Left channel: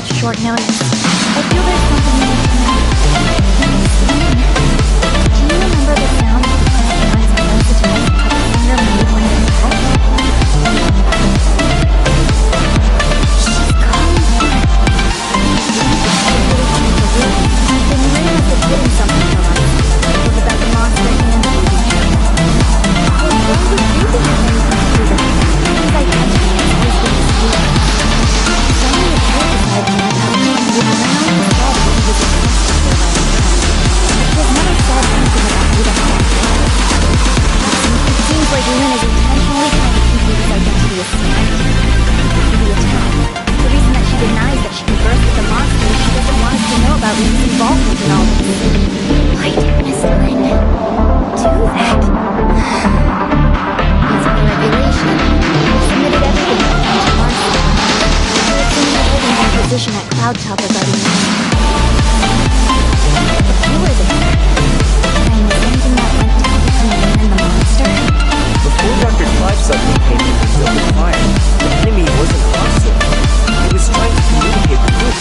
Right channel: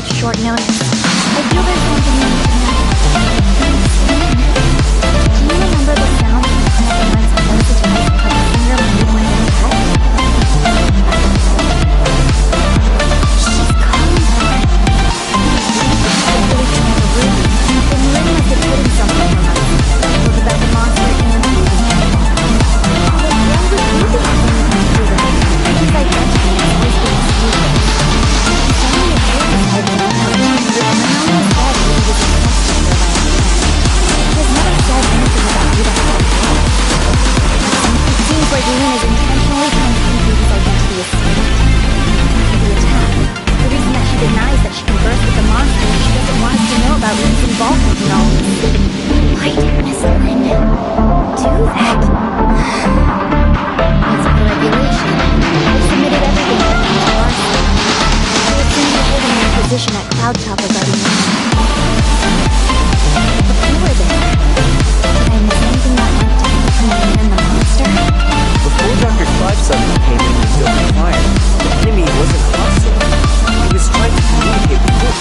such short notice. I feel there's something you need to know. Do you remember the sound of the crystallized parasitized puppet finger made when it touched? She's calling for it. I really think the Ruby. Then Rin must have hidden something from us. Both about the monster and Ruby. But why would Ruby have anything to do with it? His identity has always been secret. It's only a few decided to help out Rin, which Rin only said Ruby was entrusted her by a friend. He has never said anything about who that friend was. It seems like Rin is intentionally trying to keep Ruby's identity a secret. After the attack, the reason that she denies that she conversed with the monster is she doesn't want us to know about Ruby's involvement in all this. Why did Miss Lin do that? It's the regulation. I've submitted everything I found to Marcy. So it's in the holding your position at Cloud Top regarding Lin. But you were there. Did I miss anything that went down between Lin and the monster? Before Dr. Clive suddenly came in and opened fire, the enemy wasn't hostile. It was trying to communicate with Hope.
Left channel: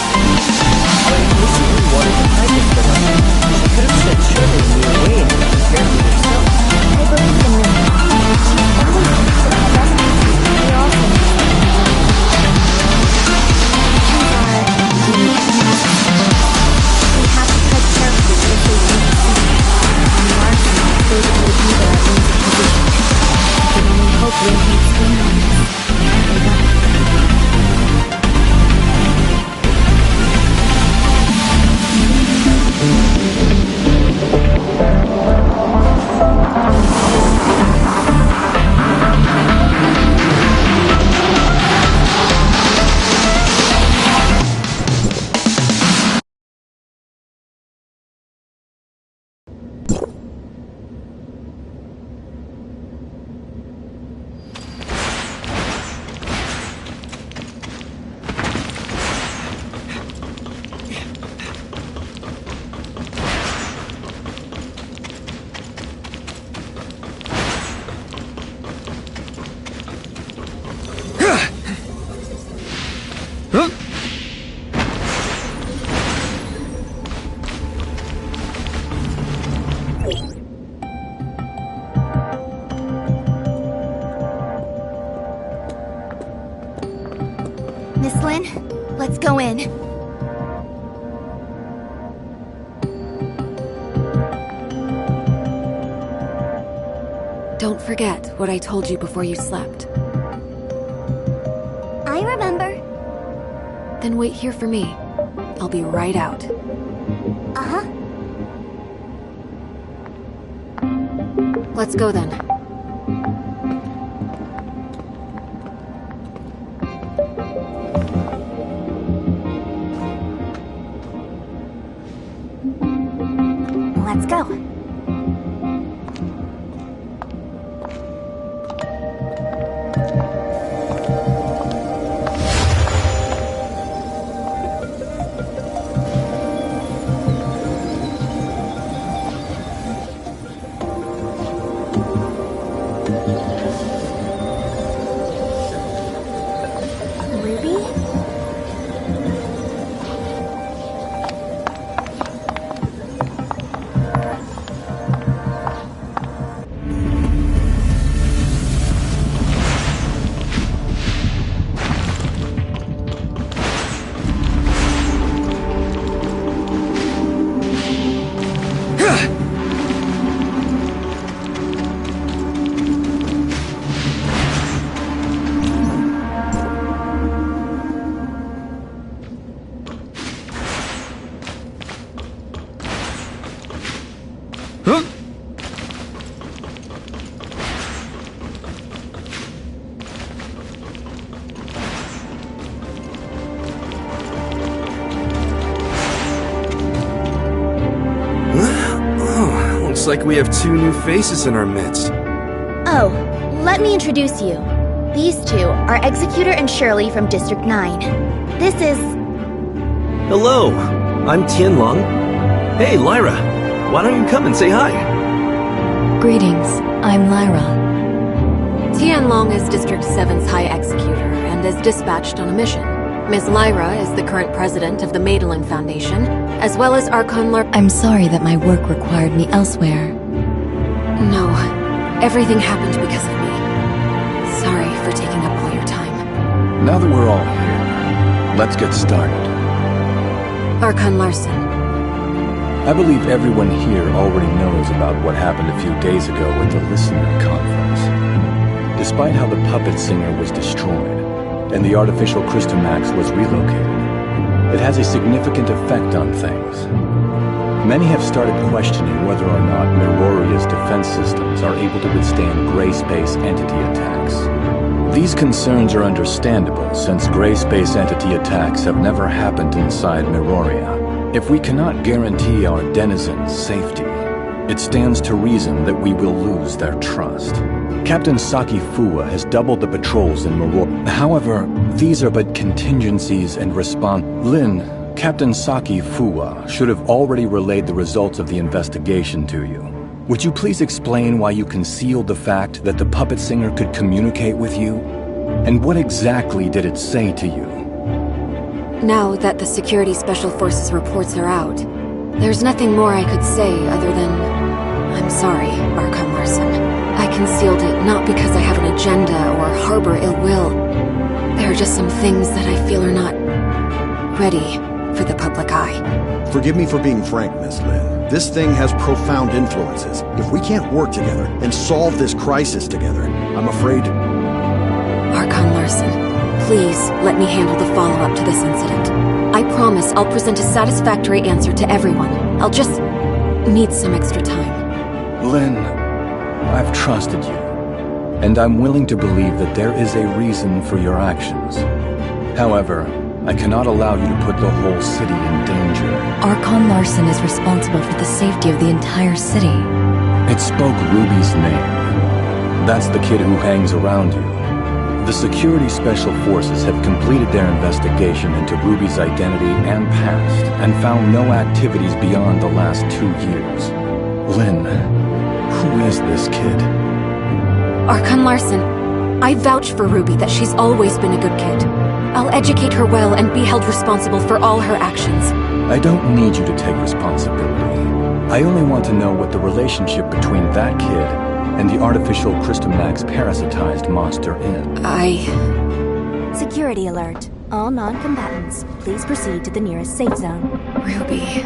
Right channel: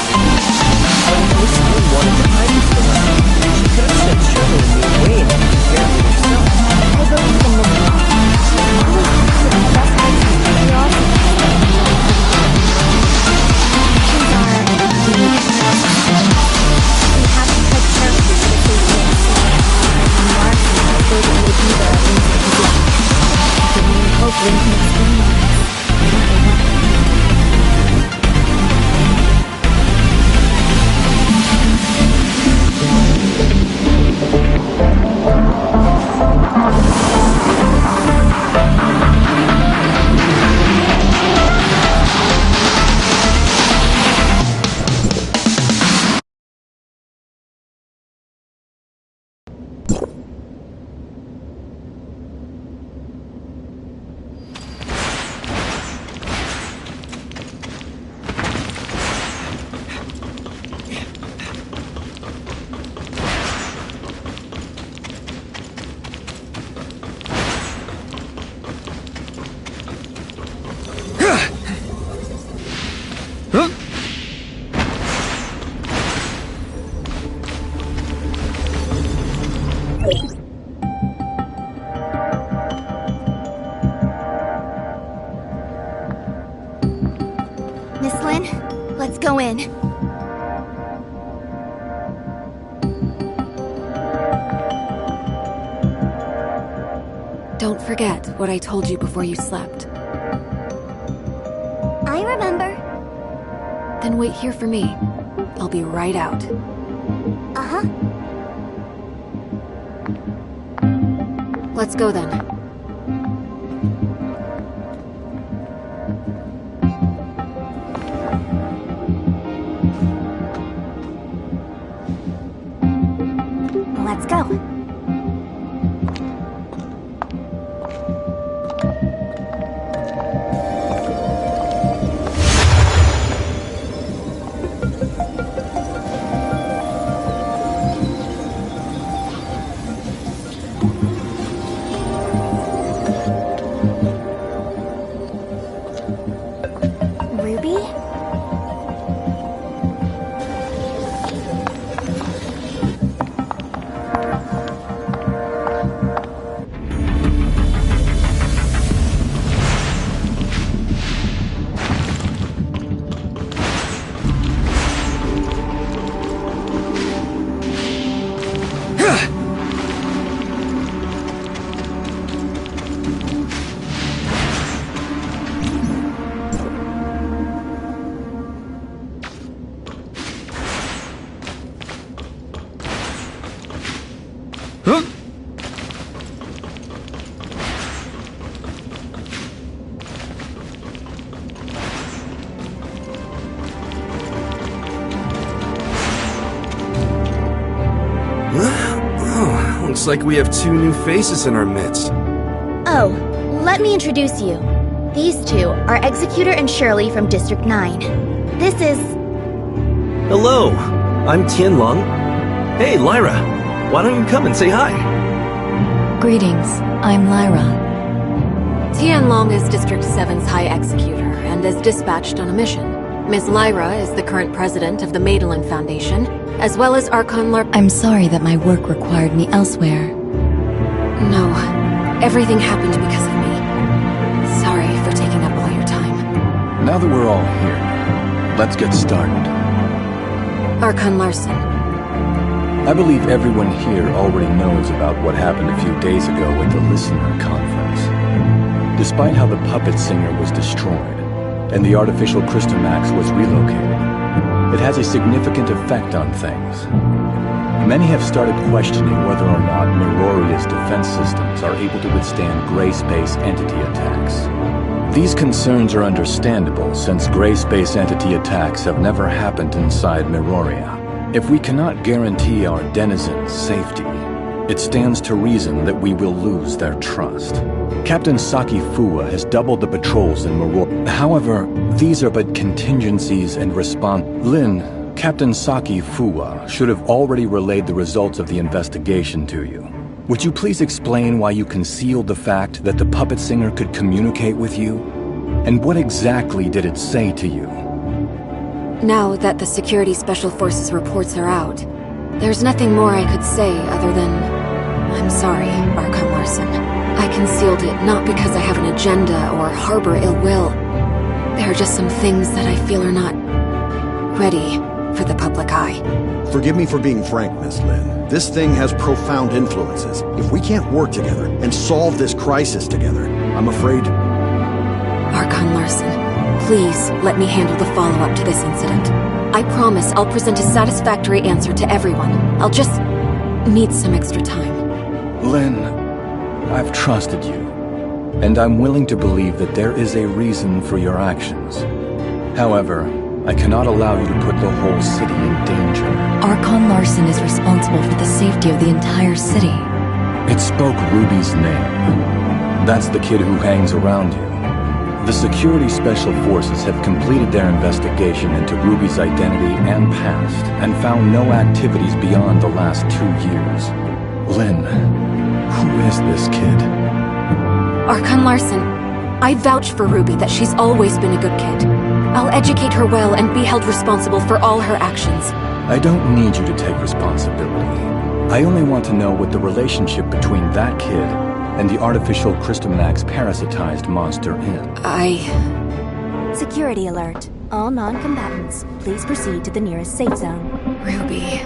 When Miss Lin wanted to hide this from us, she could have sent Shirley and me away and compared with herself. I believe in Miss Lin. She's always acted in the best ways. We also actions are indeed suspicious. We have to tread carefully for the safety of the secret. And Marcy has those of you to be there at Lin's position. I can only hope Lin can explain all this. They want Miss Lin, let's go in. Don't forget what I told you before you slept. I remember. Then wait here for me. I'll be right out. Uh-huh. Let's go then. Let's go. Ruby? Oh, looks like we have two new faces in our midst. Oh, let me introduce you. These two are Executor and Shirley from District 9. This is... Hello, I'm Tianlong. Hey, Lyra, why don't you come and say hi? Greetings, I'm Lyra. Tianlong is District 7's High Executor and is dispatched on a mission. Ms. Lyra is the current president of the Madeline Foundation, as well as Archon I'm sorry that my work required me elsewhere. No, everything happened because of me. Sorry for taking up all your time. Now that we're all here, let's get started. Archon Larson. I believe everyone here already knows about what happened a few days ago at the Listener Conference. Despite how the puppet singer was destroyed, and the artificial Crystamax was relocated, it has a significant effect on things. Many have started questioning whether or not Miroria's defense systems are able to withstand gray space entity attacks. These concerns are understandable since gray space entity attacks have never happened inside Miroria. If we cannot guarantee our denizens' safety, it stands to reason that we will lose their trust. Captain Saki Fuwa has doubled the patrols in Miroria. However, these are but contingencies and response. Lin, Captain Saki Fuwa should have already relayed the results of the investigation to you. Would you please explain why you concealed the fact that the puppet singer could communicate with you? And what exactly did it say to you? Now that the Security Special Forces reports are out, there's nothing more I could say other than, I'm sorry, Archon Larson. I concealed it not because I have an agenda or harbor ill will. There are just some things that I feel are not ready for the public eye. Forgive me for being frank, Miss Lin. This thing has profound influences. If we can't work together and solve this crisis together, I'm afraid... Archon Larson, please let me handle the follow-up to this incident. I promise I'll present a satisfactory answer to everyone. I'll just need some extra time. Lin, I've trusted you, and I'm willing to believe that there is a reason for your actions. However, I cannot allow you to put the whole city in danger. Archon Larson is responsible for the safety of the entire city. It spoke Ruby's name. That's the kid who hangs around you. The Security Special Forces have completed their investigation into Ruby's identity and past, and found no activities beyond the last 2 years. Lin, who is this kid? Archon Larson, I vouch for Ruby that she's always been a good kid. I'll educate her well and be held responsible for all her actions. I don't need you to take responsibility. I only want to know what the relationship between that kid and the artificial Crystamax parasitized monster is. Security alert. All non-combatants, please proceed to the nearest safe zone. Ruby.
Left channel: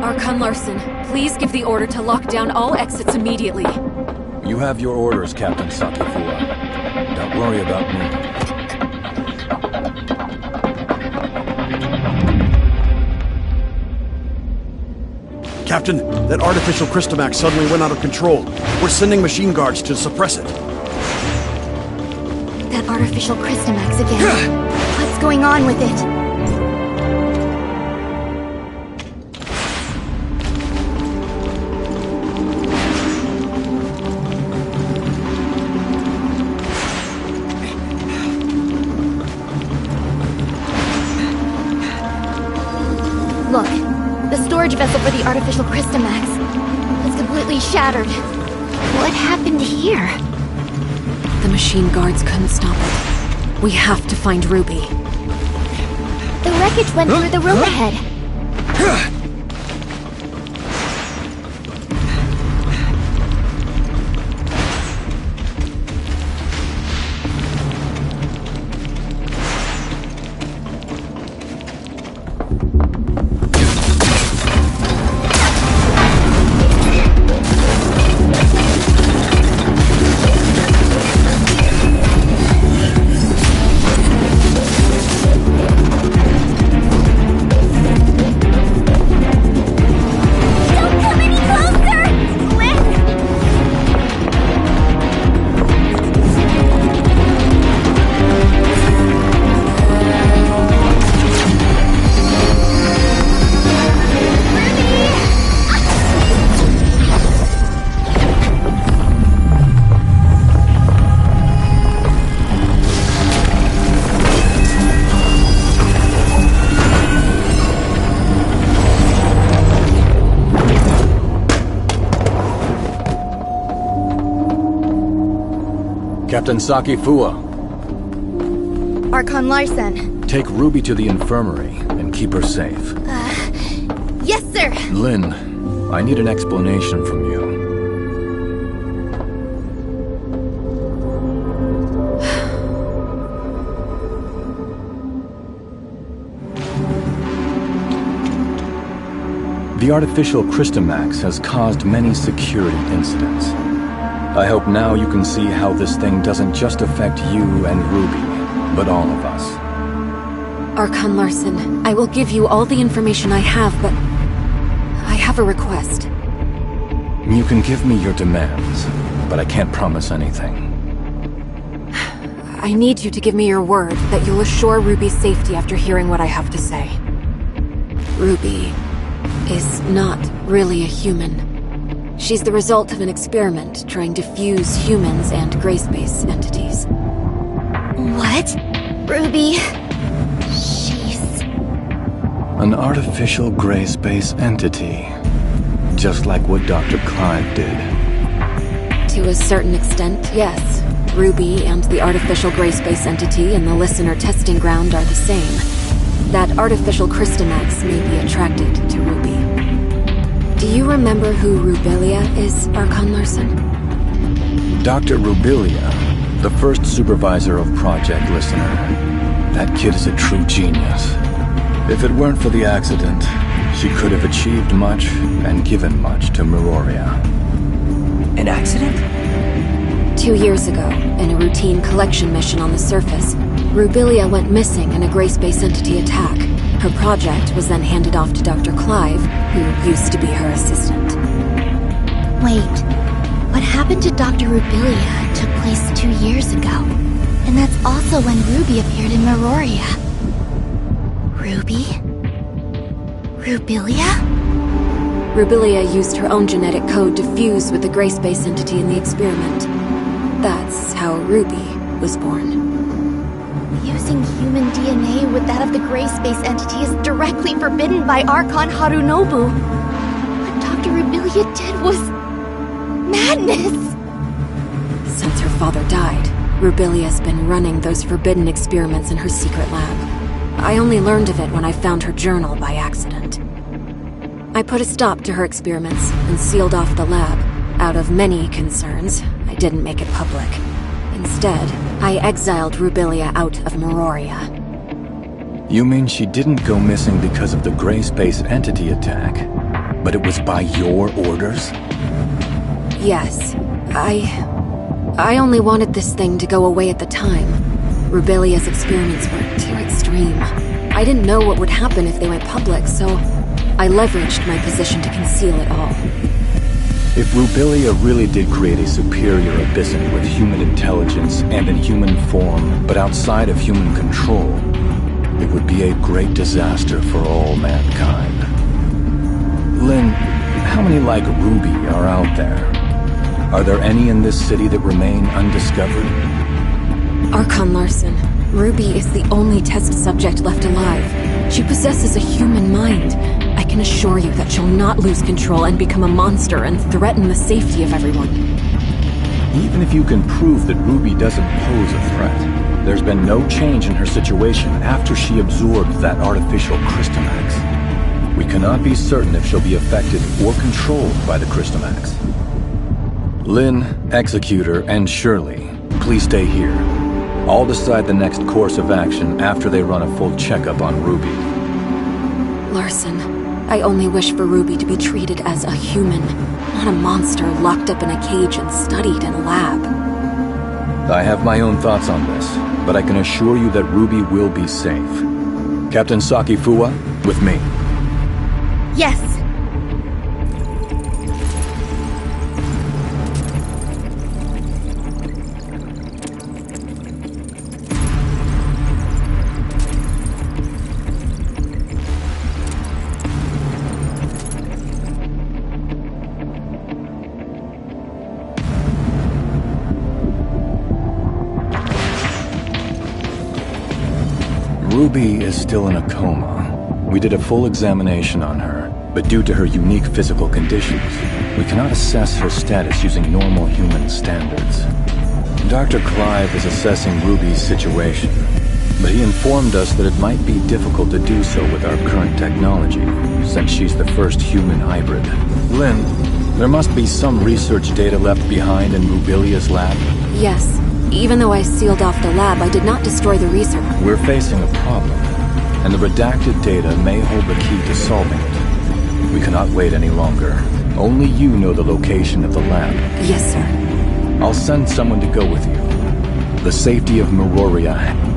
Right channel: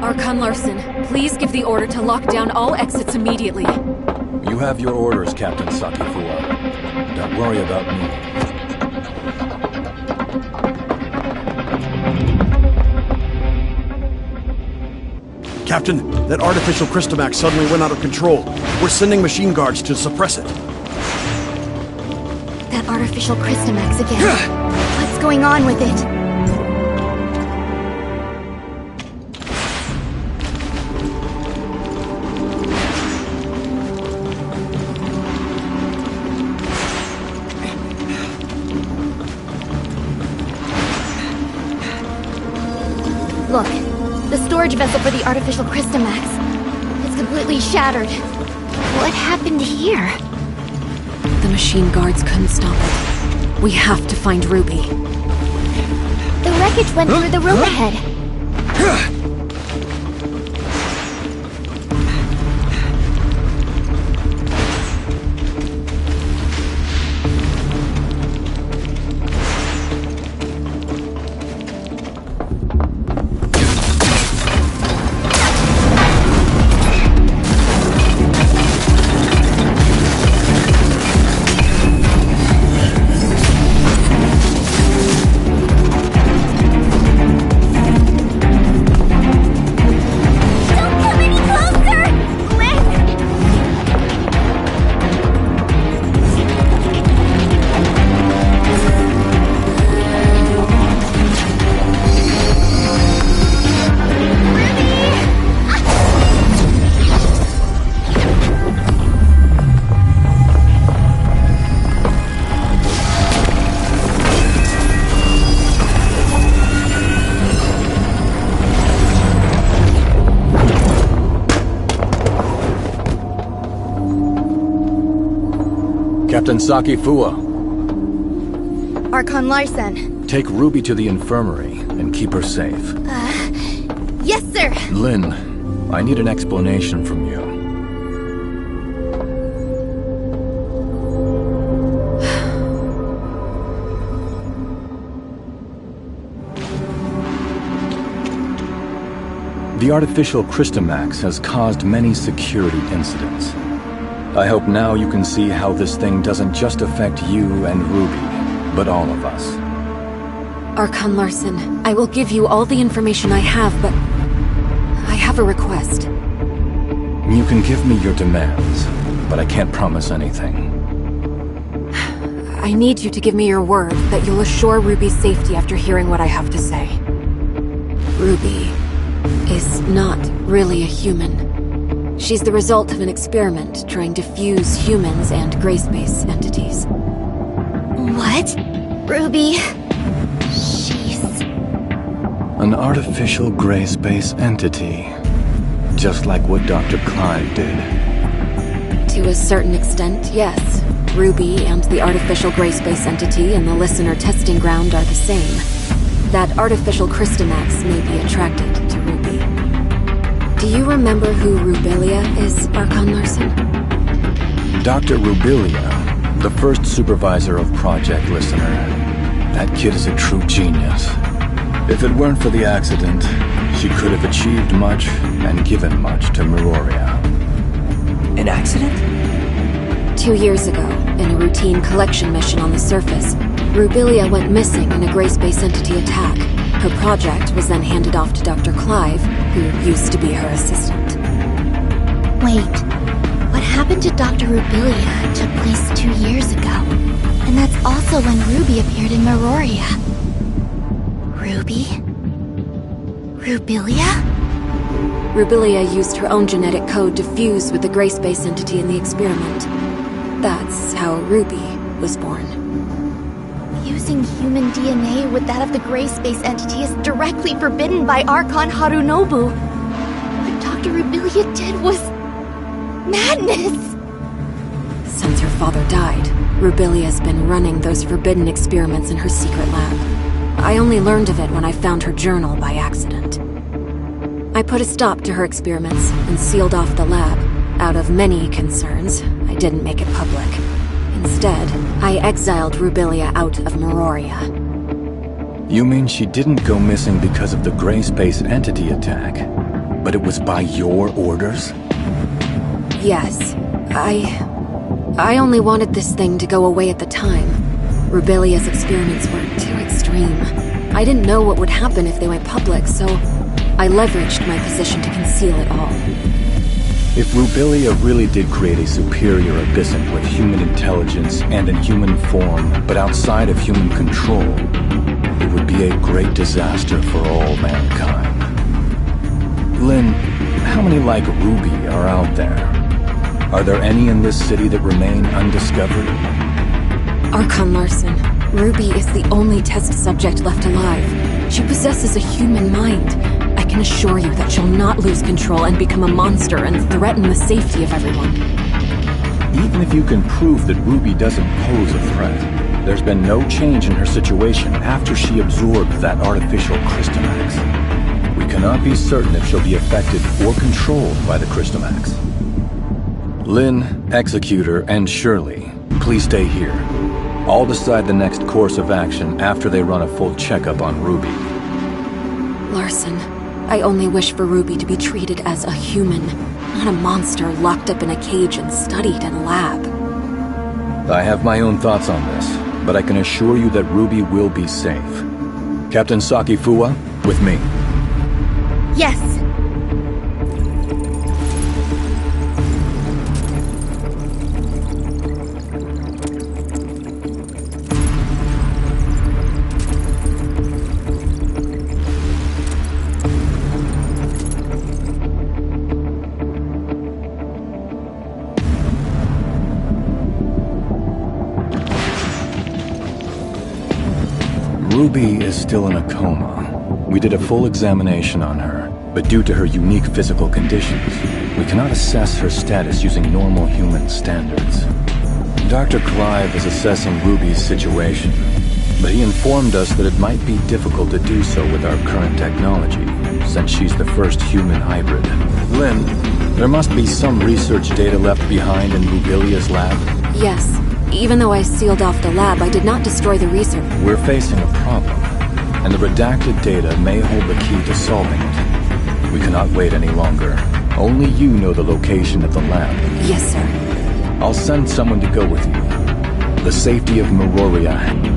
Archon Larson, please give the order to lock down all exits immediately. You have your orders, Captain Saki Fuwa. Don't worry about me. Captain, that artificial Crystamax suddenly went out of control. We're sending machine guards to suppress it. That artificial Crystamax again. What's going on with it? Look, the storage vessel for the artificial Crystamax is completely shattered. What happened here? The machine guards couldn't stop it. We have to find Ruby. The wreckage went through the room ahead. Captain Saki Fuwa. Archon Larson, take Ruby to the infirmary and keep her safe. Yes, sir! Lynn, I need an explanation from you. The artificial Christomax has caused many security incidents. I hope now you can see how this thing doesn't just affect you and Ruby, but all of us. Archon Larson, I will give you all the information I have, but I have a request. You can give me your demands, but I can't promise anything. I need you to give me your word that you'll assure Ruby's safety after hearing what I have to say. Ruby is not really a human. She's the result of an experiment trying to fuse humans and gray space entities. What? Ruby... she's... An artificial gray space entity. Just like what Dr. Clive did. To a certain extent, yes. Ruby and the artificial gray space entity in the listener testing ground are the same. That artificial Christomax may be attracted to Ruby. Do you remember who Rubilia is, Archon Larson? Dr. Rubilia, the first supervisor of Project Listener. That kid is a true genius. If it weren't for the accident, she could have achieved much and given much to Meroria. An accident? 2 years ago, in a routine collection mission on the surface, Rubilia went missing in a gray space entity attack. Her project was then handed off to Dr. Clive, who used to be her assistant. Wait, what happened to Dr. Rubilia took place 2 years ago. And that's also when Ruby appeared in Meroria. Ruby? Rubilia? Rubilia used her own genetic code to fuse with the gray space entity in the experiment. That's how Ruby was born. Fusing human DNA with that of the gray space entity is directly forbidden by Archon Harunobu. What Dr. Rubilia did was... madness! Since her father died, Rubilia's been running those forbidden experiments in her secret lab. I only learned of it when I found her journal by accident. I put a stop to her experiments and sealed off the lab. Out of many concerns, I didn't make it public. Instead, I exiled Rubilia out of Meroria. You mean she didn't go missing because of the gray space entity attack, but it was by your orders? Yes. I only wanted this thing to go away at the time. Rubilia's experiments were too extreme. I didn't know what would happen if they went public, so I leveraged my position to conceal it all. If Rubilia really did create a superior abyssant with human intelligence and in human form, but outside of human control, it would be a great disaster for all mankind. Lynn, how many like Ruby are out there? Are there any in this city that remain undiscovered? Archon Larson, Ruby is the only test subject left alive. She possesses a human mind. I can assure you that she'll not lose control and become a monster and threaten the safety of everyone. Even if you can prove that Ruby doesn't pose a threat, there's been no change in her situation after she absorbed that artificial Christomax. We cannot be certain if she'll be affected or controlled by the Christomax. Lynn, Executor, and Shirley, please stay here. I'll decide the next course of action after they run a full checkup on Ruby. Larson, I only wish for Ruby to be treated as a human, not a monster locked up in a cage and studied in a lab. I have my own thoughts on this, but I can assure you that Ruby will be safe. Captain Saki Fuwa, with me. Yes. Ruby is still in a coma. We did a full examination on her, but due to her unique physical conditions, we cannot assess her status using normal human standards. Dr. Clive is assessing Ruby's situation. but he informed us that it might be difficult to do so with our current technology, since she's the first human hybrid. Lynn, there must be some research data left behind in Rubilia's lab. Yes. Even though I sealed off the lab, I did not destroy the research. We're facing a problem, and the redacted data may hold the key to solving it. We cannot wait any longer. Only you know the location of the lab. Yes, sir. I'll send someone to go with you. The safety of Meroria.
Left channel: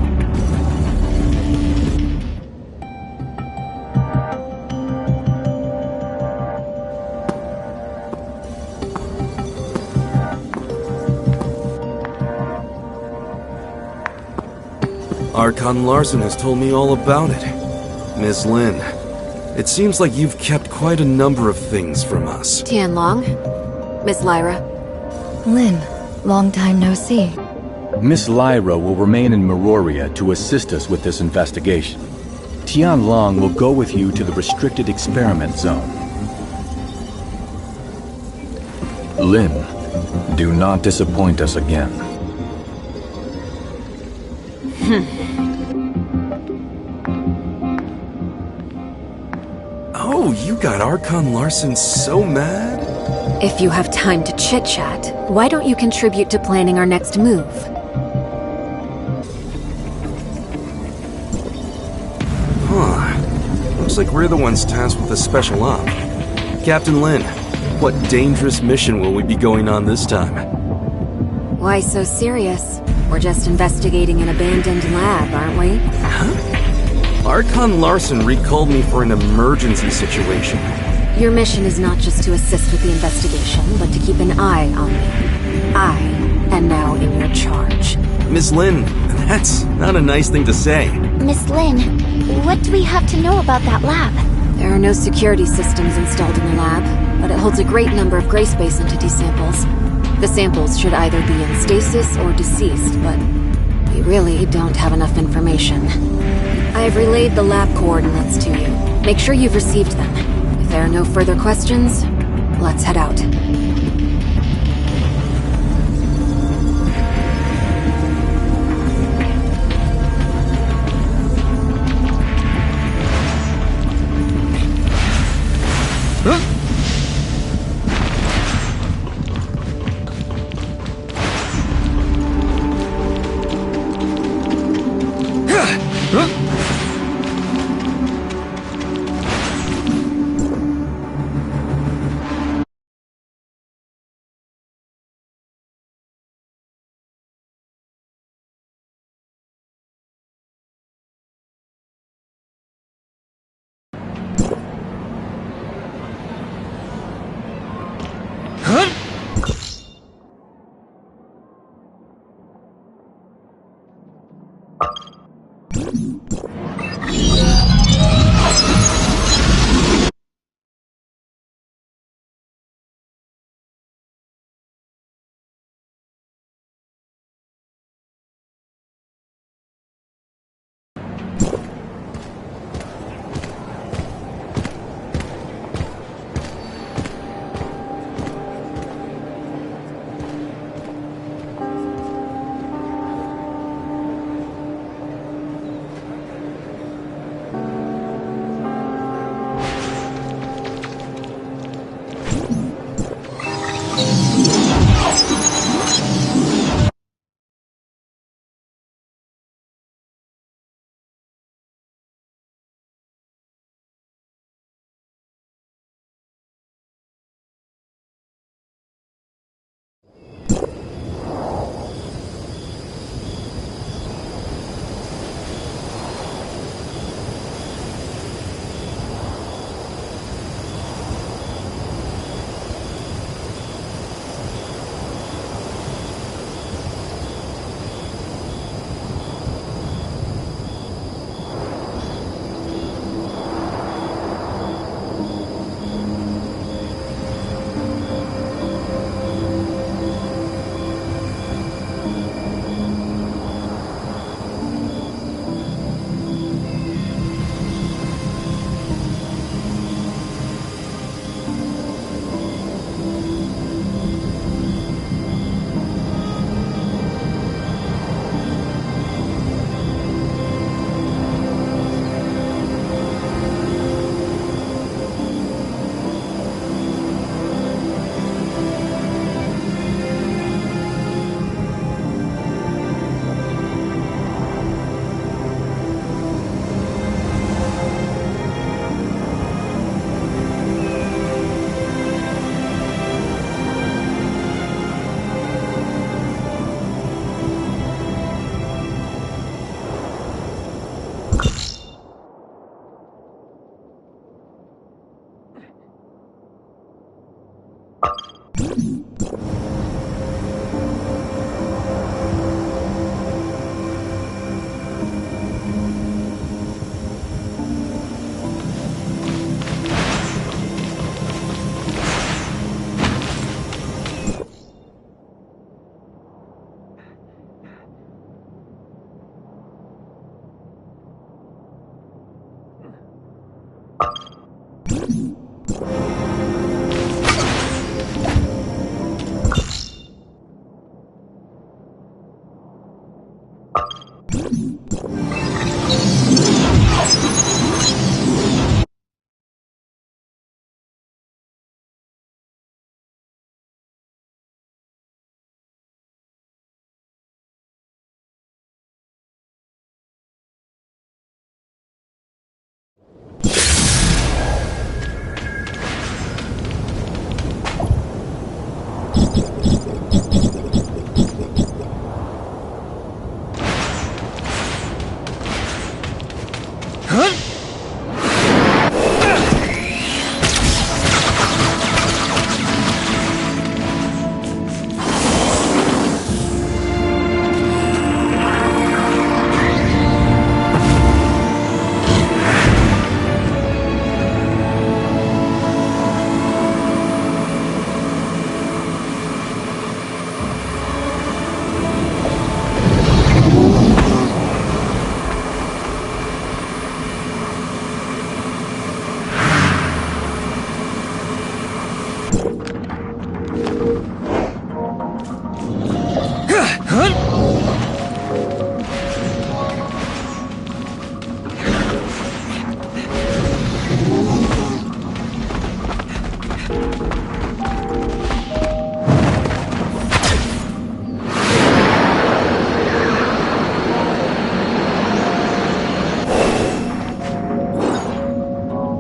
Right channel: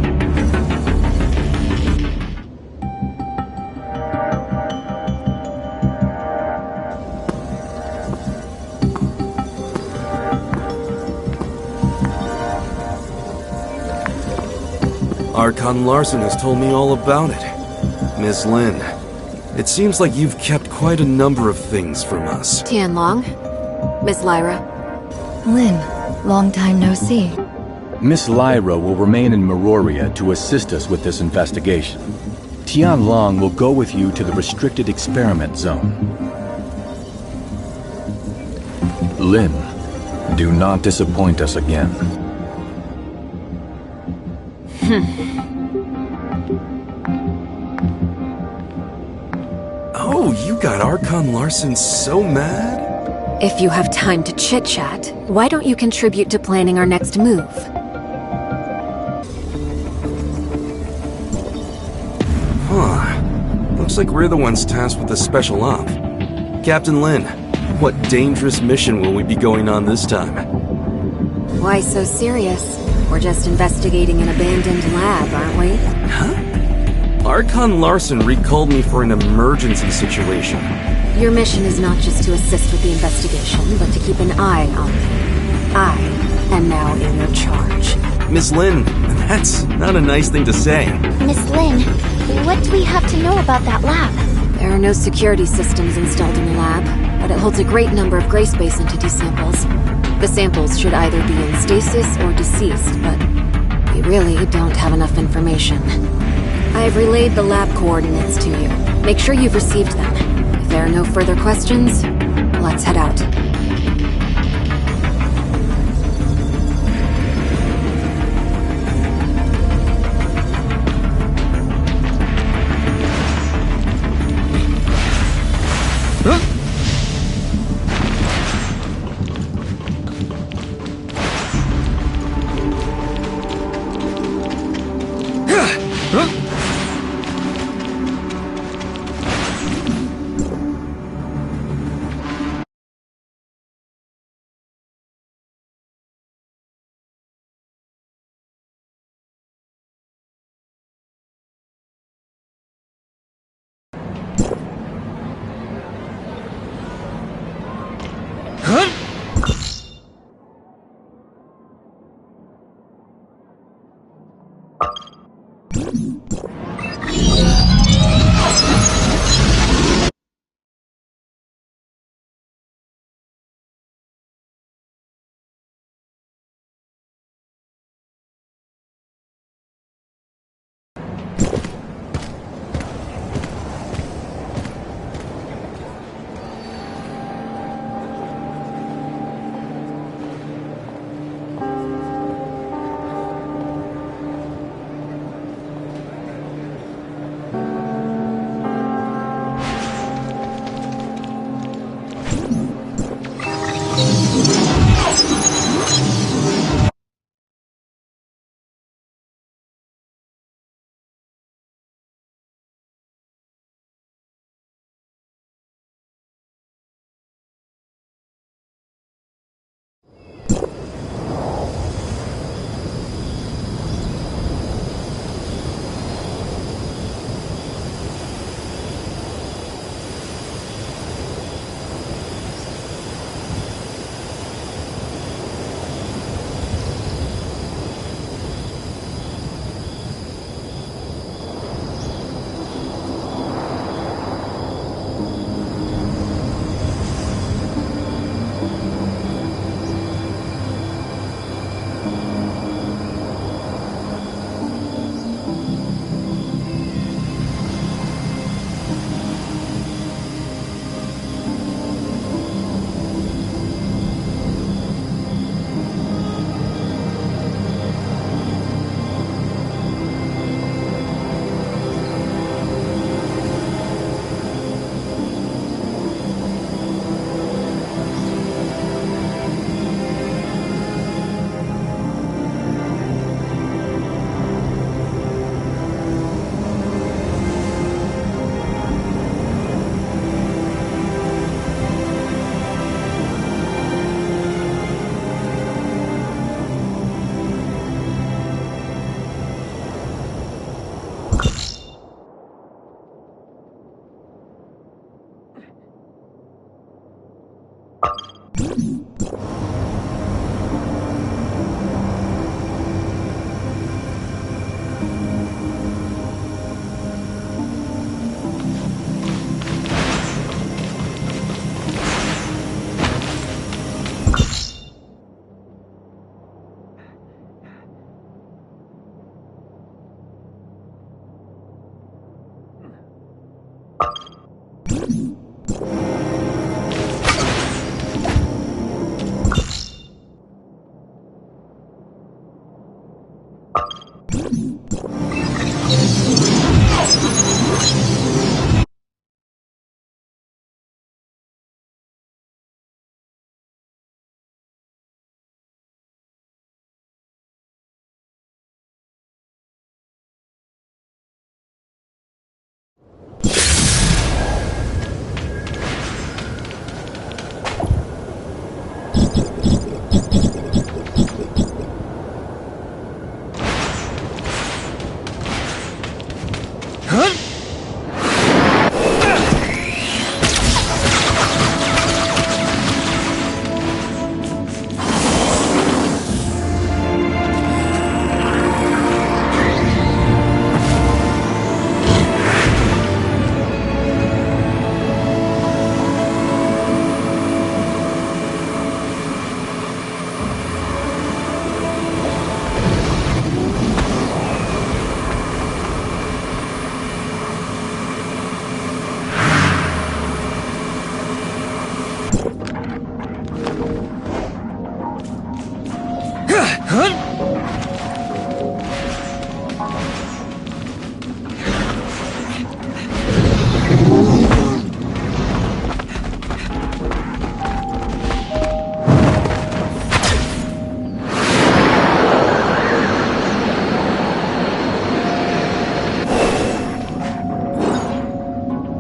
Archon Larson has told me all about it. Miss Lin, it seems like you've kept quite a number of things from us. Tianlong? Miss Lyra? Lin, long time no see. Miss Lyra will remain in Meroria to assist us with this investigation. Tianlong will go with you to the restricted experiment zone. Lin, do not disappoint us again. Oh, you got Archon Larson so mad? If you have time to chit-chat, why don't you contribute to planning our next move? Huh. Looks like we're the ones tasked with a special op. Captain Lin, what dangerous mission will we be going on this time? Why so serious? We're just investigating an abandoned lab, aren't we? Huh? Archon Larson recalled me for an emergency situation. Your mission is not just to assist with the investigation, but to keep an eye on me. I am now in your charge. Miss Lin, that's not a nice thing to say. Miss Lin, what do we have to know about that lab? There are no security systems installed in the lab, but it holds a great number of gray space entity samples. The samples should either be in stasis or deceased, but we really don't have enough information. I have relayed the lab coordinates to you. Make sure you've received them. If there are no further questions, let's head out.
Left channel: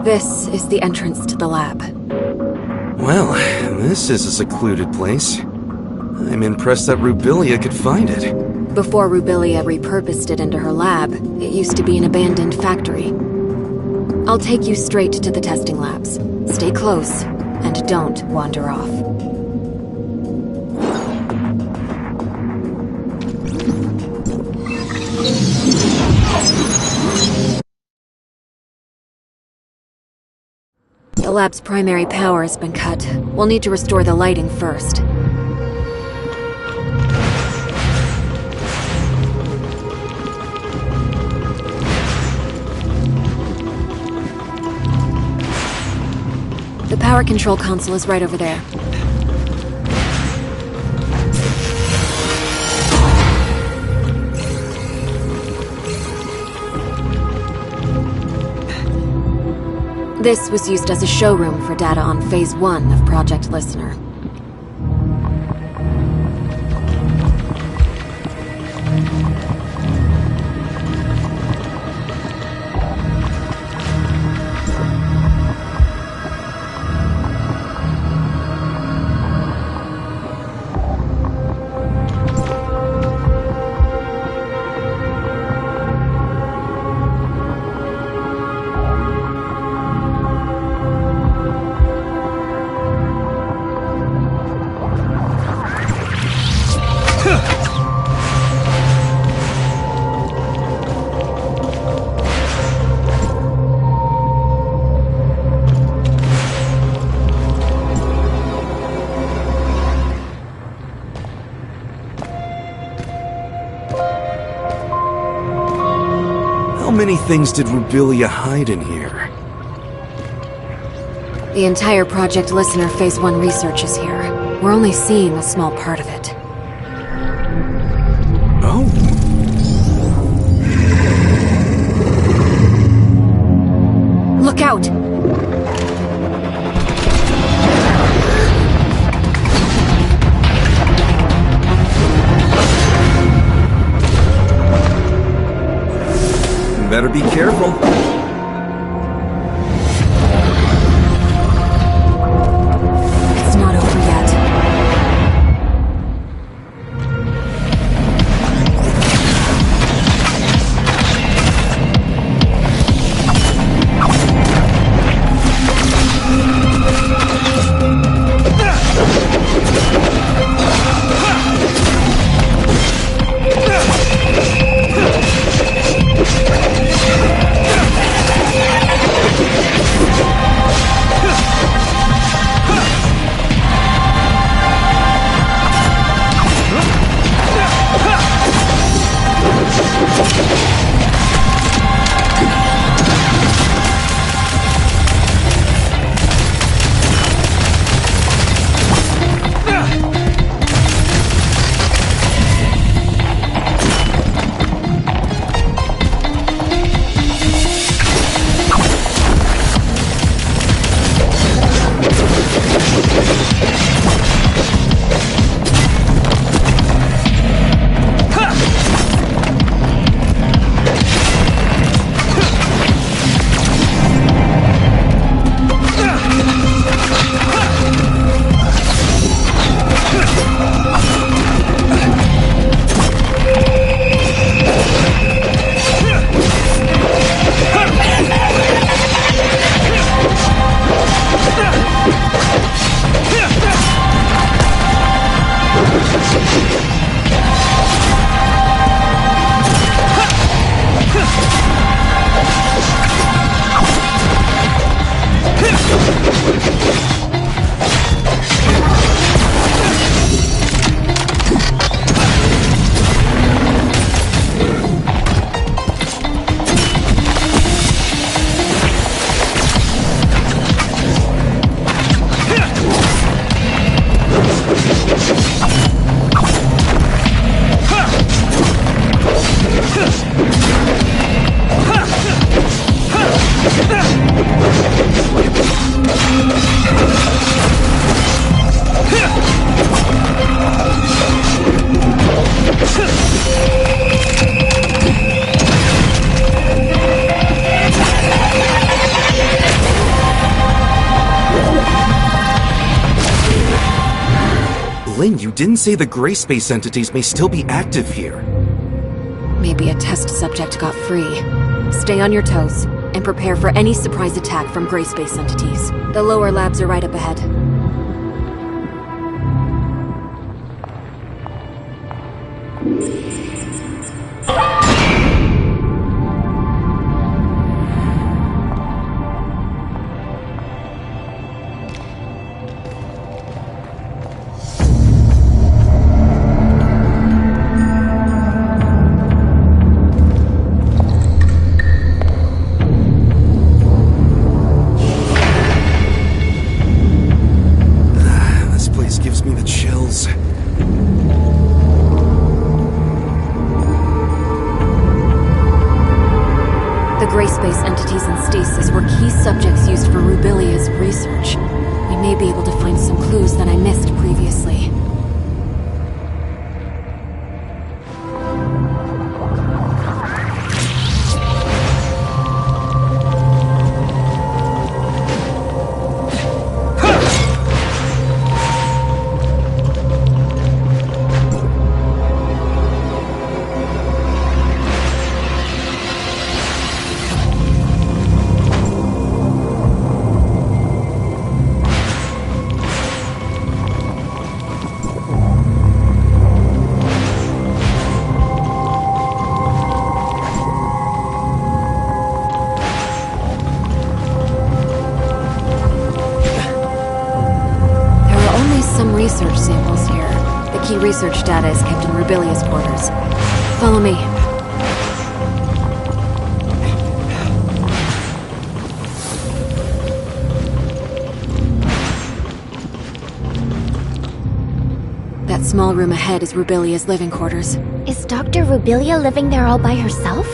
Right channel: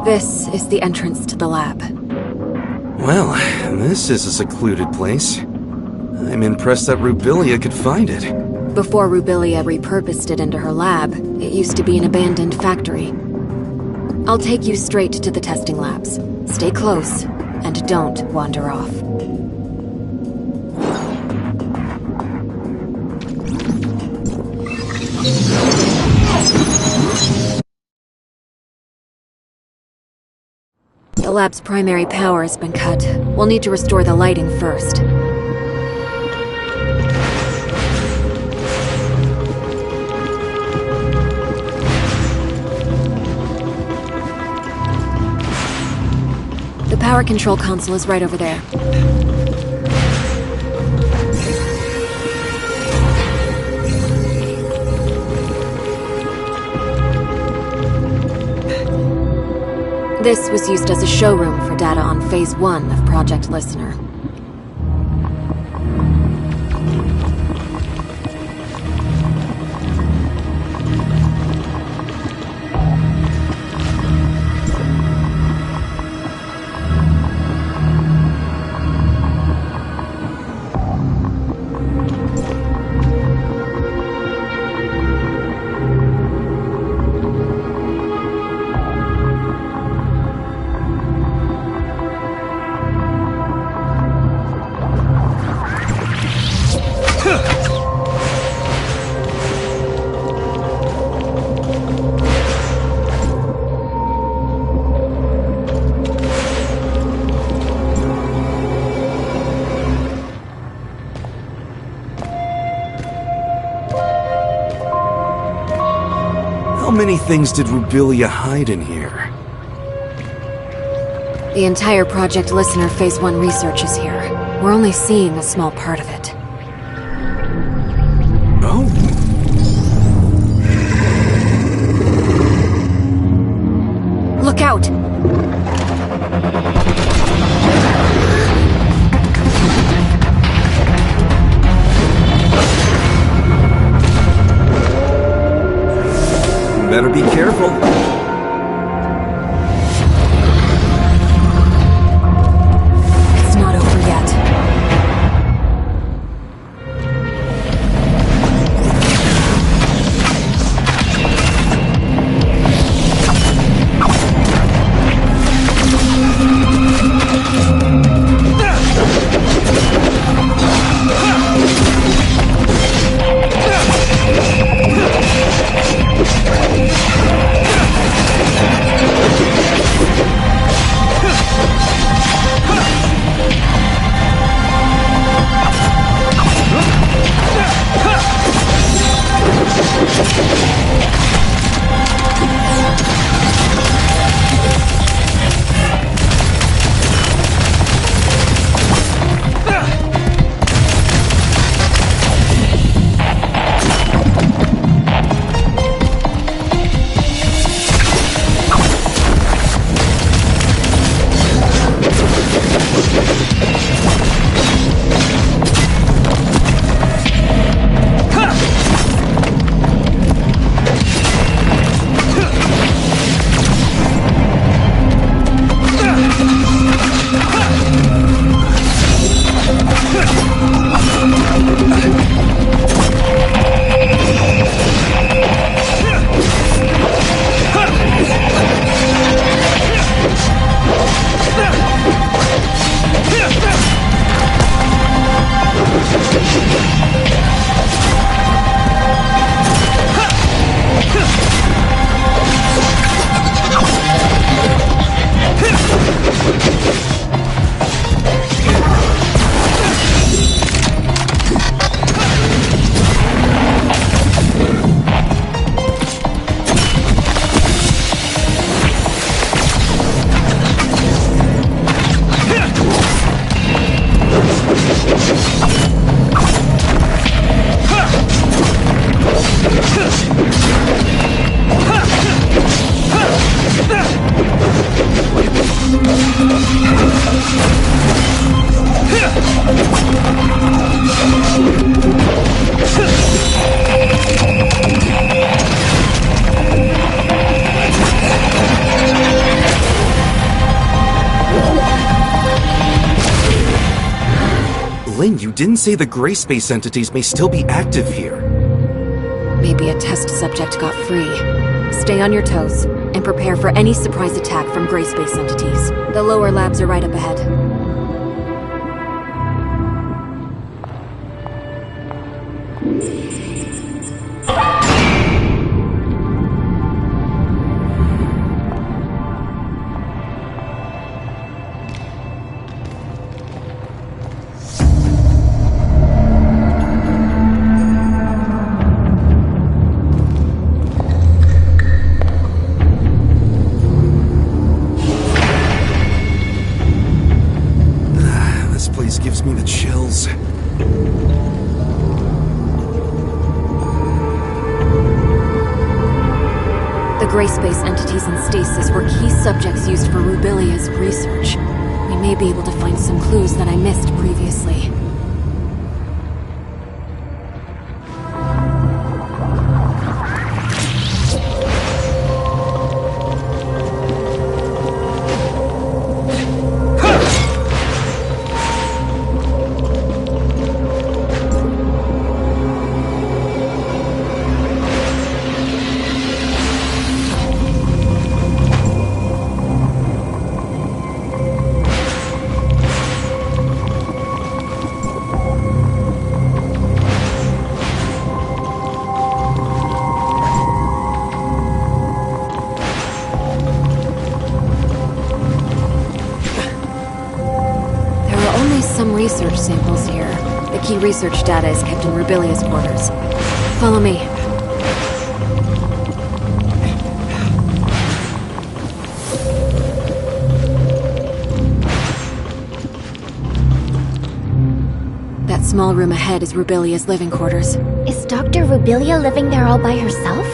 This is the entrance to the lab. Well, this is a secluded place. I'm impressed that Rubilia could find it. Before Rubilia repurposed it into her lab, it used to be an abandoned factory. I'll take you straight to the testing labs. Stay close, and don't wander off. The lab's primary power has been cut. We'll need to restore the lighting first. The power control console is right over there. This was used as a showroom for data on Phase 1 of Project Listener. How many things did Rubilia hide in here? The entire Project Listener Phase 1 research is here. We're only seeing a small part of it. Oh. Look out! Better be careful. It's not over yet. Lynn, you didn't say the gray space entities may still be active here. Maybe a test subject got free. Stay on your toes, and prepare for any surprise attack from gray space entities. The lower labs are right up ahead. This place gives me the chills. The gray space entities in stasis were key subjects used for Rubilia's research. We may be able to find some clues that I missed previously. Some research samples here. The key research data is kept in Rubilia's quarters. Follow me. That small room ahead is Rubilia's living quarters. Is Dr. Rubilia living there all by herself?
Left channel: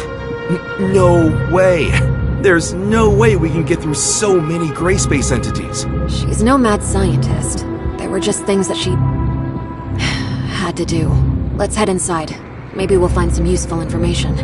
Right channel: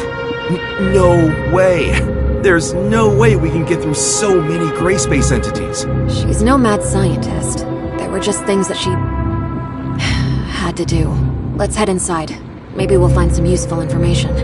No way! There's no way we can get through so many gray space entities. She's no mad scientist. They were just things that she had to do. Let's head inside. Maybe we'll find some useful information.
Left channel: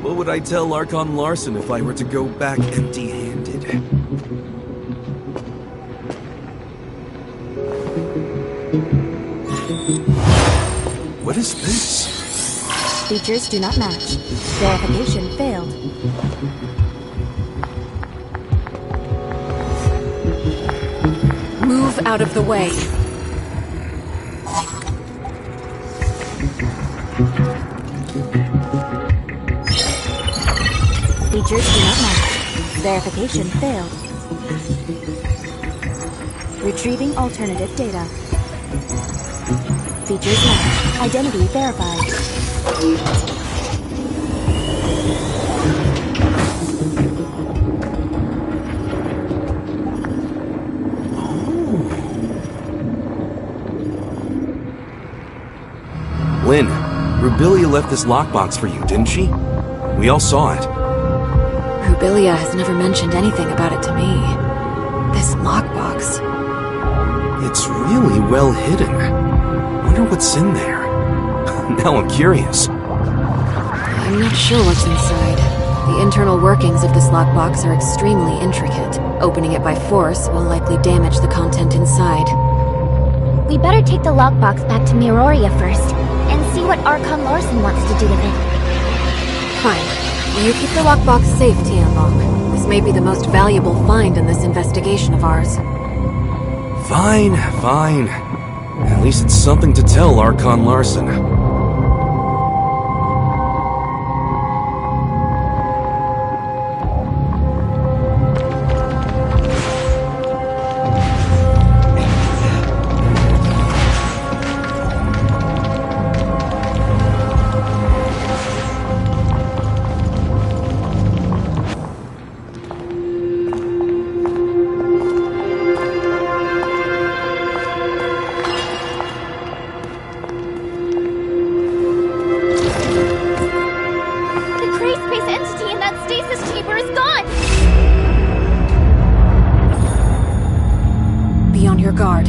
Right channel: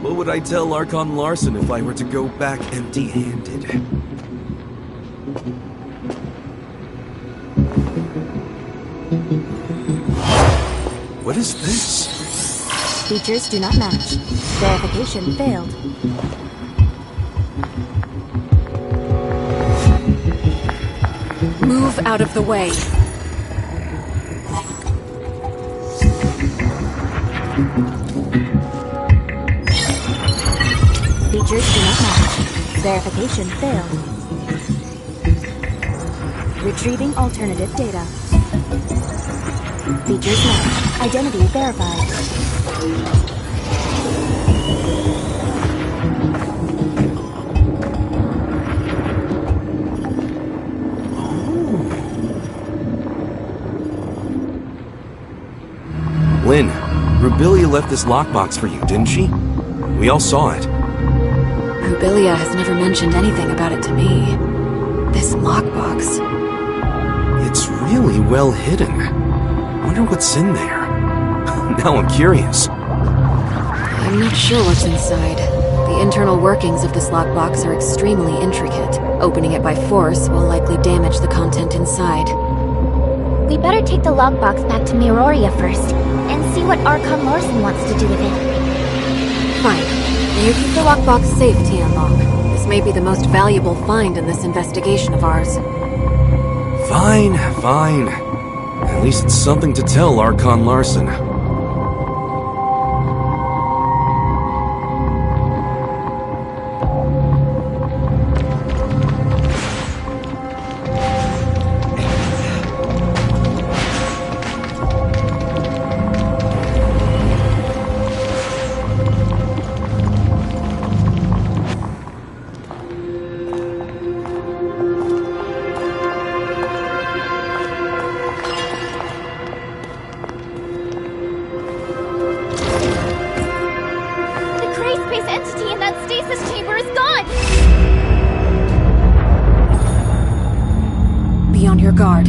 What would I tell Archon Larson if I were to go back empty-handed? What is this? Features do not match. Verification failed. Move out of the way. Features do not match. Verification failed. Retrieving alternative data. Features match. Identity verified. Lynn, Rubilia left this lockbox for you, didn't she? We all saw it. Rubilia has never mentioned anything about it to me. This lockbox. It's really well hidden. Wonder what's in there. Now I'm curious. I'm not sure what's inside. The internal workings of this lockbox are extremely intricate. Opening it by force will likely damage the content inside. We better take the lockbox back to Miroria first, and see what Archon Larson wants to do with it. Fine. You keep the lockbox safe, Tianlong. This may be the most valuable find in this investigation of ours. Fine, fine. At least it's something to tell Archon Larson. Be on your guard.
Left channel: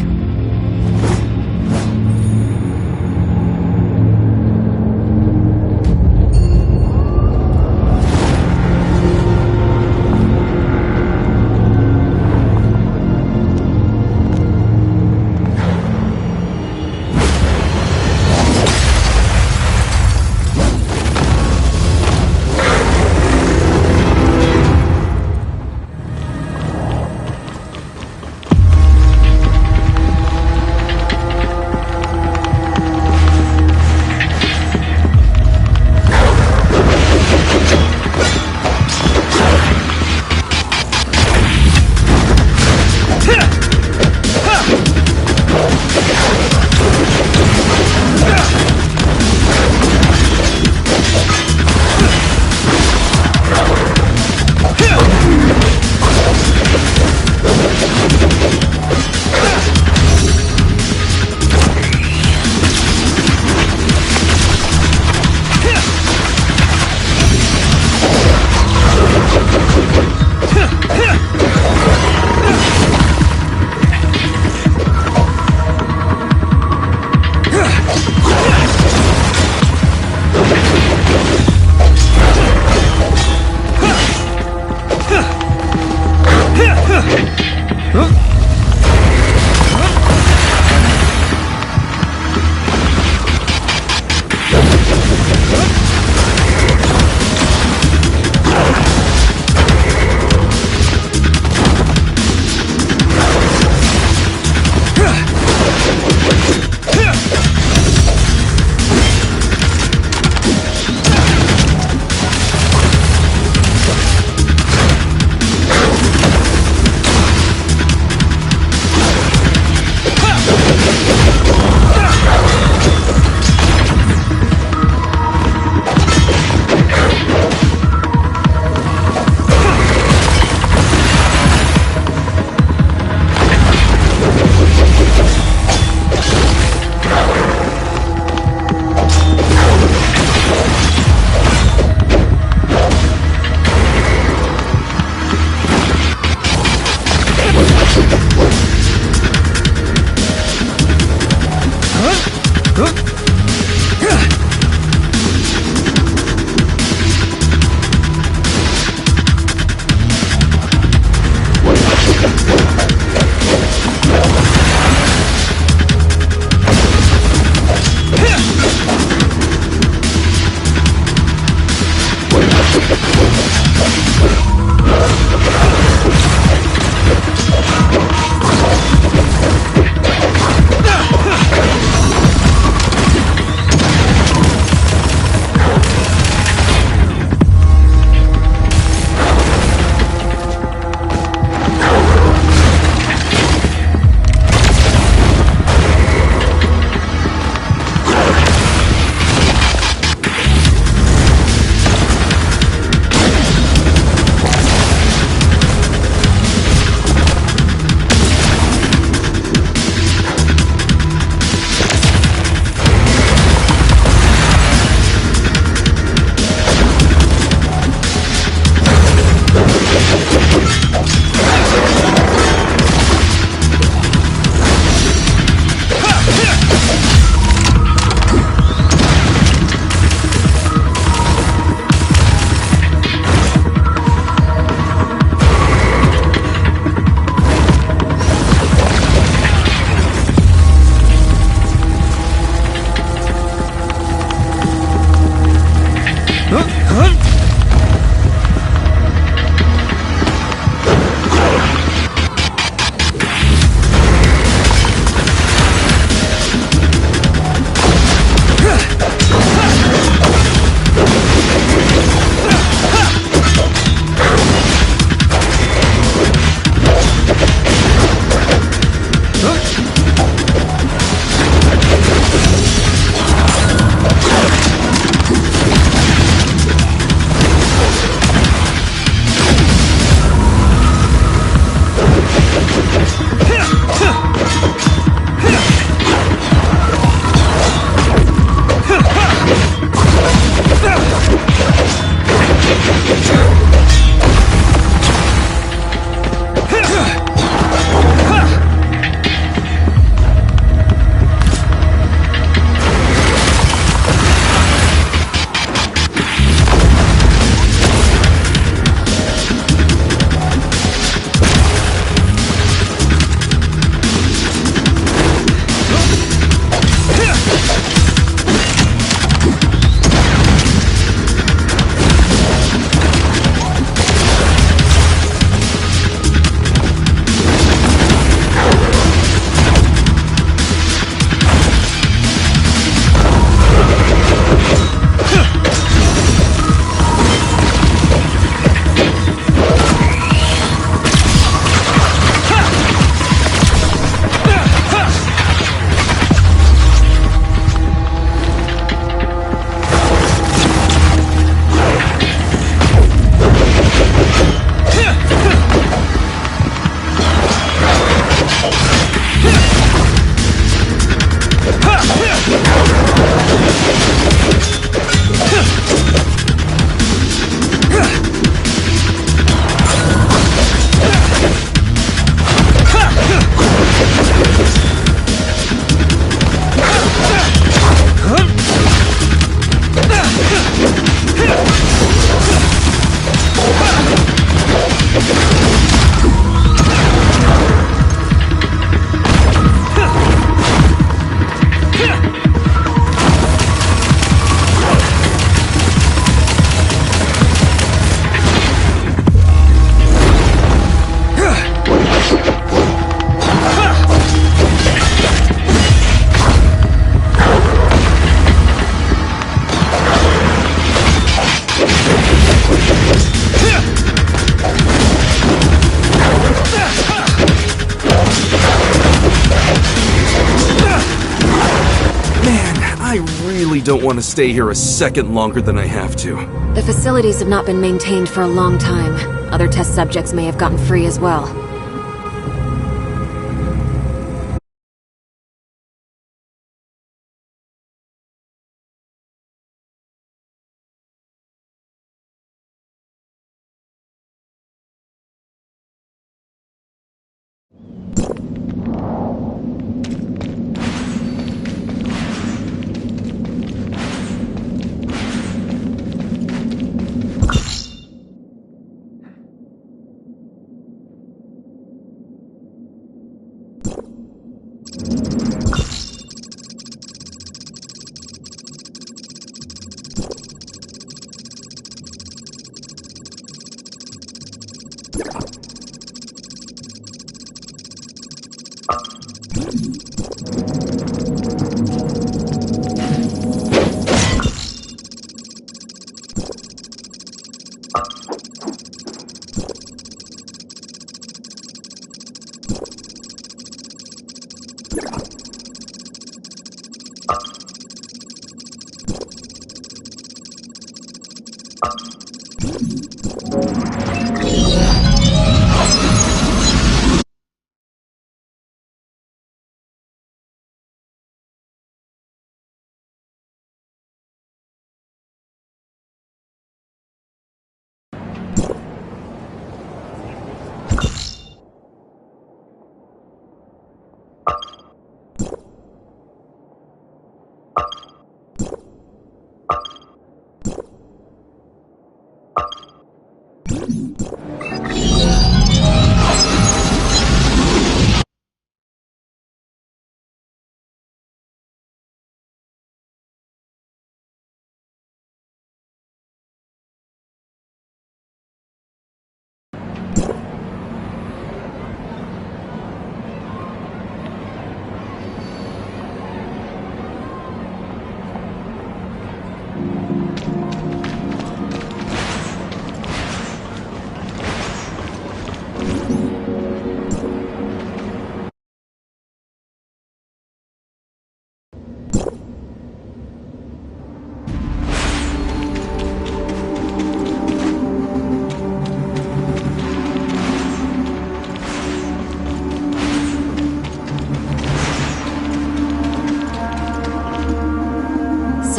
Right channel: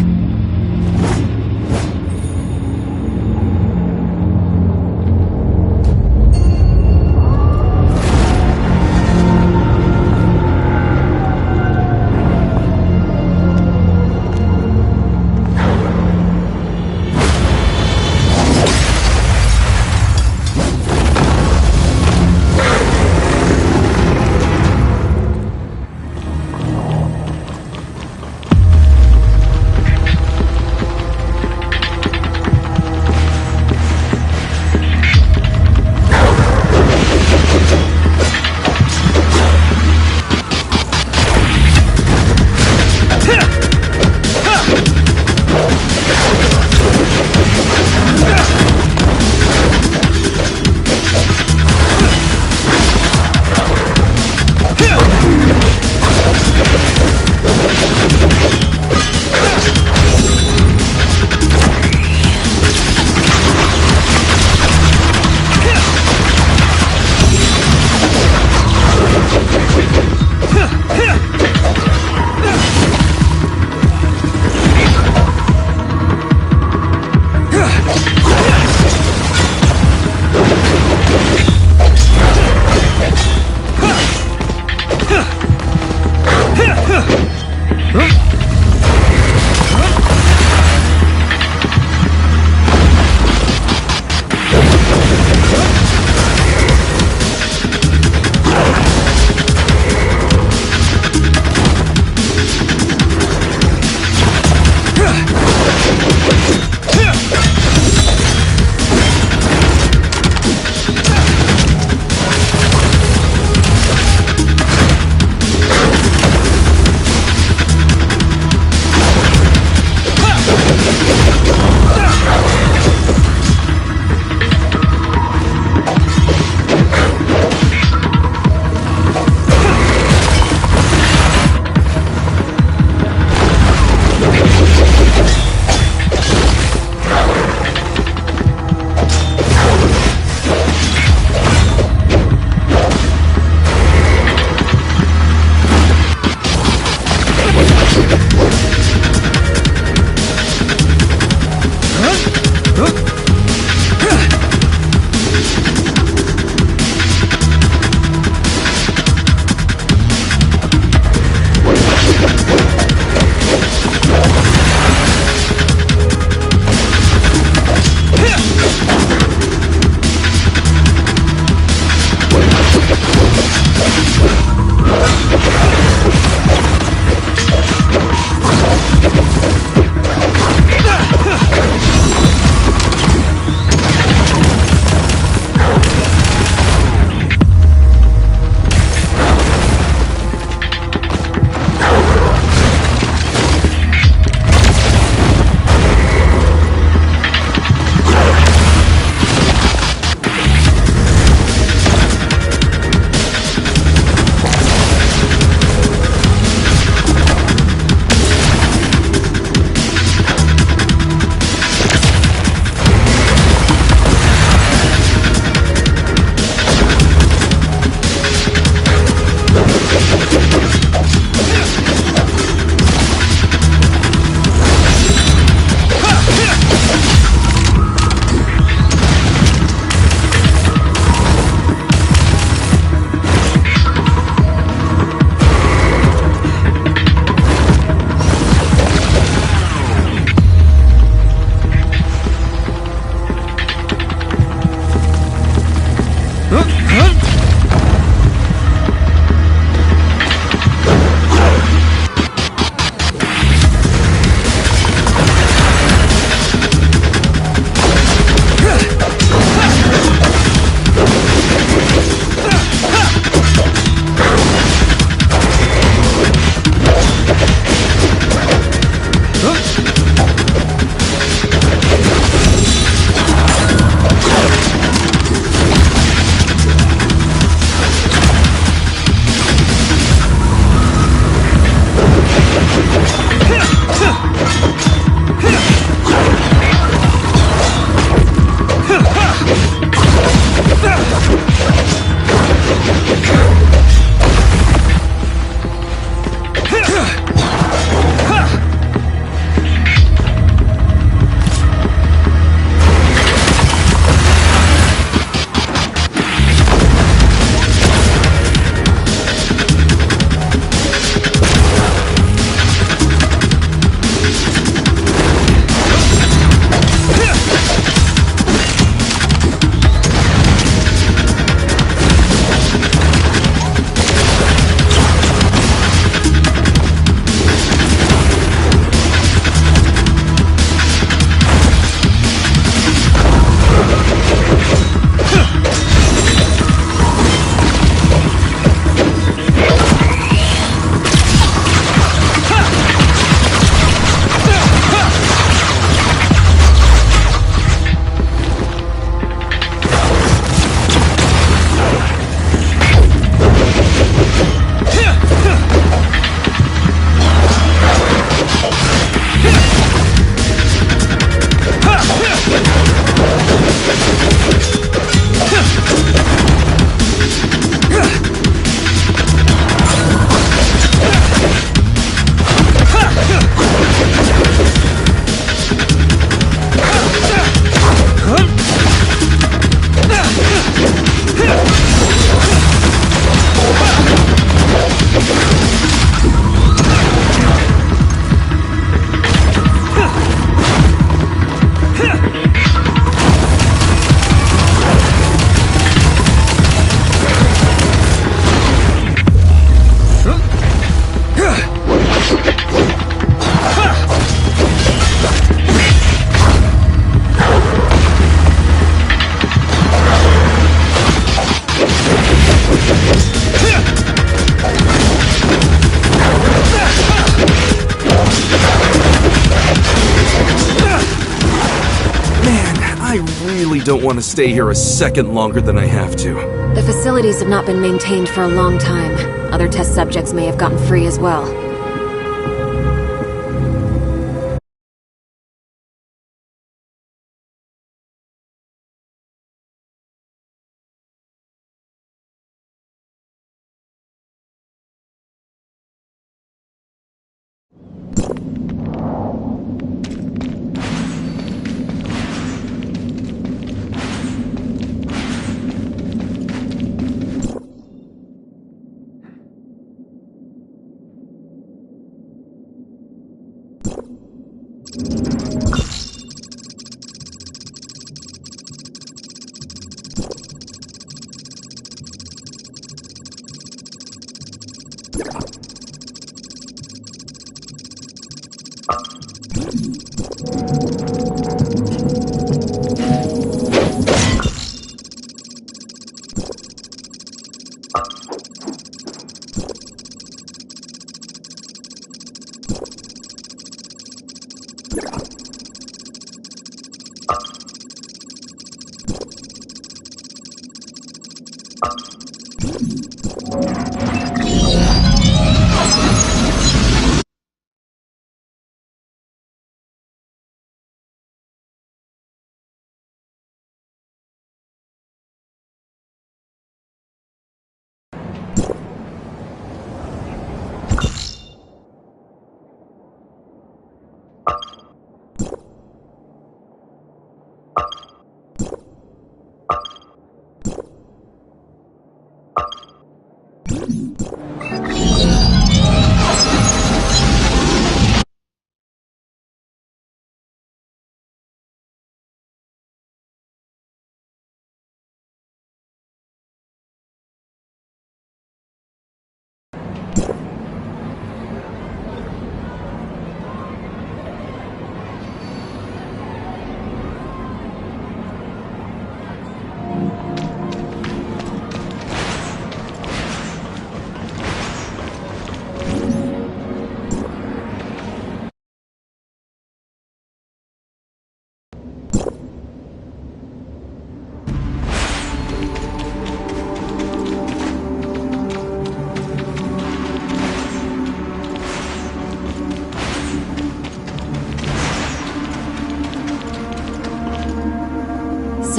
really don't want to stay here a second longer than I have to. The facilities have not been maintained for a long time. Other test subjects may have gotten free as well.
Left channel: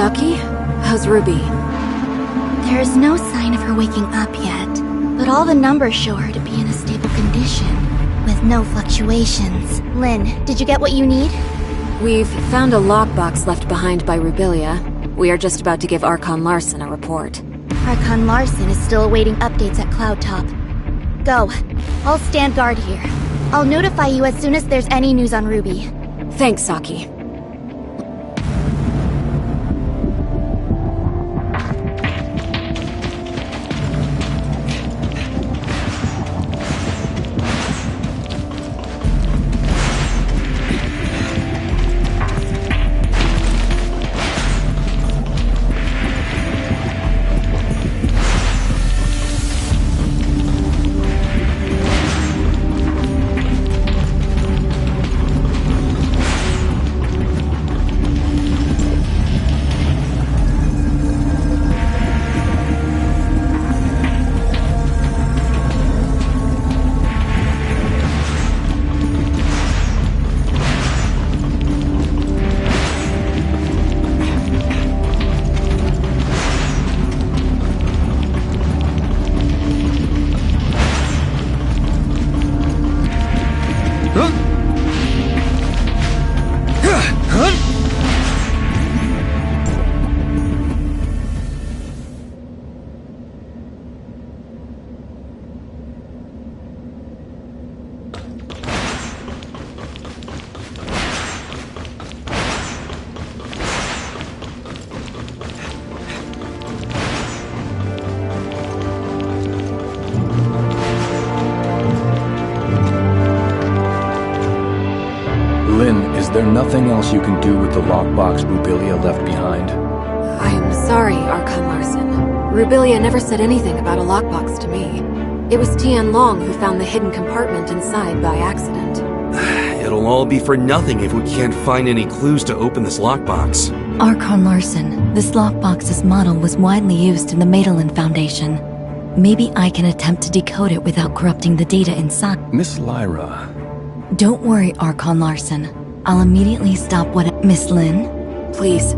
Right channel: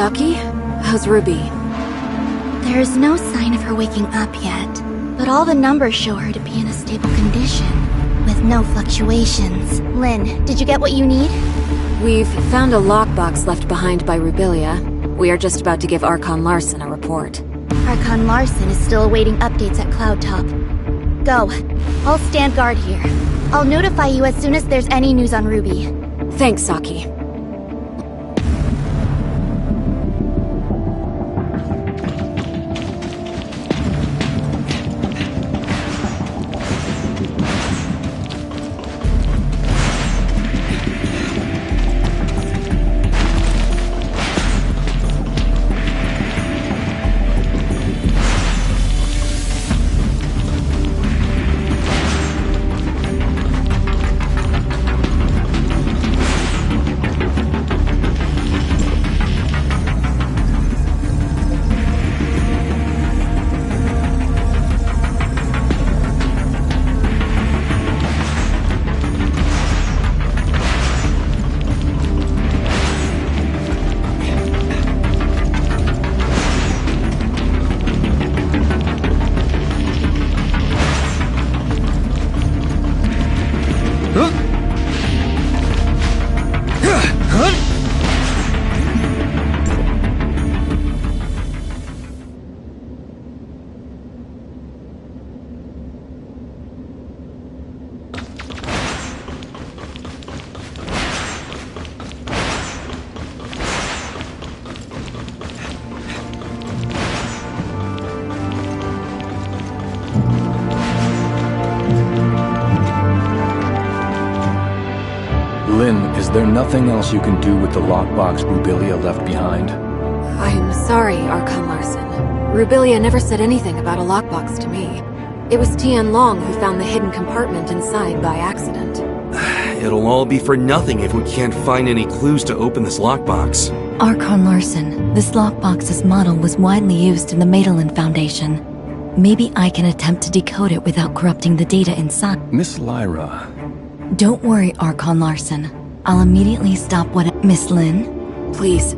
Saki? How's Ruby? There is no sign of her waking up yet, but all the numbers show her to be in a stable condition, with no fluctuations. Lynn, did you get what you need? We've found a lockbox left behind by Rubilia. We are just about to give Archon Larson a report. Archon Larson is still awaiting updates at Cloud Top. Go. I'll stand guard here. I'll notify you as soon as there's any news on Ruby. Thanks, Saki. Lynn, is there nothing else you can do with the lockbox Rubilia left behind? I'm sorry, Archon Larson. Rubilia never said anything about a lockbox to me. It was Tian Long who found the hidden compartment inside by accident. It'll all be for nothing if we can't find any clues to open this lockbox. Archon Larson, this lockbox's model was widely used in the Madeline Foundation. Maybe I can attempt to decode it without corrupting the data inside. Miss Lyra, Don't worry, Archon Larson. I'll immediately stop what— Miss Lin? Please.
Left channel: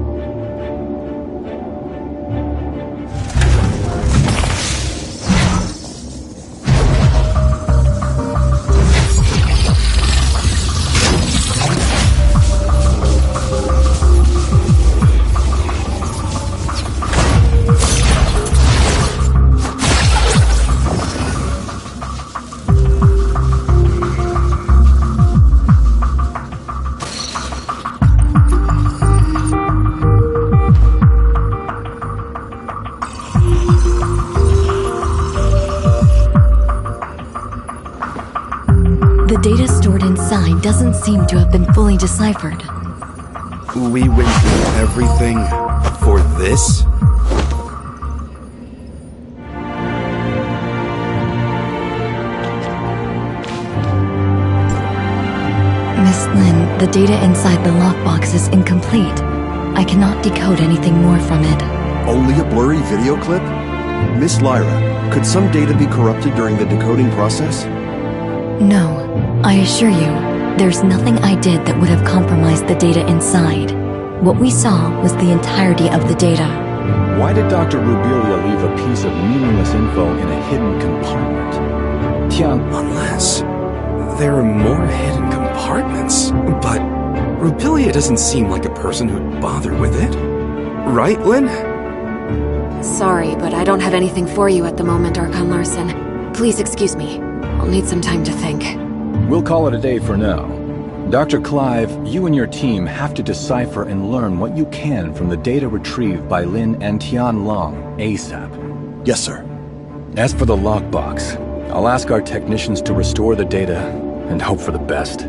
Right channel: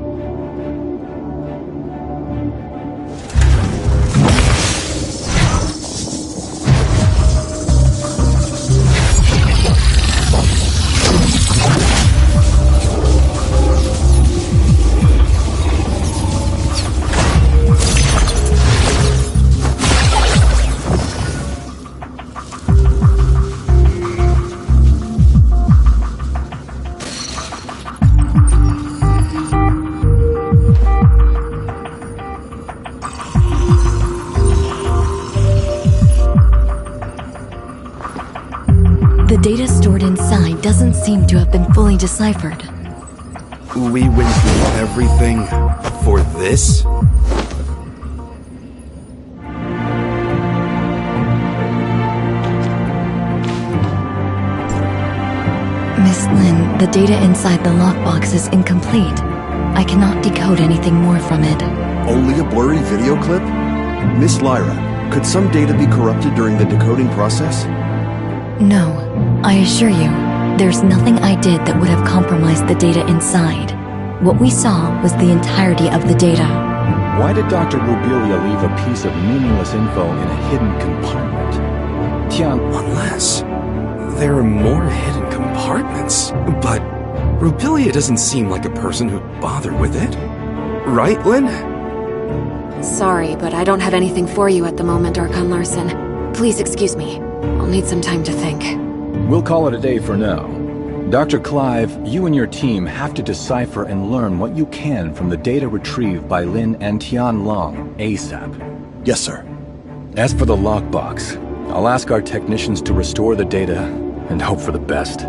The data stored inside doesn't seem to have been fully deciphered. We went through everything for this? Miss Lin, the data inside the lockbox is incomplete. I cannot decode anything more from it. Only a blurry video clip? Miss Lyra, could some data be corrupted during the decoding process? No, I assure you, there's nothing I did that would have compromised the data inside. What we saw was the entirety of the data. why did Dr. Rubilia leave a piece of meaningless info in a hidden compartment? Tian, Unless there are more hidden compartments. But Rubilia doesn't seem like a person who'd bother with it. Right, Lin? Sorry, but I don't have anything for you at the moment, Archon Larson. Please excuse me. I'll need some time to think. we'll call it a day for now. Dr. Clive, you and your team have to decipher and learn what you can from the data retrieved by Lin and Tian Long, ASAP. Yes, sir. As for the lockbox, I'll ask our technicians to restore the data and hope for the best.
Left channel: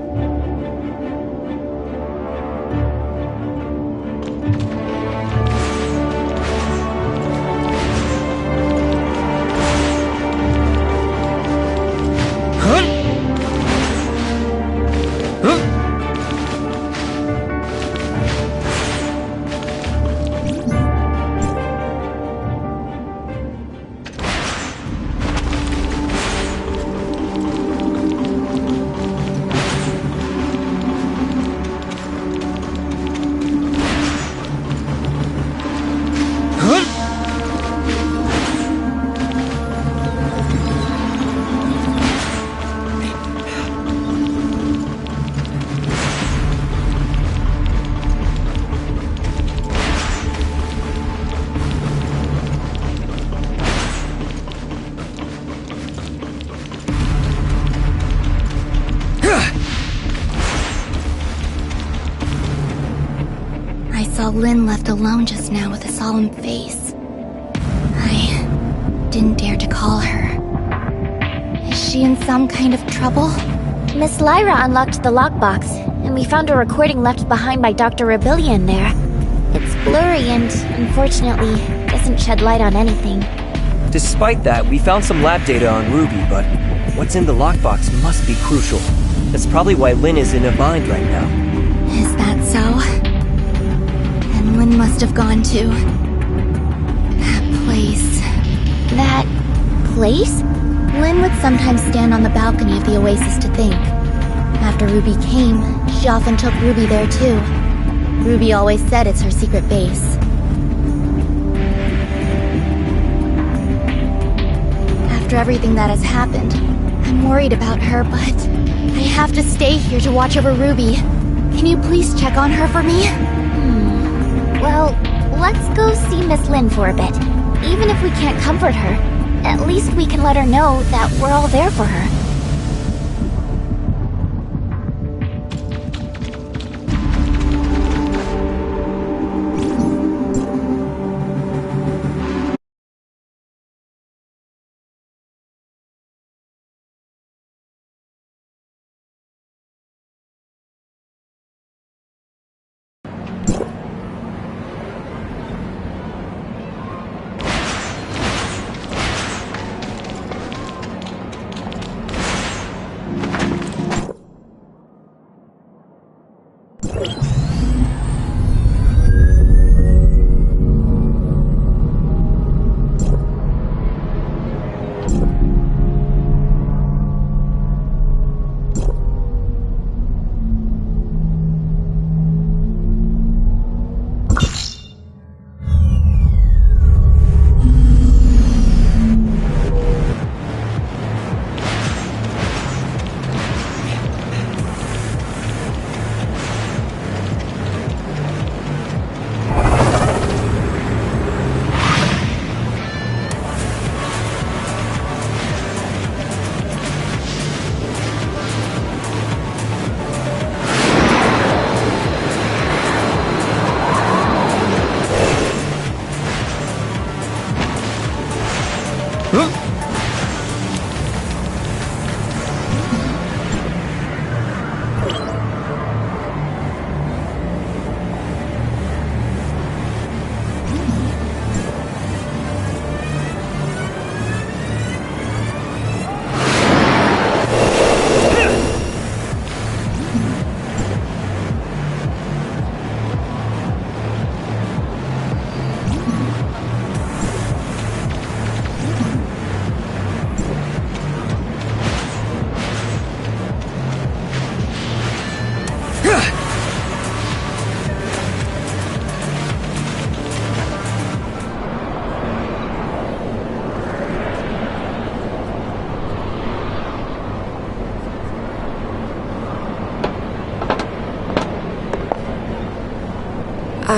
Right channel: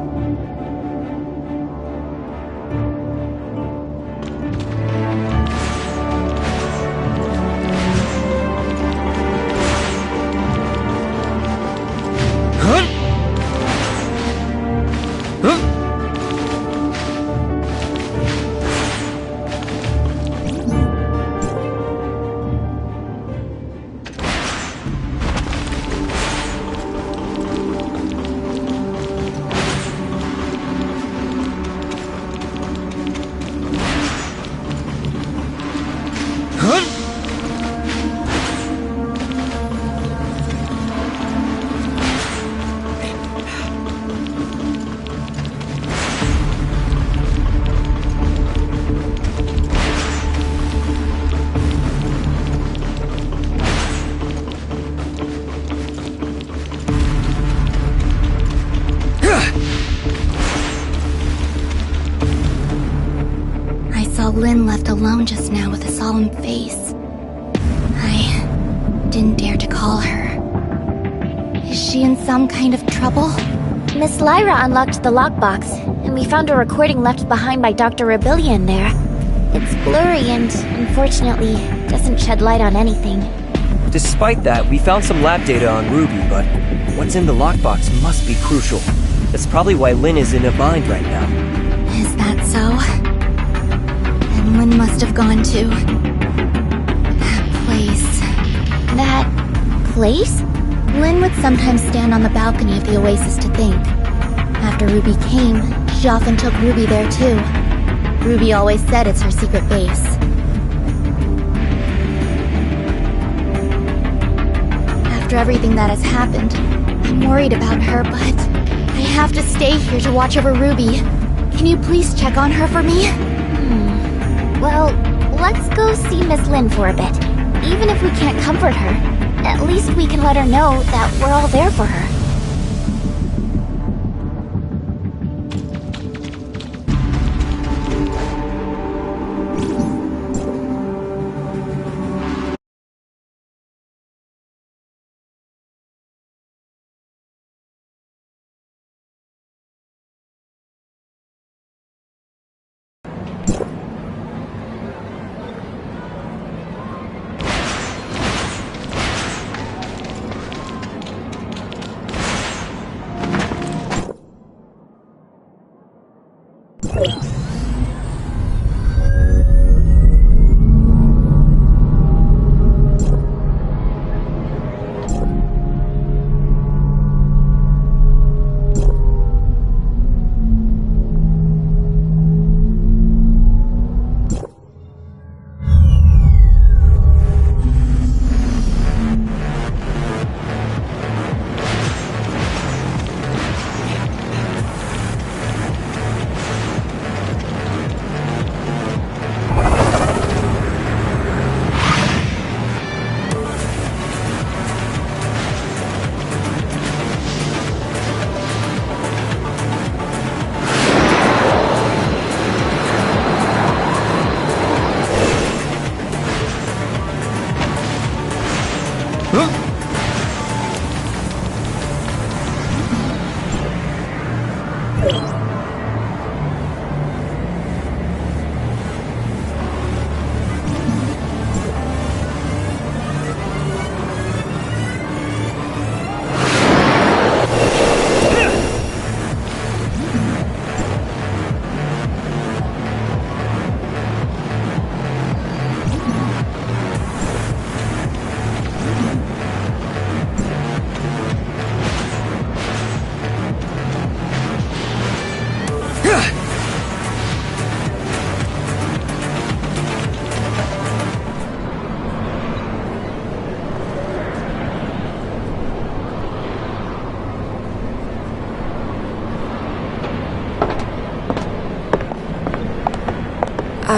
I saw Lin left alone just now with a solemn face. I didn't dare to call her. Is she in some kind of trouble? Miss Lyra unlocked the lockbox, and we found a recording left behind by Dr. Rubilia in there. It's blurry and, unfortunately, doesn't shed light on anything. Despite that, we found some lab data on Ruby, but what's in the lockbox must be crucial. That's probably why Lin is in a bind right now. Is that so? And Lin must have gone to that place. That place? Lin would sometimes stand on the balcony of the Oasis to think. After Ruby came, she often took Ruby there too. Ruby always said it's her secret base. After everything that has happened, I'm worried about her, but I have to stay here to watch over Ruby. Can you please check on her for me? Well, let's go see Miss Lin for a bit. Even if we can't comfort her, at least we can let her know that we're all there for her.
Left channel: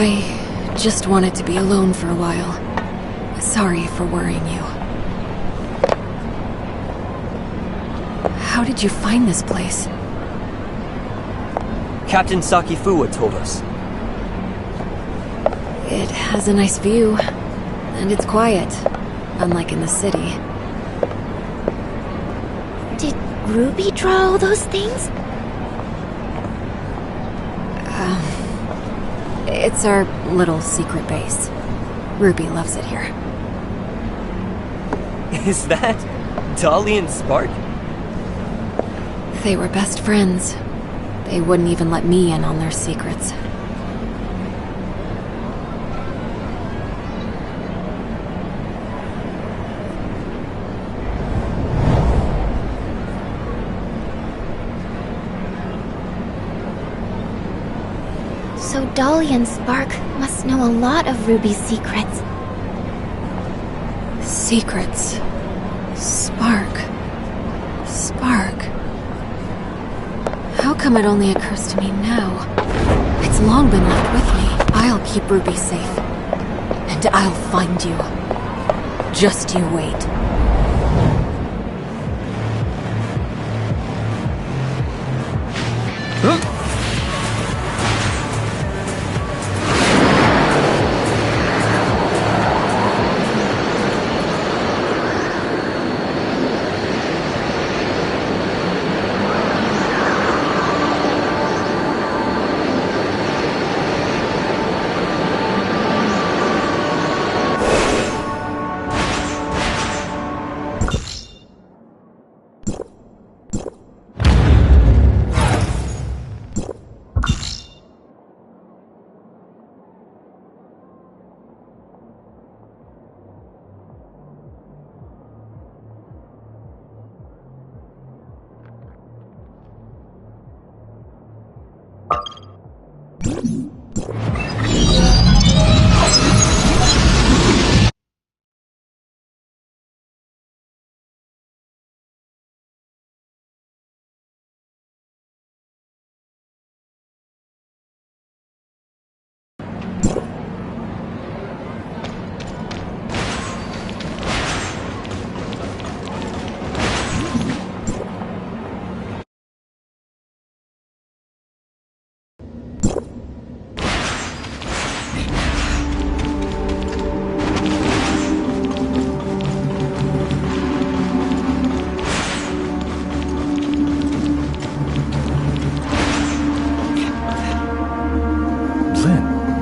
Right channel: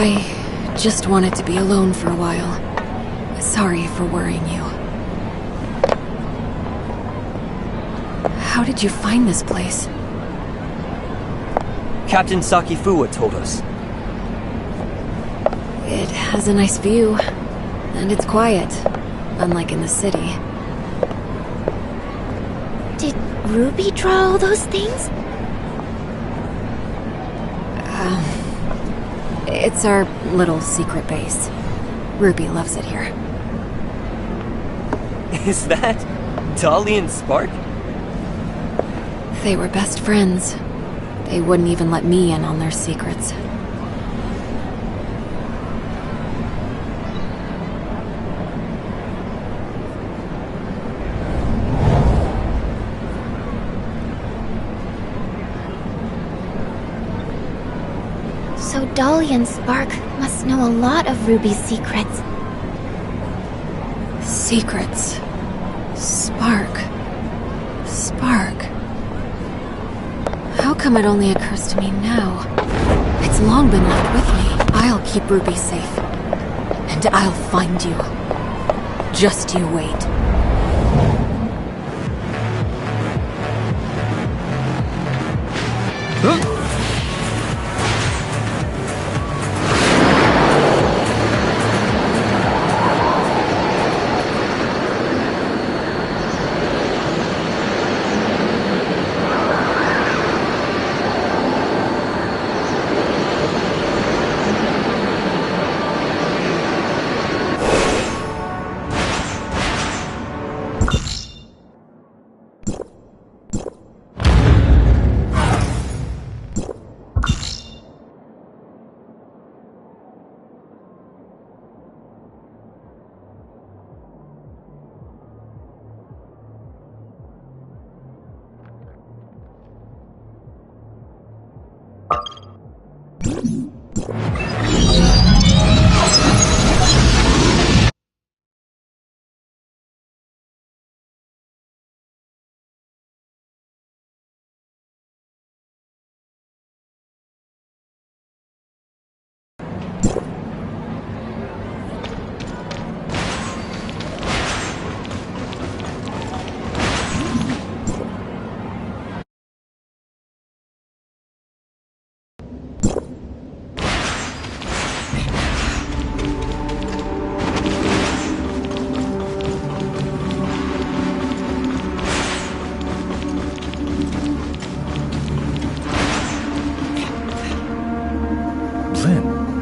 I just wanted to be alone for a while. Sorry for worrying you. How did you find this place? Captain Sakifuwa told us. It has a nice view, and it's quiet, unlike in the city. Did Ruby draw all those things? It's our little secret base. Ruby loves it here. Is that Dolly and Spark? They were best friends. They wouldn't even let me in on their secrets. So Dolly and Spark must know a lot of Ruby's secrets. Secrets. Spark. Spark. How come it only occurs to me now? It's long been left with me. I'll keep Ruby safe. And I'll find you. Just you wait.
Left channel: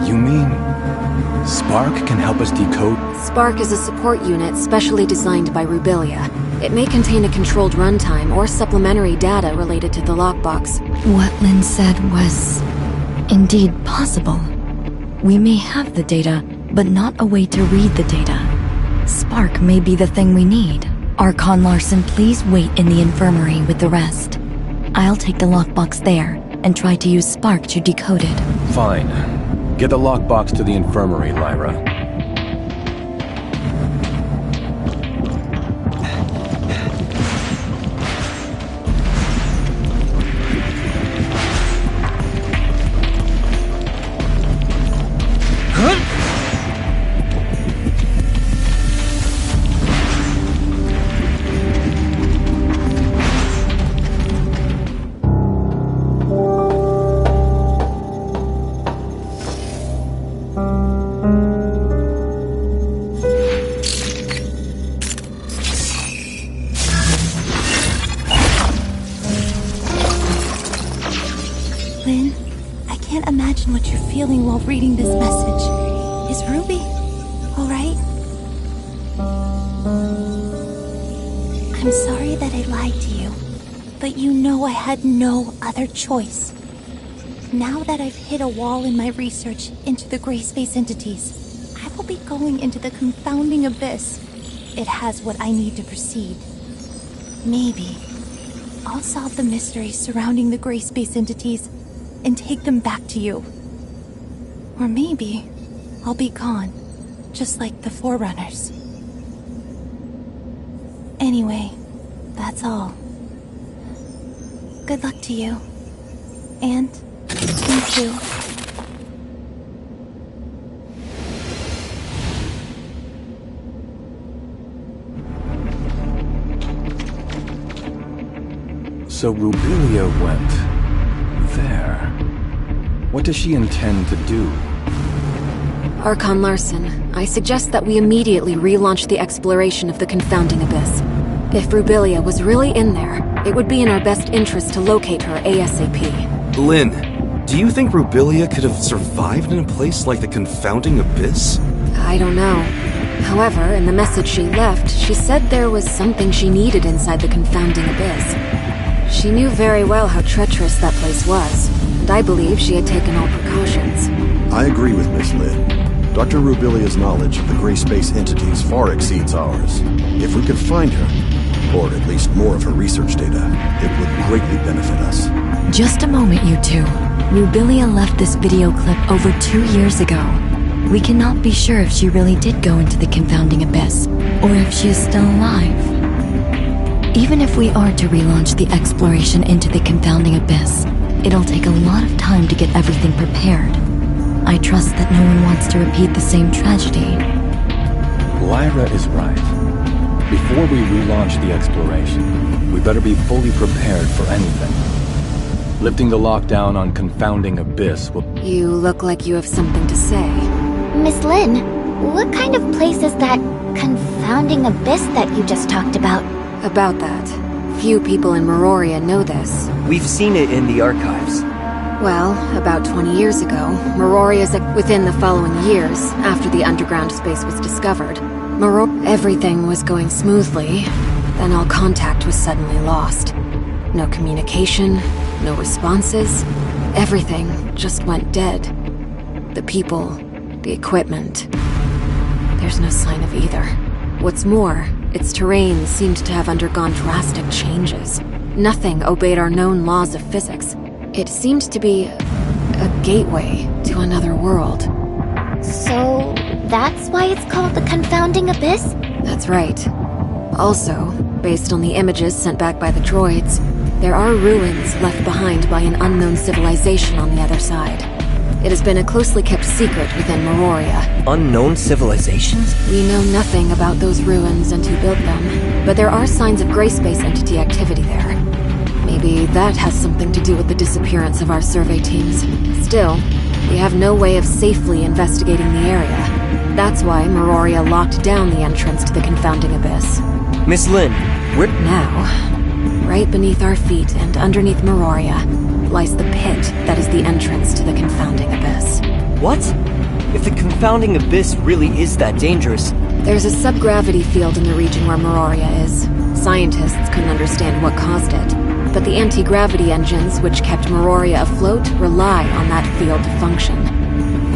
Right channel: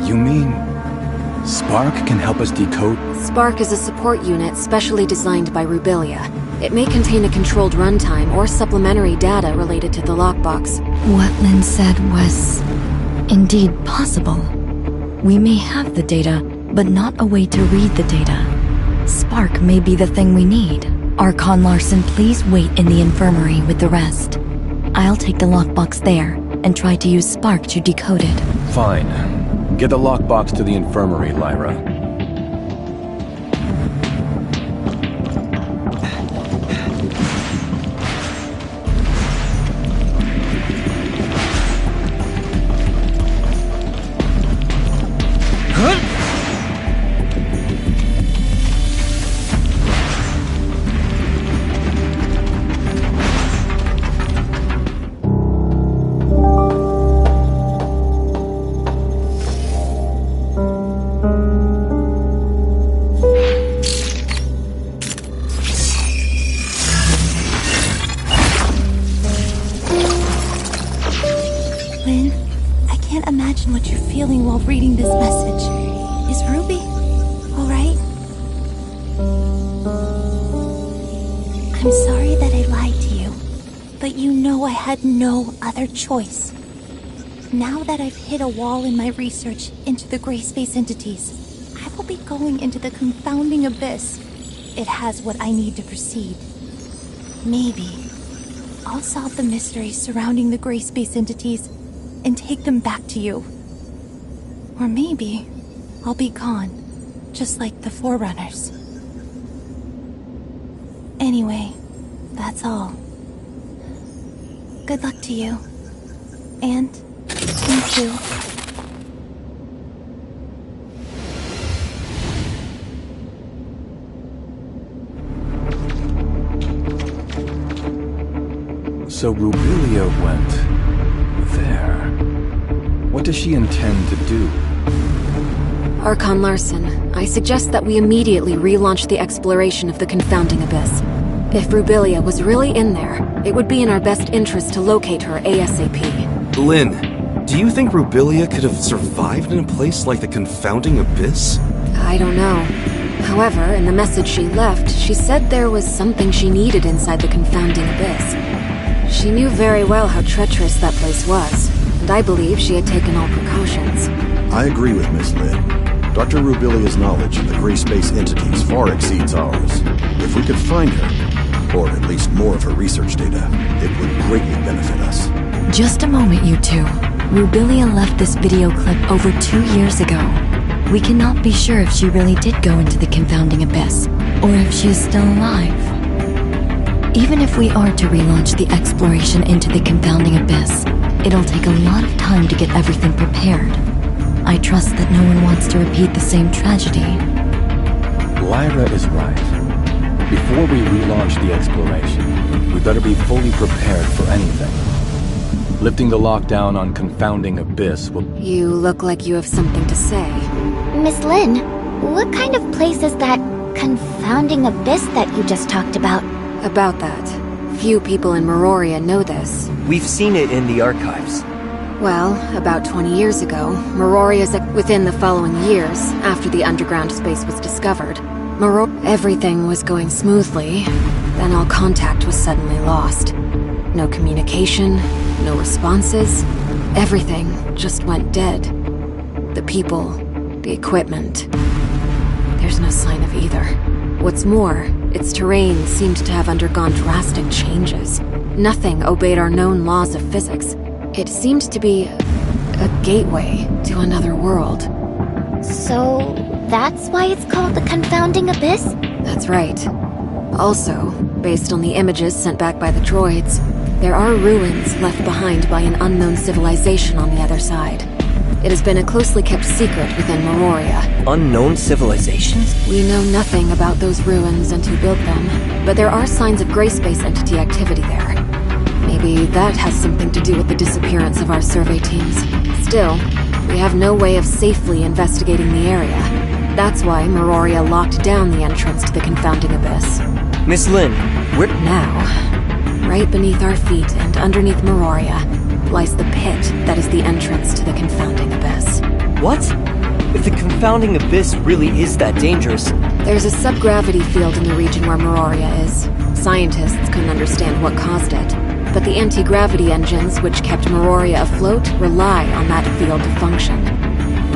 You mean Spark can help us decode? Spark is a support unit specially designed by Rubilia. It may contain a controlled runtime or supplementary data related to the lockbox. What Lynn said was indeed possible. We may have the data, but not a way to read the data. Spark may be the thing we need. Archon Larson, please wait in the infirmary with the rest. I'll take the lockbox there and try to use Spark to decode it. Fine. Get the lockbox to the infirmary, Lyra. Lynn, I can't imagine what you're feeling while reading this message. Is Ruby alright? I'm sorry that I lied to you, but you know I had no other choice. Now that I've hit a wall in my research into the gray space entities, I will be going into the confounding abyss. It has what I need to proceed. Maybe I'll solve the mysteries surrounding the gray space entities and take them back to you. Or maybe I'll be gone, just like the Forerunners. Anyway, that's all. Good luck to you. And me too. So Rubilia went there. What does she intend to do? Archon Larson, I suggest that we immediately relaunch the exploration of the Confounding Abyss. If Rubilia was really in there, it would be in our best interest to locate her ASAP. Lynn, do you think Rubilia could have survived in a place like the Confounding Abyss? I don't know. However, in the message she left, she said there was something she needed inside the Confounding Abyss. She knew very well how treacherous that place was, and I believe she had taken all precautions. I agree with Miss Lynn. Dr. Rubilia's knowledge of the gray space entities far exceeds ours. If we could find her, or at least more of her research data, it would greatly benefit us. Just a moment, you two. Rubilia left this video clip over 2 years ago. We cannot be sure if she really did go into the Confounding Abyss, or if she is still alive. Even if we are to relaunch the exploration into the Confounding Abyss, it'll take a lot of time to get everything prepared. I trust that no one wants to repeat the same tragedy. Lyra is right. Before we relaunch the exploration, we better be fully prepared for anything. Lifting the lockdown on Confounding Abyss will... You look like you have something to say. Miss Lynn, what kind of place is that Confounding Abyss that you just talked about? About that, few people in Meroria know this. We've seen it in the archives. Well, about 20 years ago, within the following years, after the underground space was discovered, everything was going smoothly, then all contact was suddenly lost. No communication, no responses, everything just went dead. The people, the equipment. There's no sign of either. What's more, its terrain seemed to have undergone drastic changes. Nothing obeyed our known laws of physics. It seemed to be a gateway to another world. So, that's why it's called the Confounding Abyss? That's right. Also, based on the images sent back by the droids, there are ruins left behind by an unknown civilization on the other side. It has been a closely kept secret within Meroria. Unknown civilizations? We know nothing about those ruins and who built them, but there are signs of gray space entity activity there. Maybe that has something to do with the disappearance of our survey teams. Still, we have no way of safely investigating the area. That's why Meroria locked down the entrance to the Confounding Abyss. Miss Lynn, where... Now, right beneath our feet and underneath Meroria, lies the pit that is the entrance to the Confounding Abyss. What? If the Confounding Abyss really is that dangerous... There's a subgravity field in the region where Meroria is. Scientists couldn't understand what caused it, but the anti-gravity engines which kept Meroria afloat rely on that field to function.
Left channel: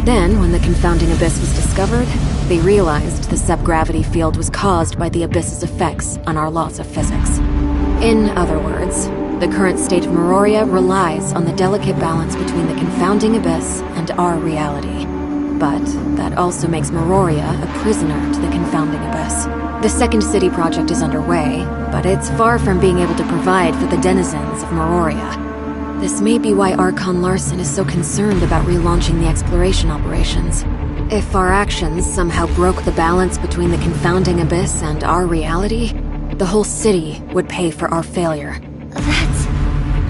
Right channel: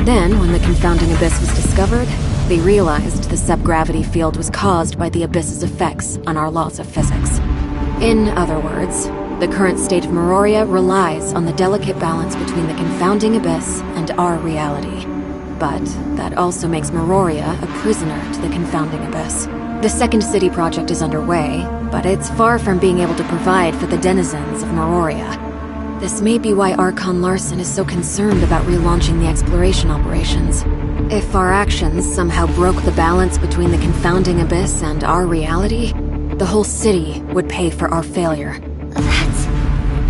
Then, when the Confounding Abyss was discovered, they realized the subgravity field was caused by the Abyss's effects on our laws of physics. In other words, the current state of Meroria relies on the delicate balance between the Confounding Abyss and our reality. But that also makes Meroria a prisoner to the Confounding Abyss. The Second City project is underway, but it's far from being able to provide for the denizens of Meroria. This may be why Archon Larson is so concerned about relaunching the exploration operations. If our actions somehow broke the balance between the Confounding Abyss and our reality, the whole city would pay for our failure. That's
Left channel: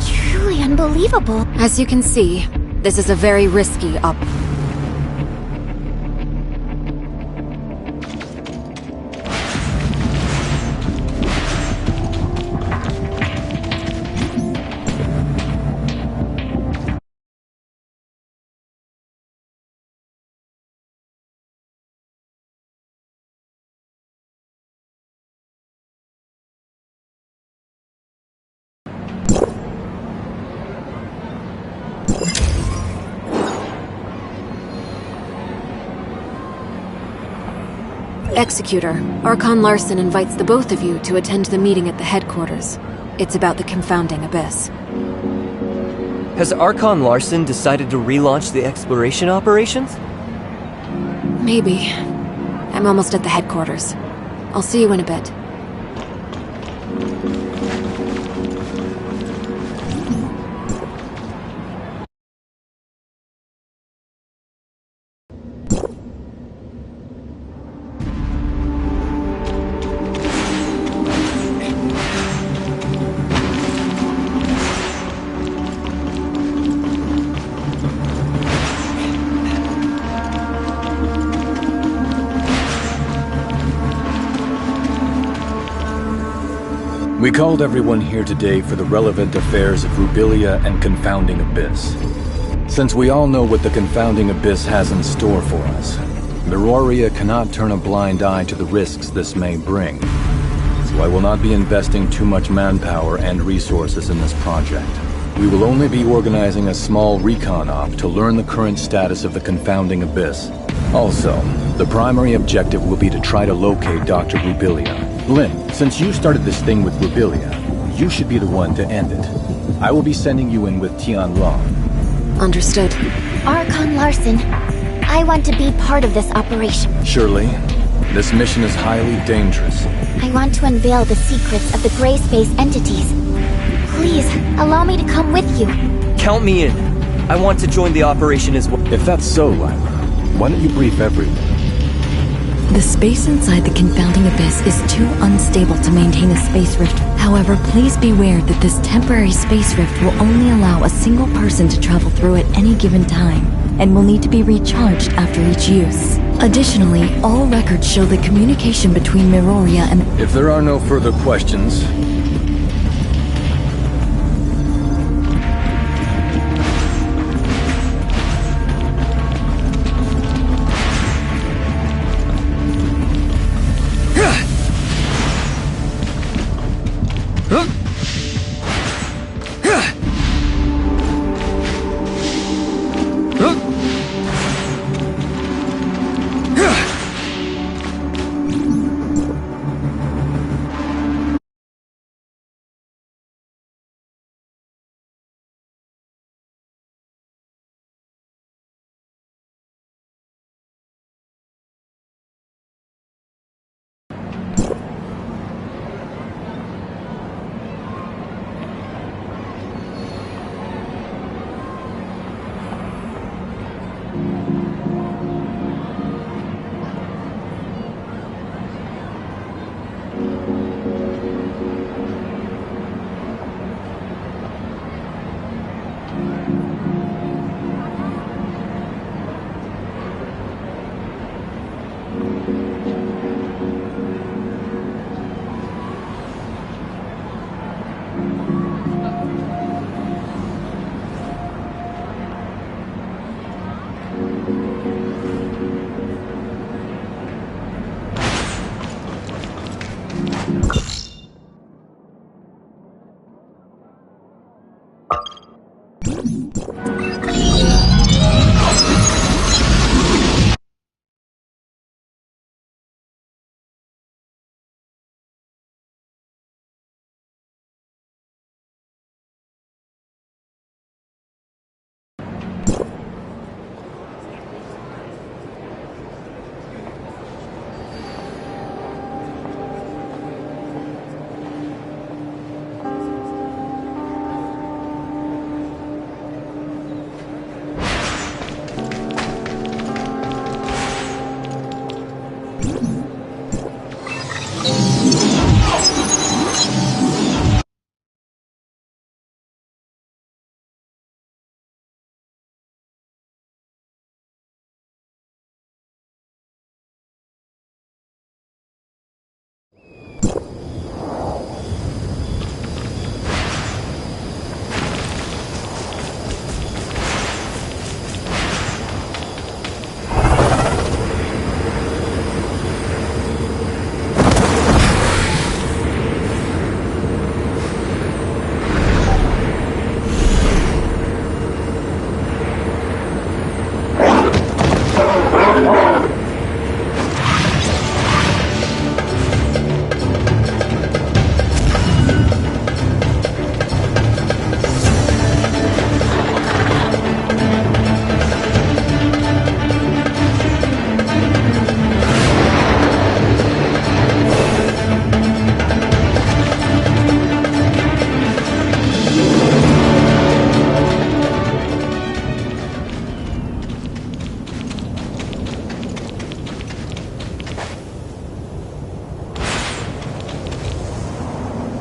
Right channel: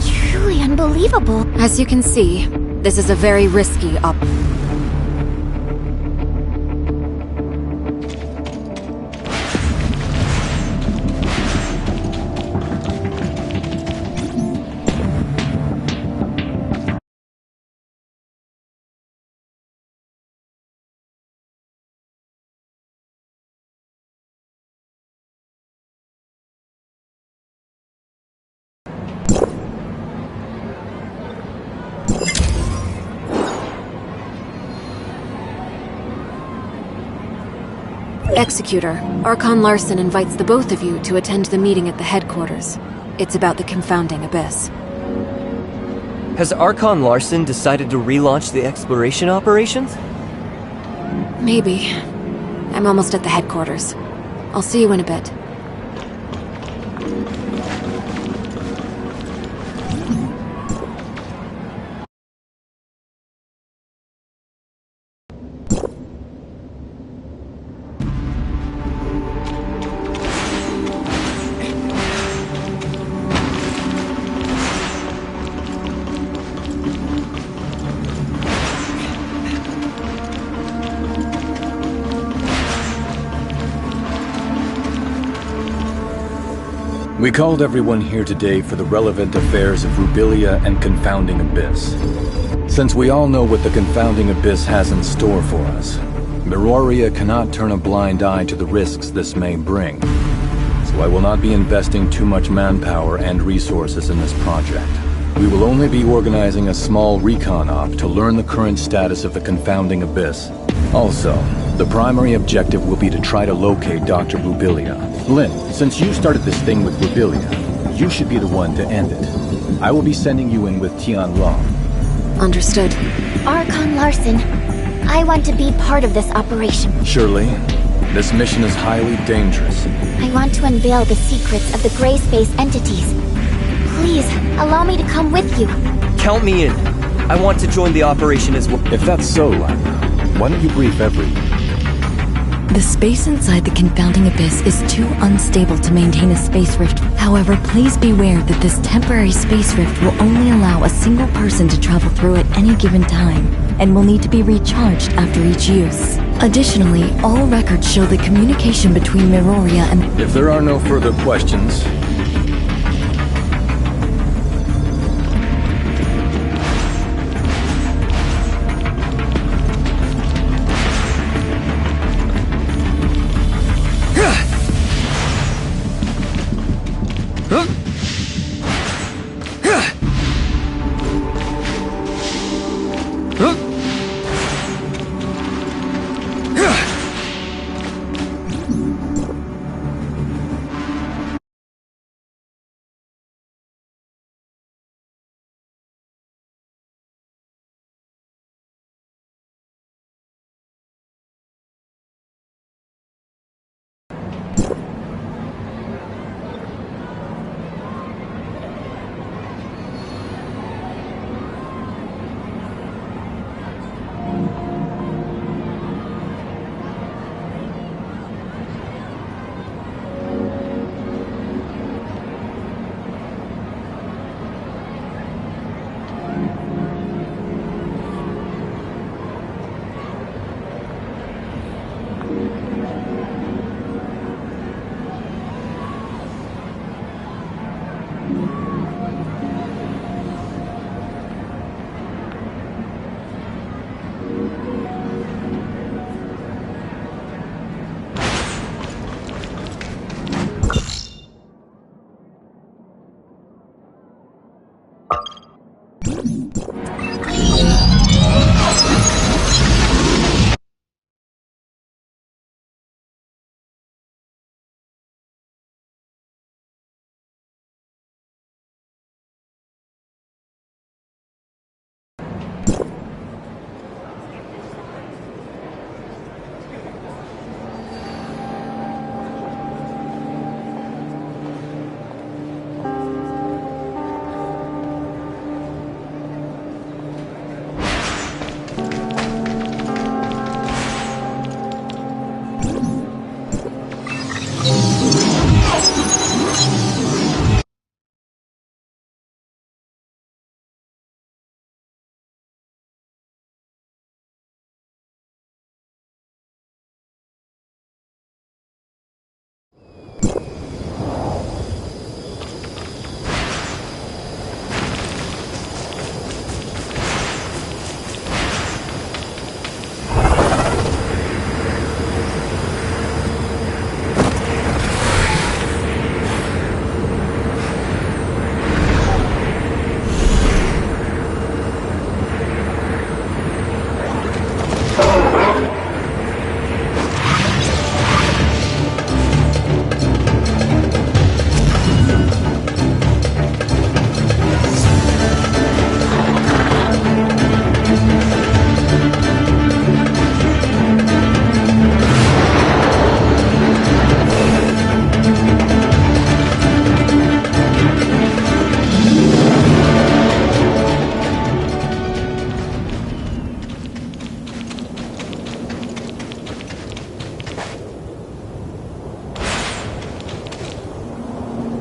truly unbelievable. As you can see, this is a very risky Executor, Archon Larson invites the both of you to attend the meeting at the headquarters. It's about the Confounding Abyss. Has Archon Larson decided to relaunch the exploration operations? Maybe. I'm almost at the headquarters. I'll see you in a bit. We called everyone here today for the relevant affairs of Rubilia and Confounding Abyss. Since we all know what the Confounding Abyss has in store for us, Miroria cannot turn a blind eye to the risks this may bring. So I will not be investing too much manpower and resources in this project. We will only be organizing a small recon op to learn the current status of the Confounding Abyss. Also, the primary objective will be to try to locate Dr. Rubilia. Lin, since you started this thing with Rubilia, you should be the one to end it. I will be sending you in with Tian Long. Understood. Archon Larson, I want to be part of this operation. Shirley, this mission is highly dangerous. I want to unveil the secrets of the gray space entities. Please, allow me to come with you. Count me in. I want to join the operation as well. If that's so, Lyra, why don't you brief everyone? The space inside the Confounding Abyss is too unstable to maintain a space rift. However, please beware that this temporary space rift will only allow a single person to travel through at any given time, and will need to be recharged after each use. Additionally, all records show the communication between Miroria and... If there are no further questions...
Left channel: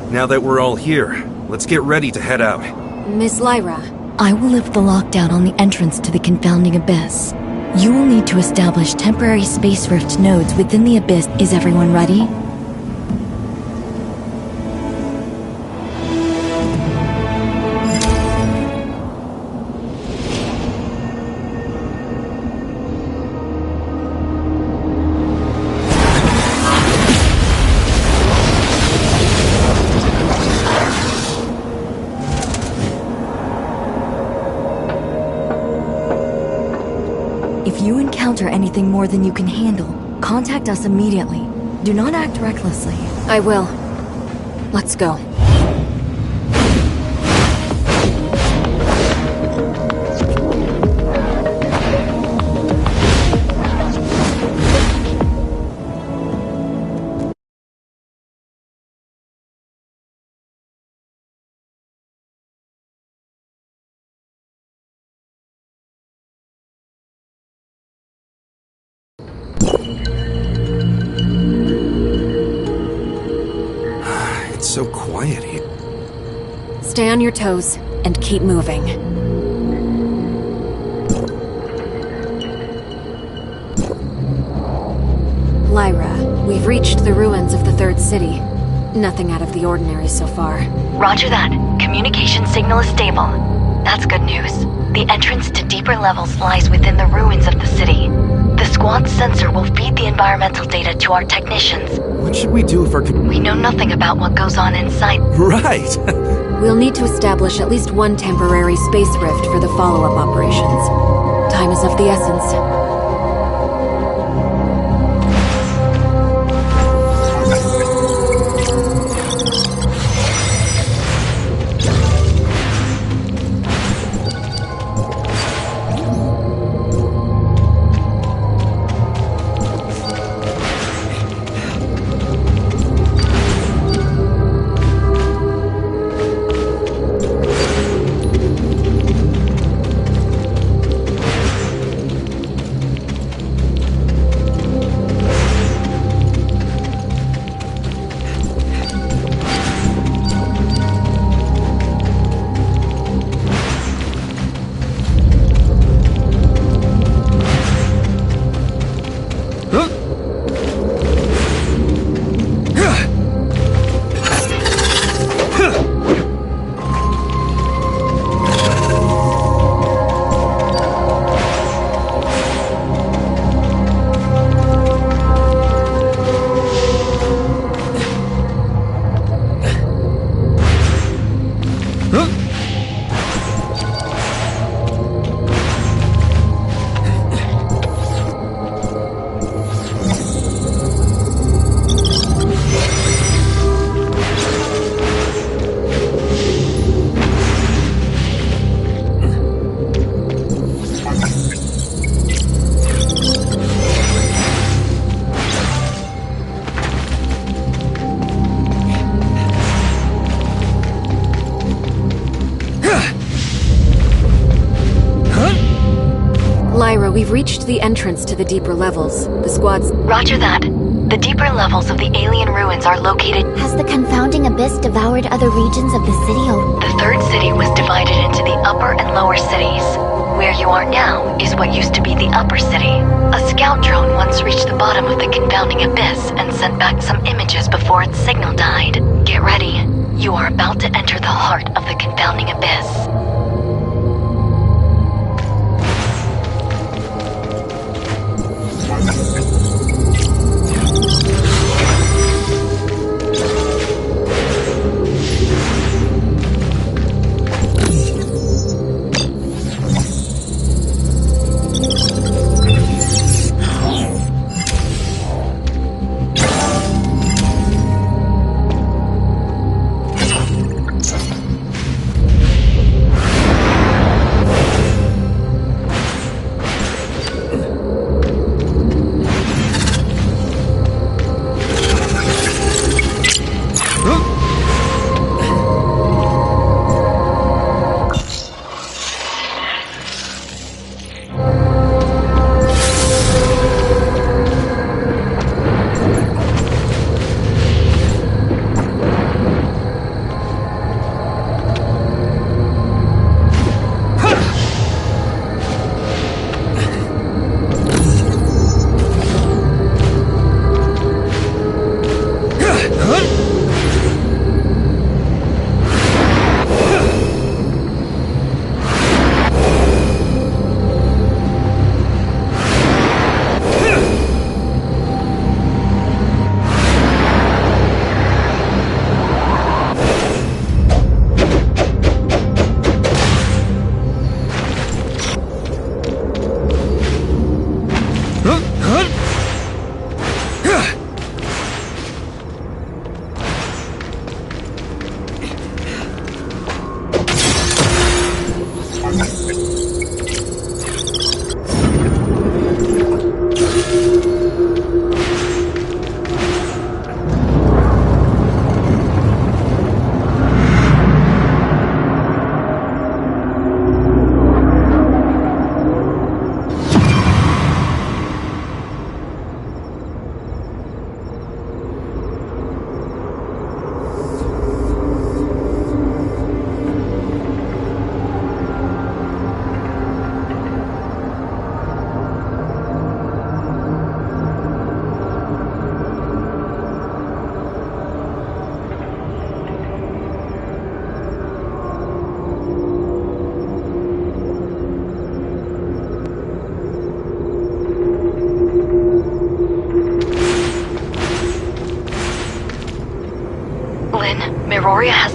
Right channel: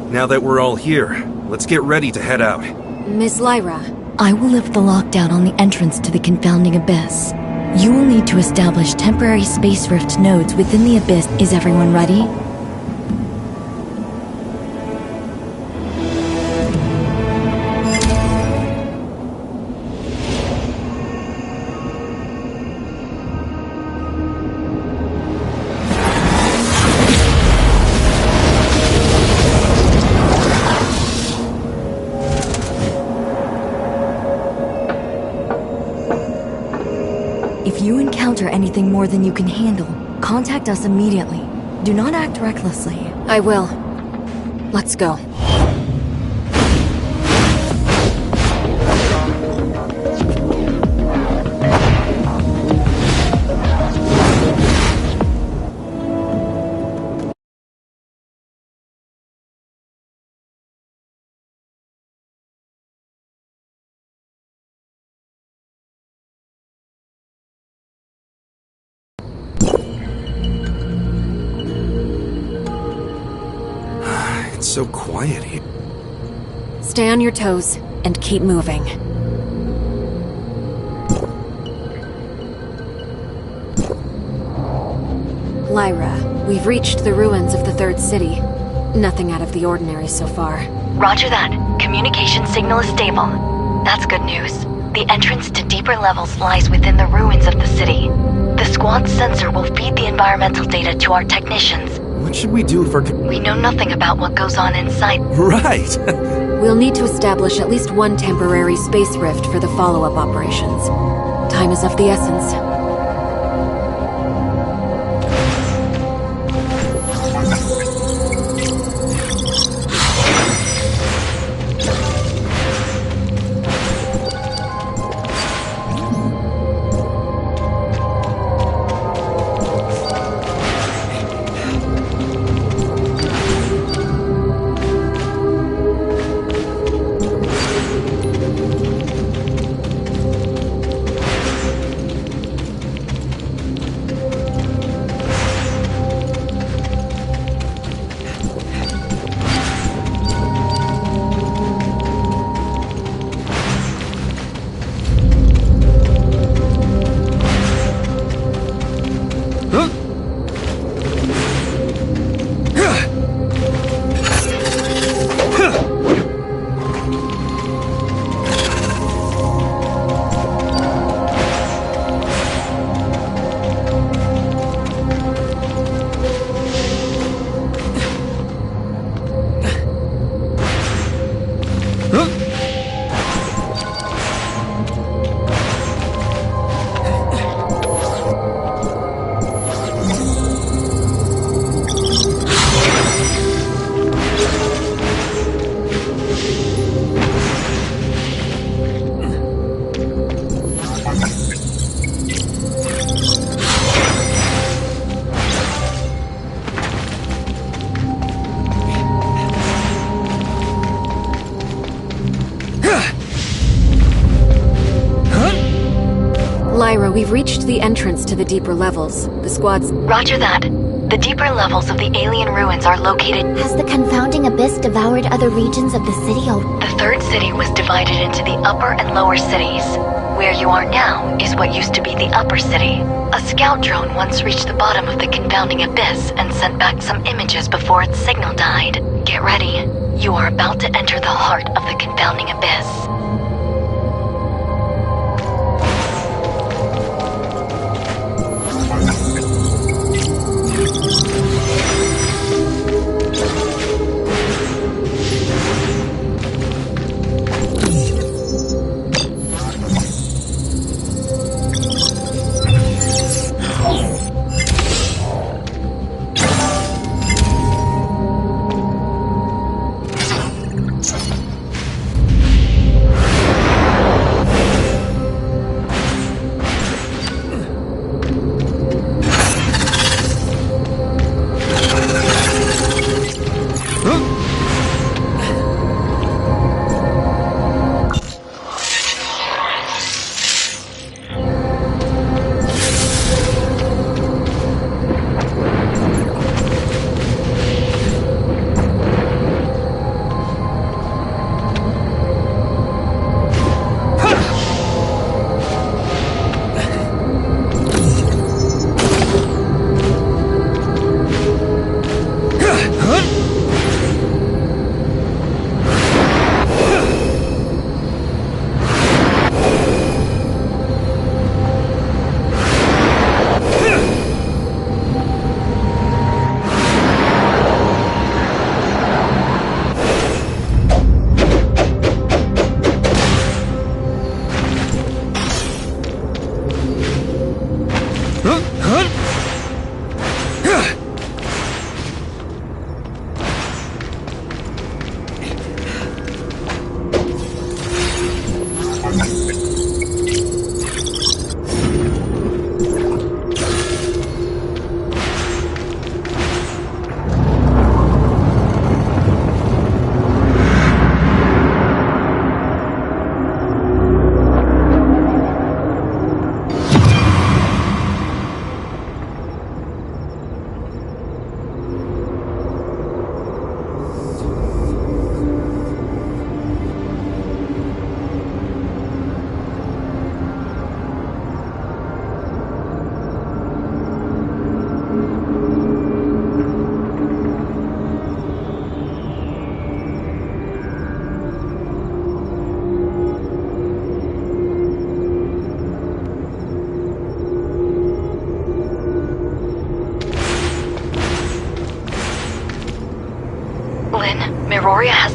Now that we're all here, let's get ready to head out. Miss Lyra, I will lift the lockdown on the entrance to the Confounding Abyss. You will need to establish temporary space rift nodes within the Abyss. Is everyone ready? If you encounter anything more than you can handle, contact us immediately. Do not act recklessly. I will. Let's go. It's so quiet here. Stay on your toes and keep moving. Lyra, we've reached the ruins of the Third City. Nothing out of the ordinary so far. Roger that. Communication signal is stable. That's good news. The entrance to deeper levels lies within the ruins of the city. The squad's sensor will feed the environmental data to our technicians. What should we do if our... We know nothing about what goes on inside. Right! We'll need to establish at least one temporary space rift for the follow-up operations. Time is of the essence. Lyra, we've reached the entrance to the deeper levels. The squad's... Roger that. The deeper levels of the alien ruins are located... Has the confounding abyss devoured other regions of the city The Third City was divided into the upper and lower cities. Where you are now is what used to be the upper city. A scout drone once reached the bottom of the confounding abyss and sent back some images before its signal died. Get ready. You are about to enter the heart of the confounding abyss.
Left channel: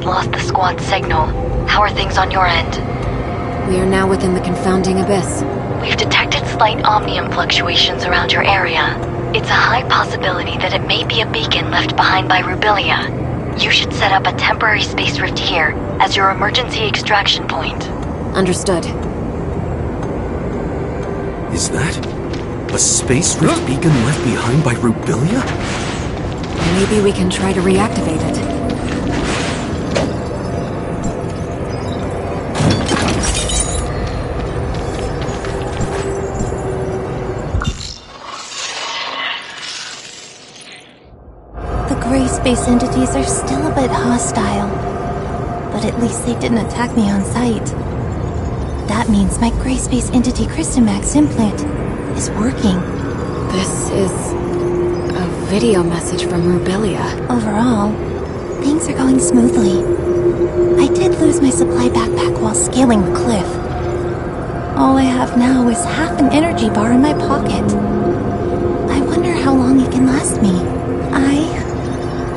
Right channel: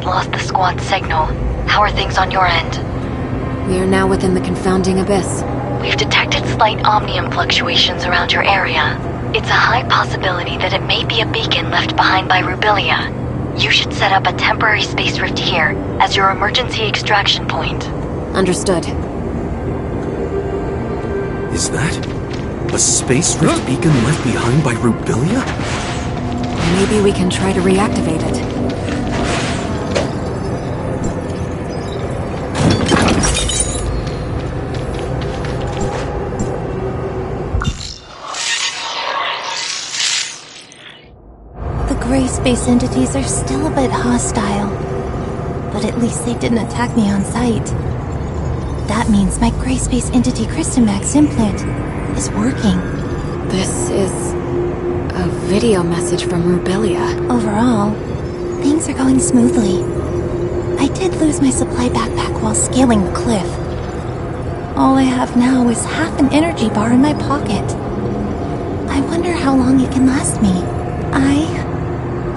just lost the squad's signal. How are things on your end? We are now within the confounding abyss. We've detected slight omnium fluctuations around your area. It's a high possibility that it may be a beacon left behind by Rubilia. You should set up a temporary space rift here as your emergency extraction point. Understood. Is that a space rift beacon left behind by Rubilia? Maybe we can try to reactivate it. The gray space entities are still a bit hostile, but at least they didn't attack me on sight. That means my gray space entity Crystamax implant is working. This is a video message from Rubilia. Overall, things are going smoothly. I did lose my supply backpack while scaling the cliff. All I have now is half an energy bar in my pocket. I wonder how long it can last me. I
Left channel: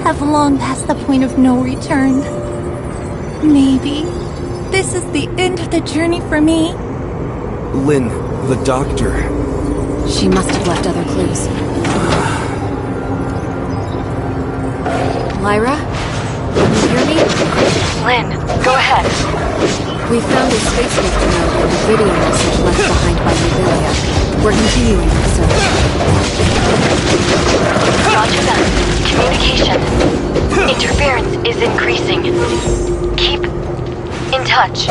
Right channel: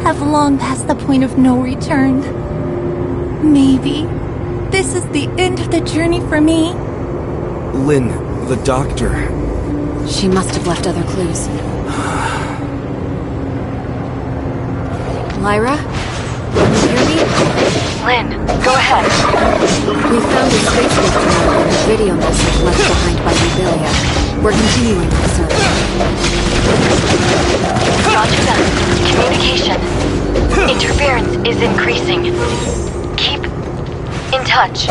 have long passed the point of no return. Maybe this is the end of the journey for me. Lynn, the doctor. She must have left other clues. Lyra? Can you hear me? Lynn, go ahead. We found a space rift node and a video message left behind by Rubilia. We're continuing our search. Roger that. Communication. Interference is increasing. Keep in touch.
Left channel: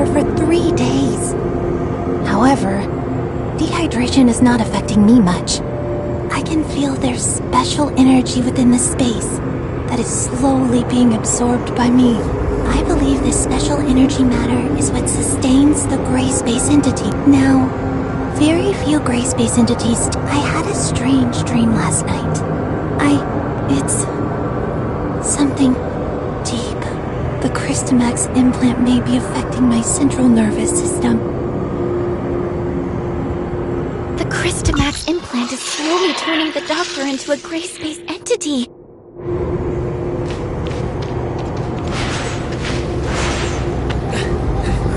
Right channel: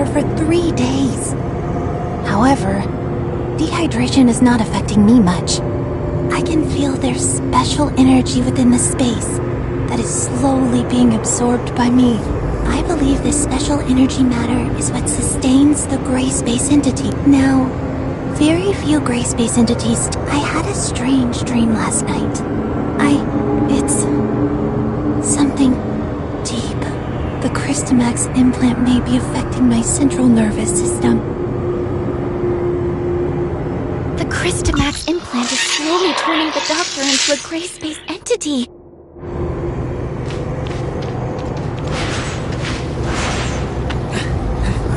water for 3 days. However, dehydration is not affecting me much. I can feel there's special energy within the space that is slowly being absorbed by me. I believe this special energy matter is what sustains the gray space entity. Now, very few gray space entities. I had a strange dream last night. It's something deep. The Crystamax implant may be affecting my central nervous system. The Crystamax implant is slowly turning the Doctor into a gray space entity.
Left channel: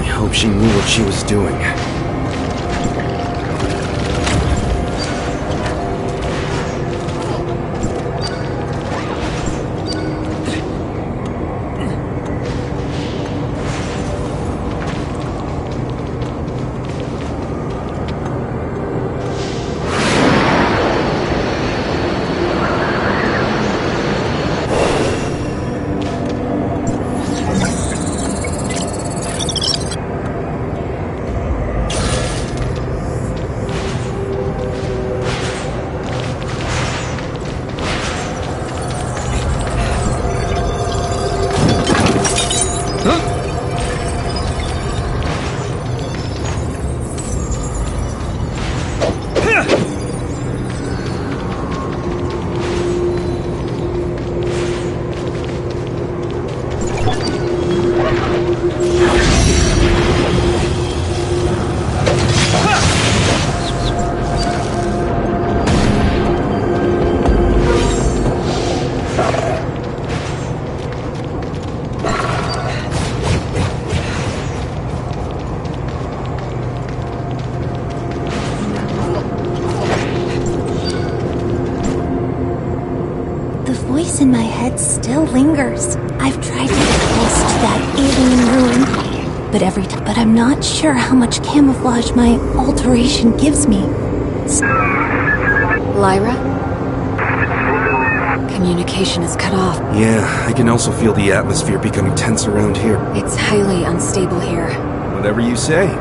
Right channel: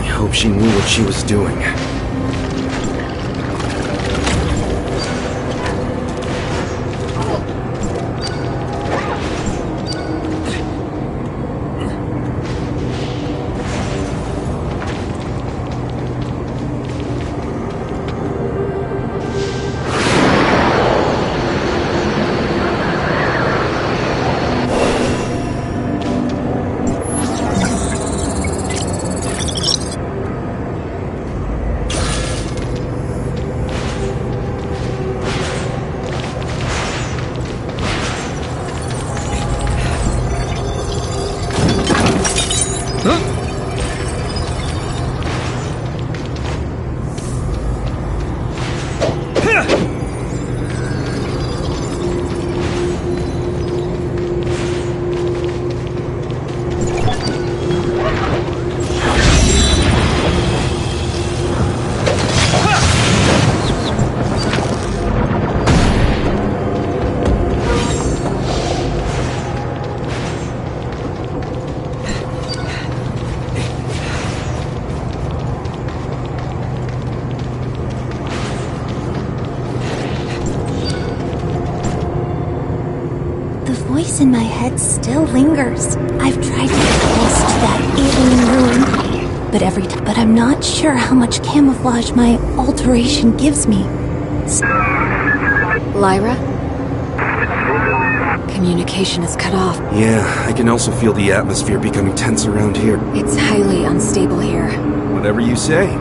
I hope she knew what she was doing. The voice in my head still lingers. I've tried to get close to that alien ruin, but I'm not sure how much camouflage my alteration gives me. Lyra? Communication is cut off. Yeah, I can also feel the atmosphere becoming tense around here. It's highly unstable here. Whatever you say.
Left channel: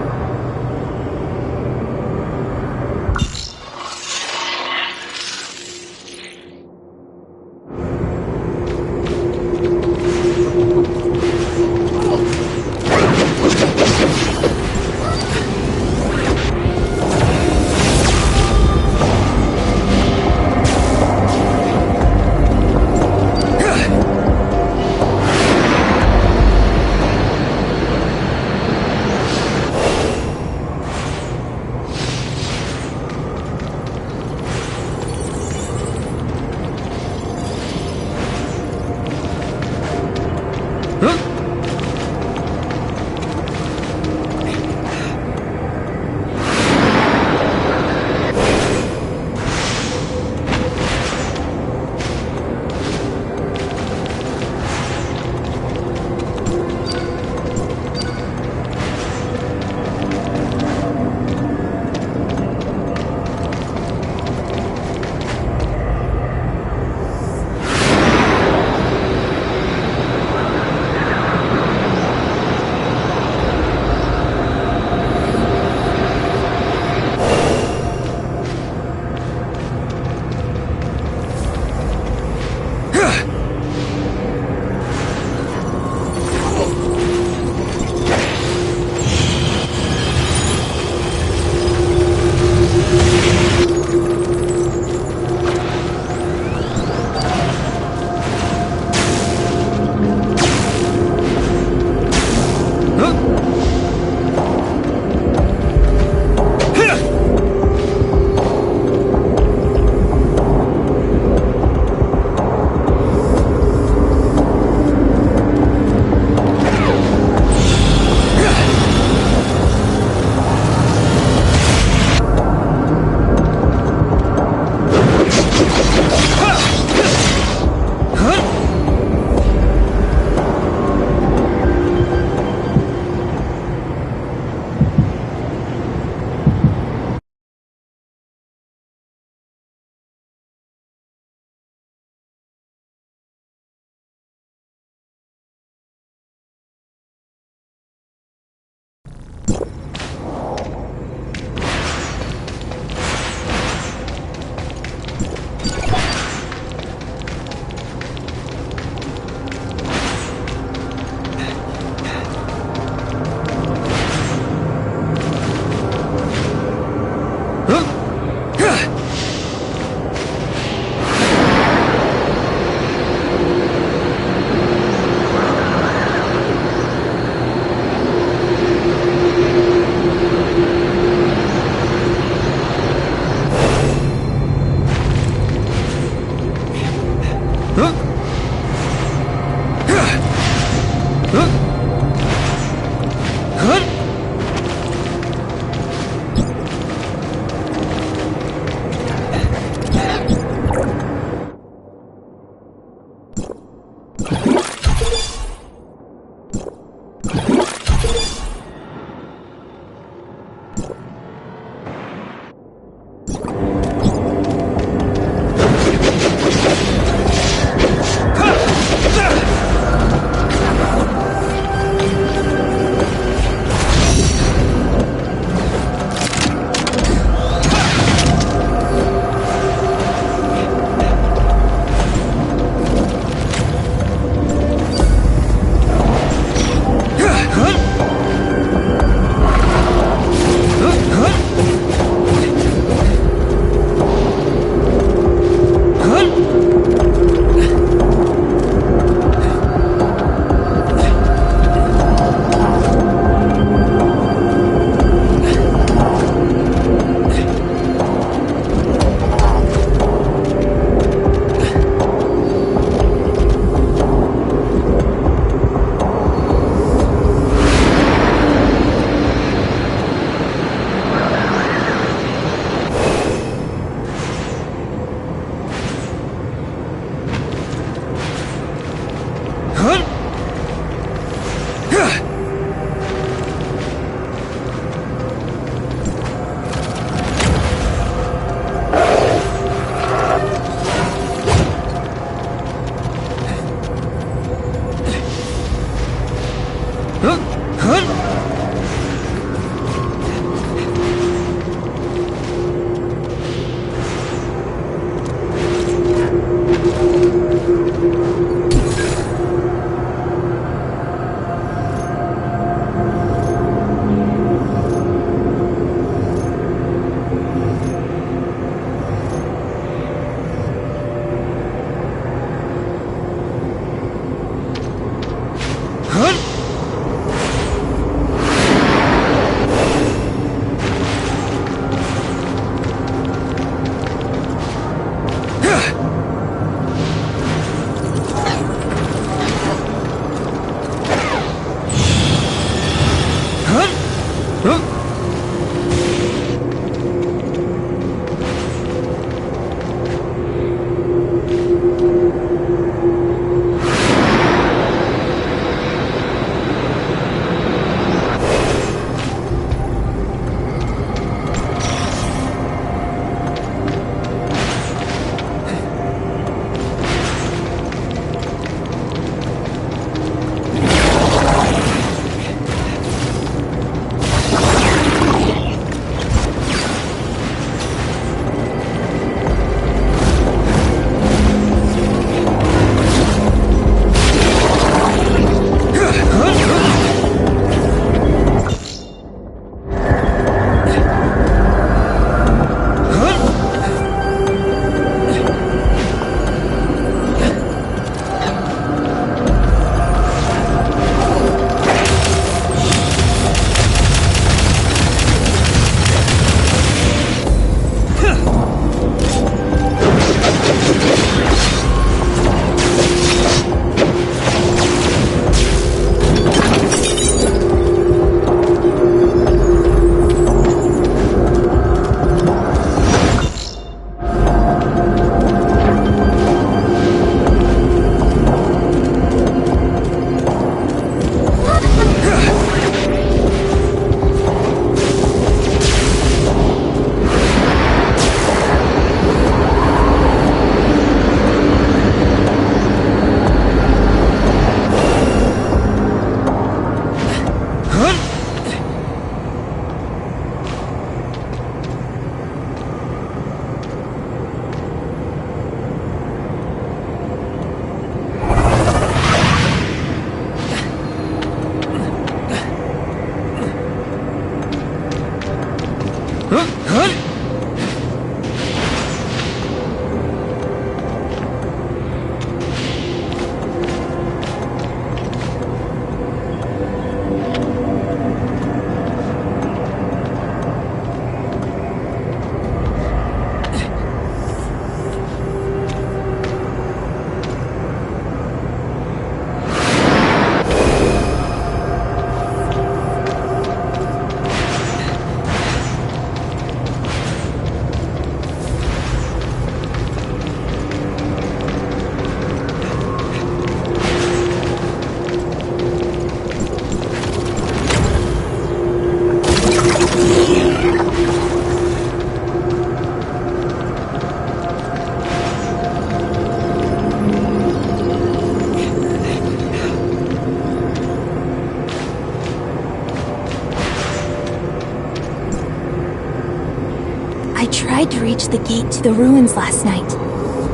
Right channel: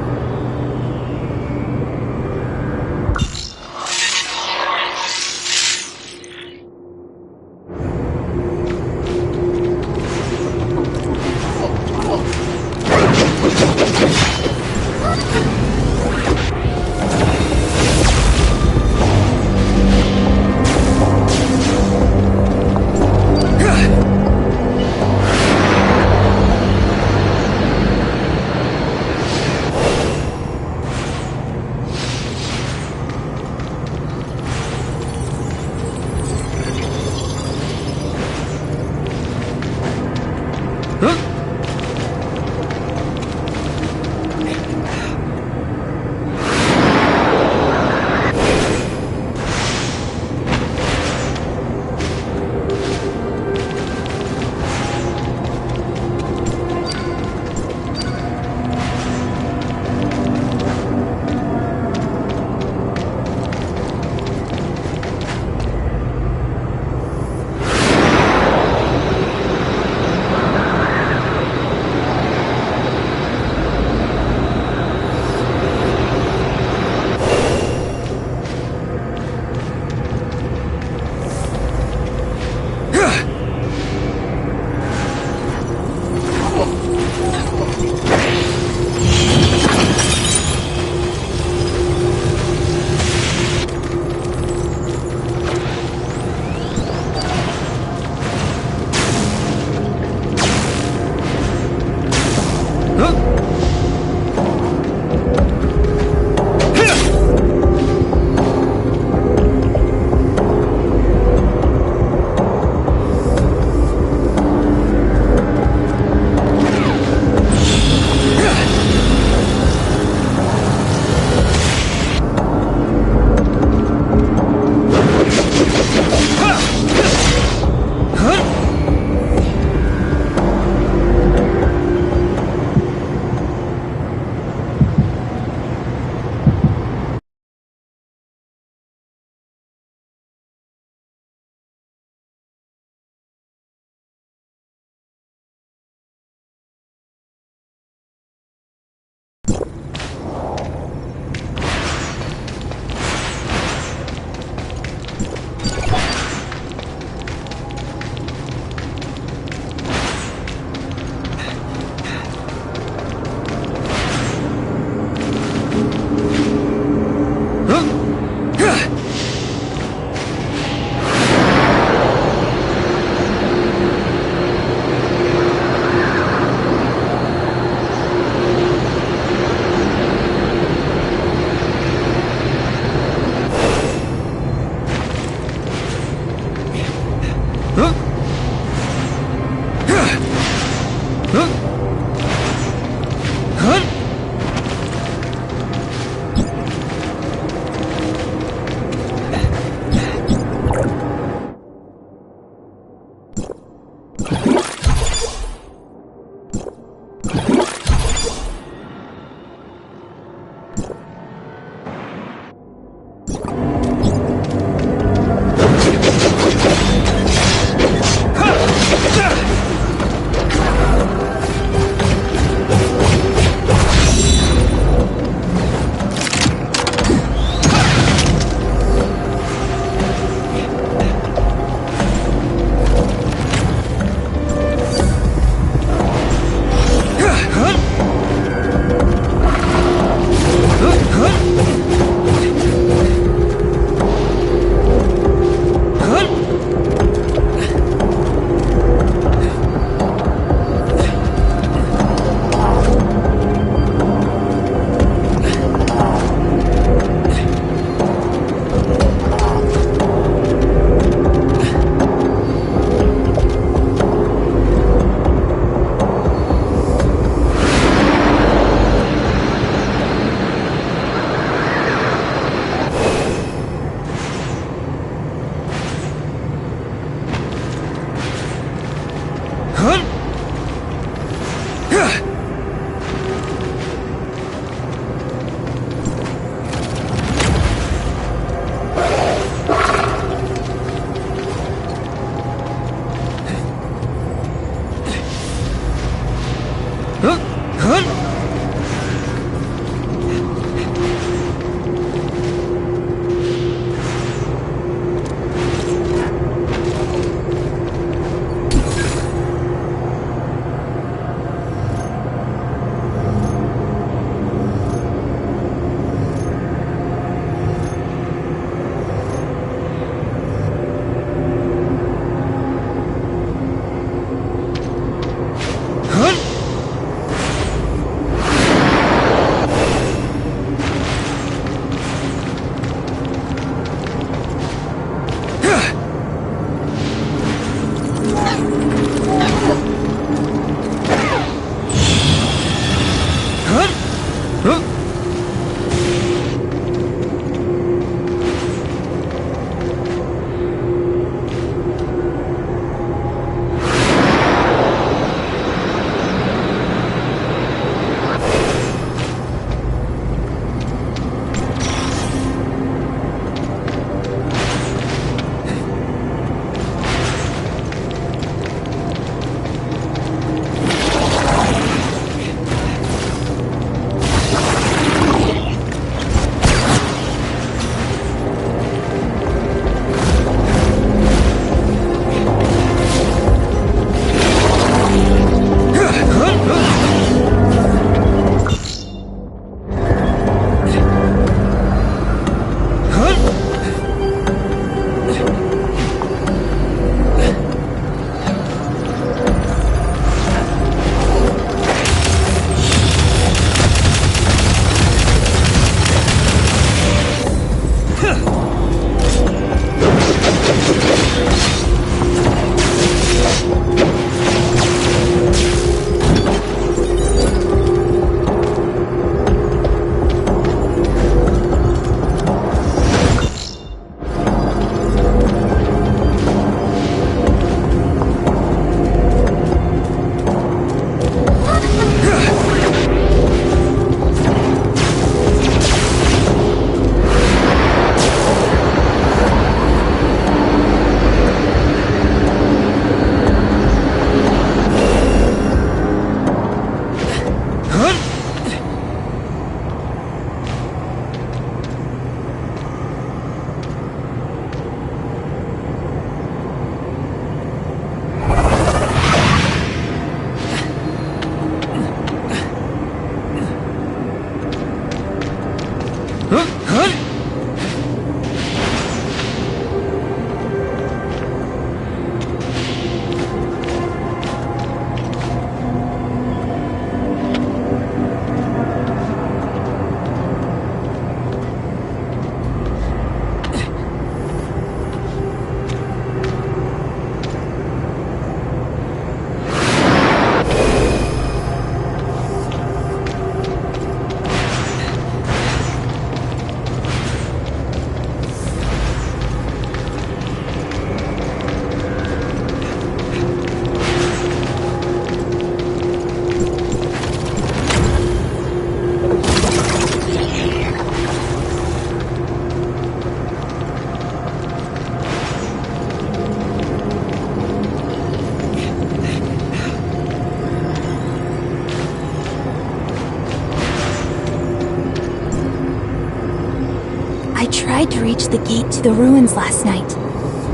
I tried to reach the gate to the ruins last night.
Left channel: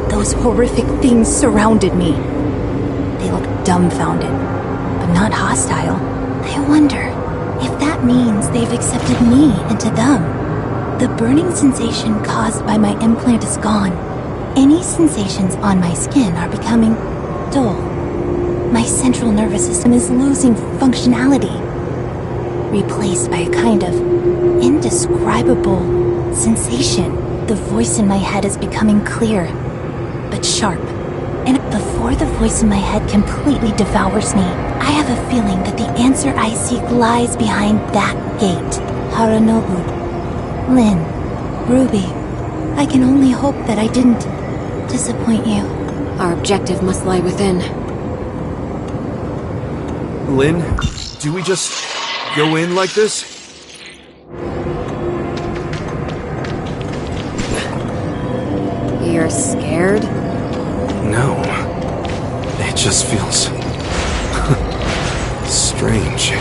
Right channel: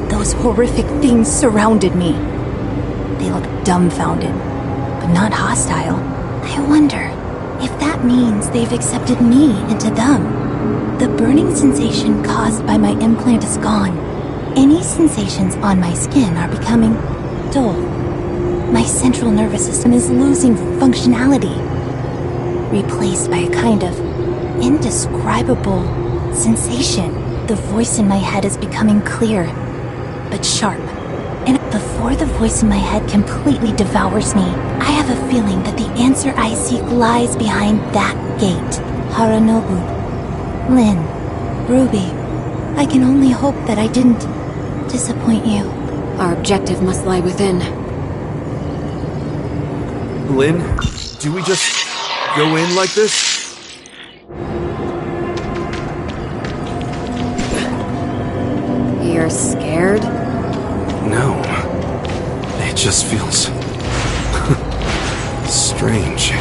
Those horrific things surrounded me. They looked dumbfounded, but not hostile. I wonder if that means they've accepted me into them. The burning sensation caused by my implant is gone. Any sensations on my skin are becoming dull. My central nervous system is losing functionality, replaced by a kind of indescribable sensation. The voice in my head is becoming clear, but sharp. And before the voice in my head completely devours me, I have a feeling that the answer I seek lies behind that gate. Haranobu, Lynn, Ruby, I can only hope that I didn't disappoint you. Our objective must lie within. Lynn, do we just go in like this? You're scared? No. It just feels strange.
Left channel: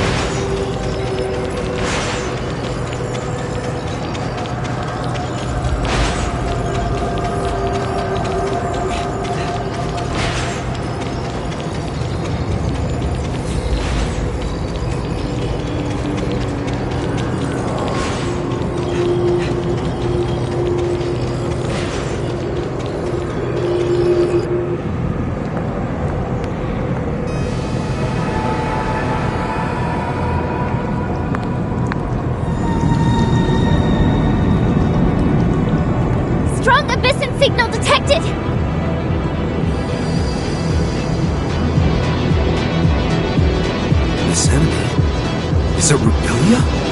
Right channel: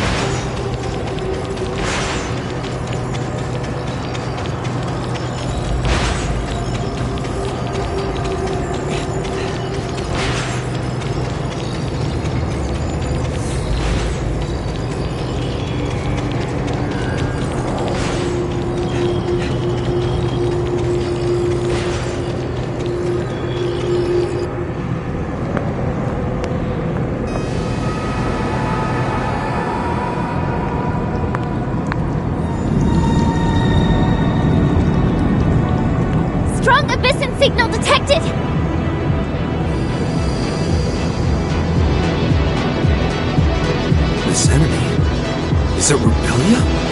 Strong Abyssin signal detected! This enemy, is Is it Rubilia?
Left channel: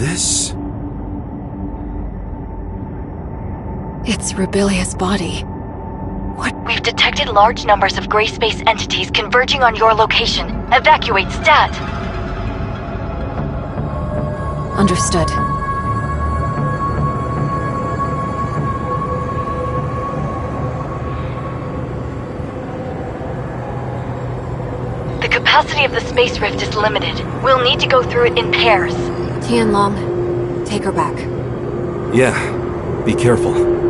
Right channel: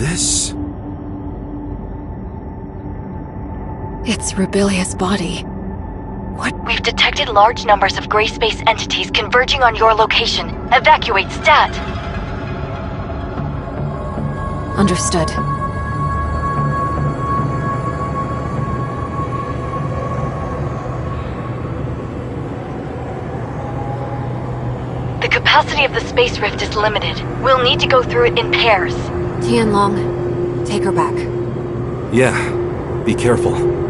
This? It's Rubilia's body. We've detected large numbers of gray space entities converging on your location. Evacuate stat! Understood. The capacity of the space rift is limited. We'll need to go through it in pairs. Tianlong, take her back. Yeah, be careful.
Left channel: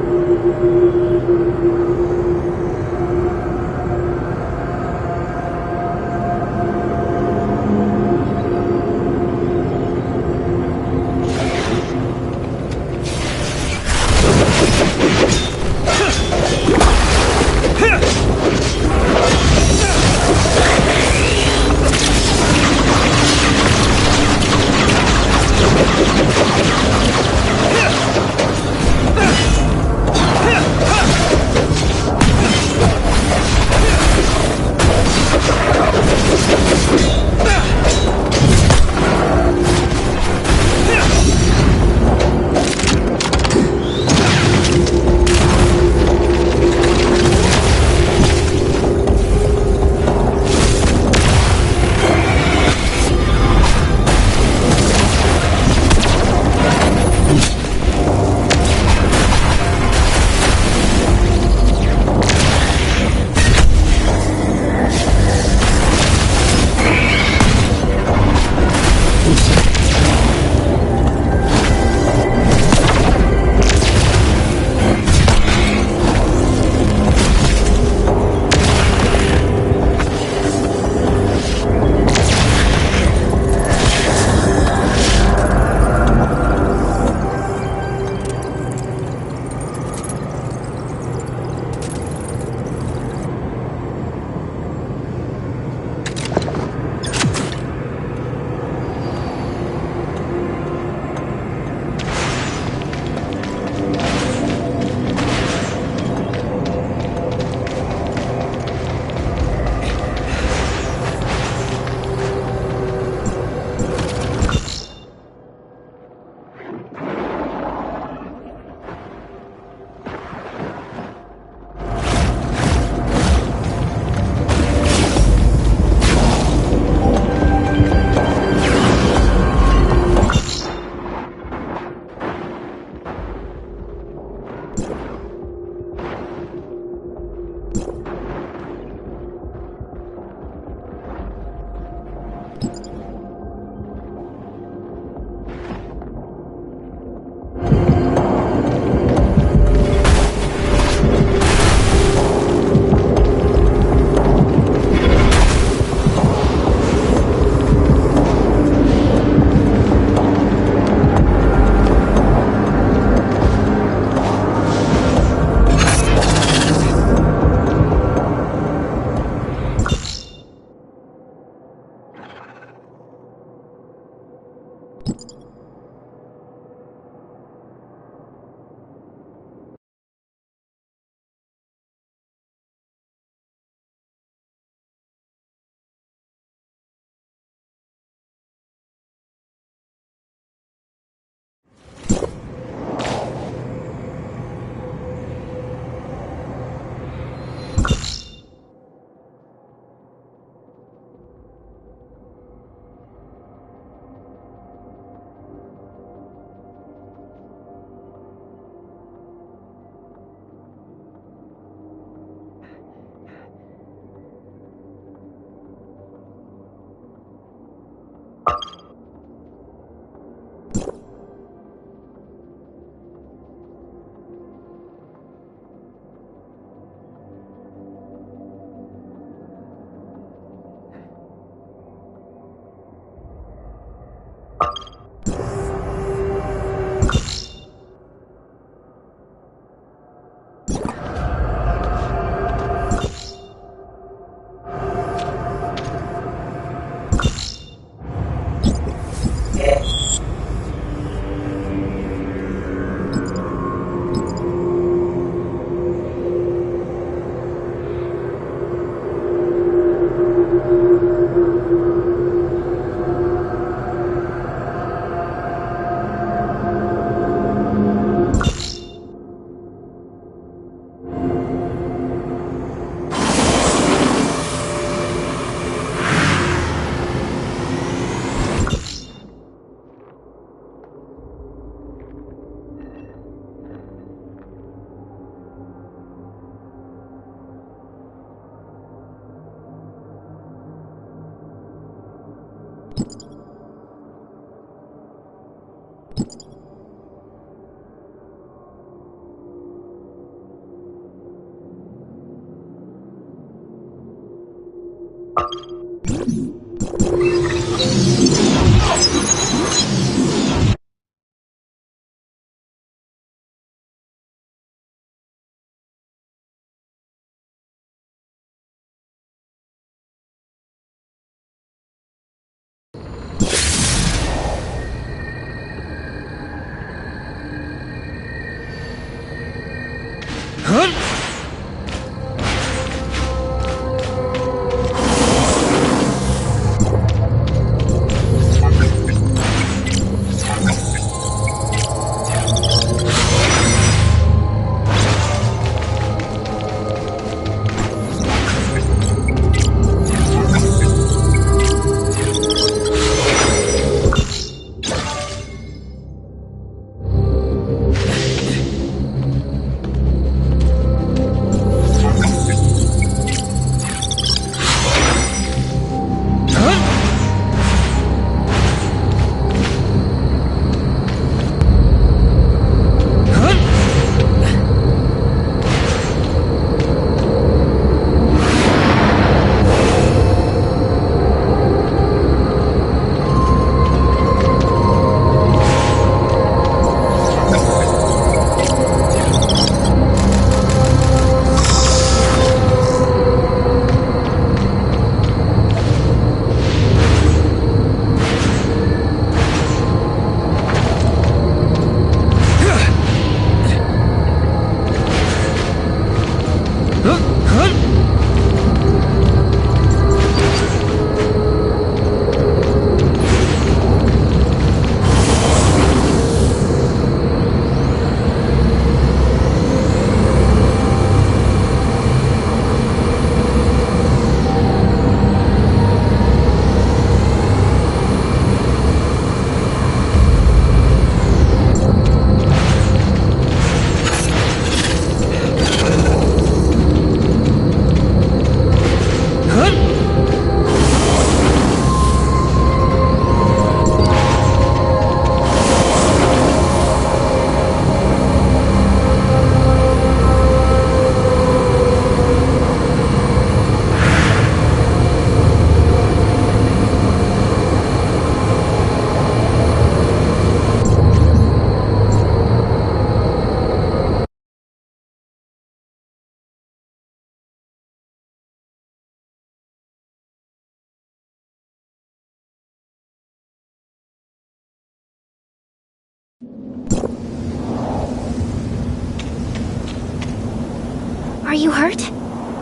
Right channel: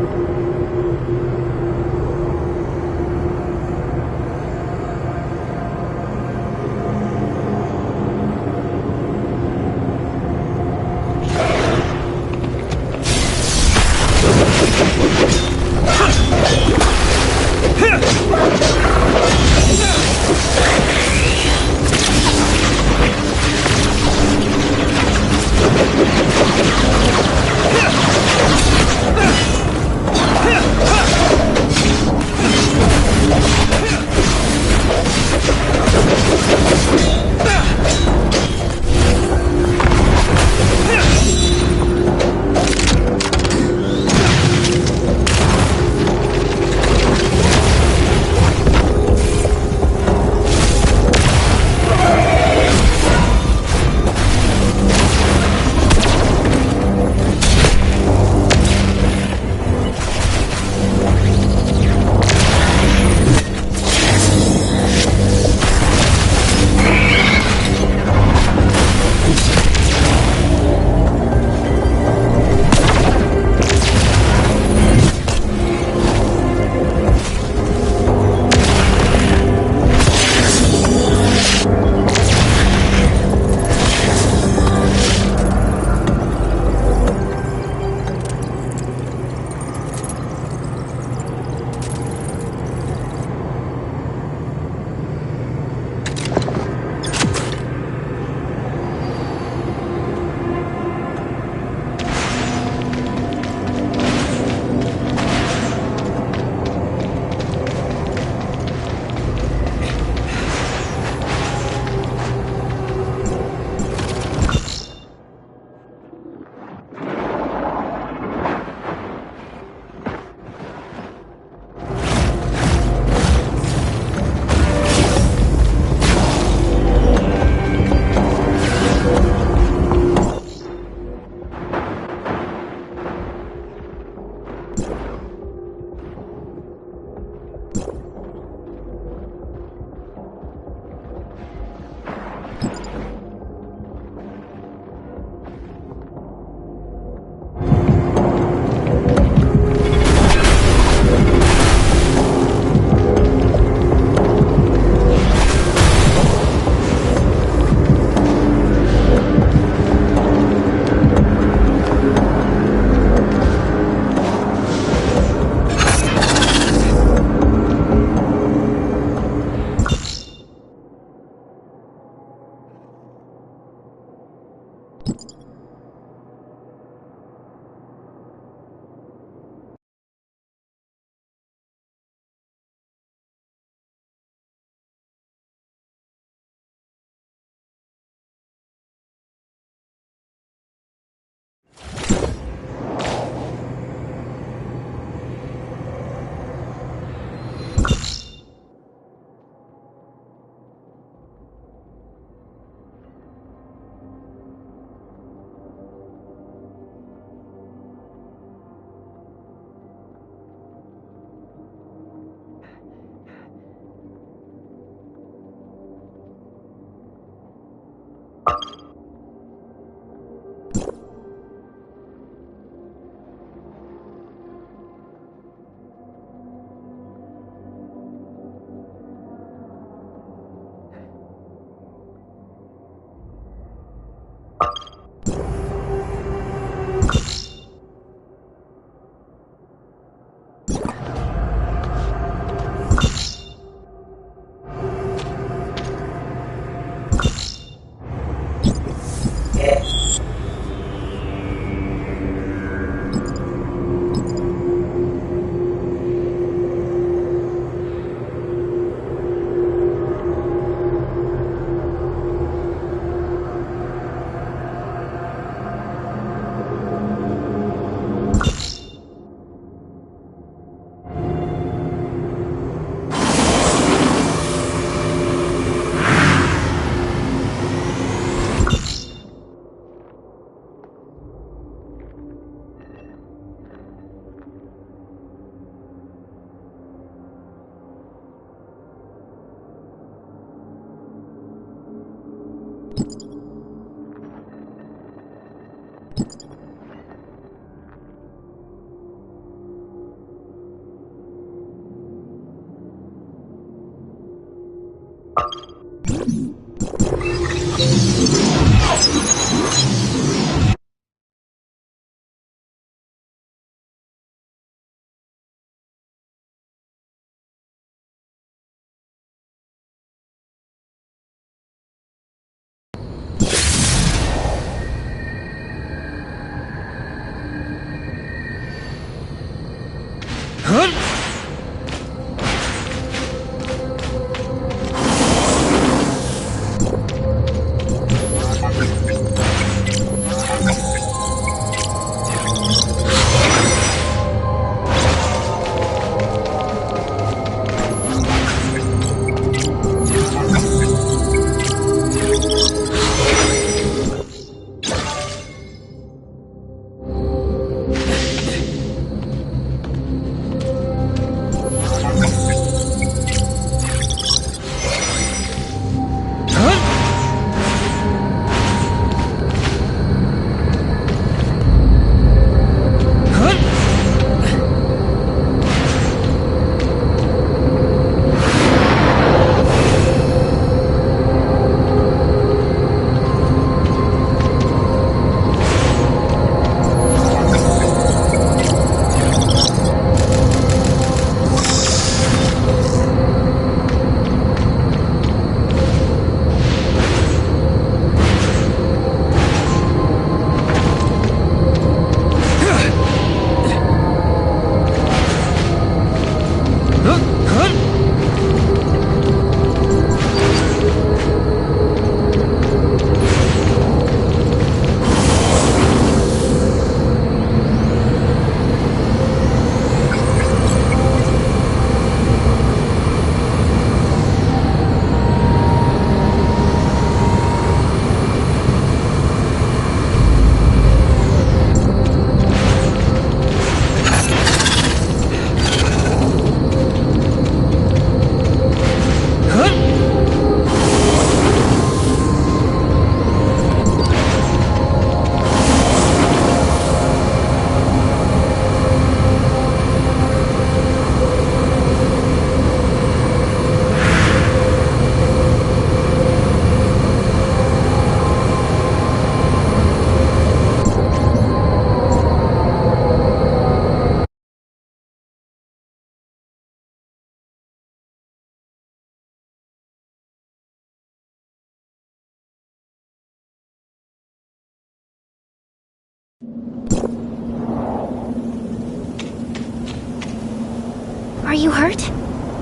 Are you hurt?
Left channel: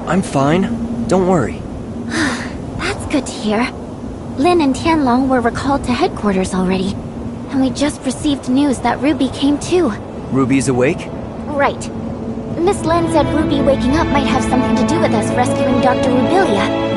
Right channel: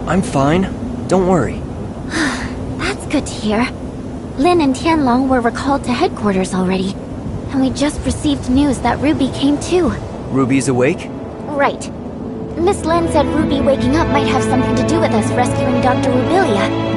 I'm fine. Don't worry. That's good to hear. Lin and Tianlong were recalled to headquarters already. And we just received news that Ruby came too. Ruby's awake? Right. Miss Lin said Ruby waking up might have something to do with us rescuing Dr. Rubilia.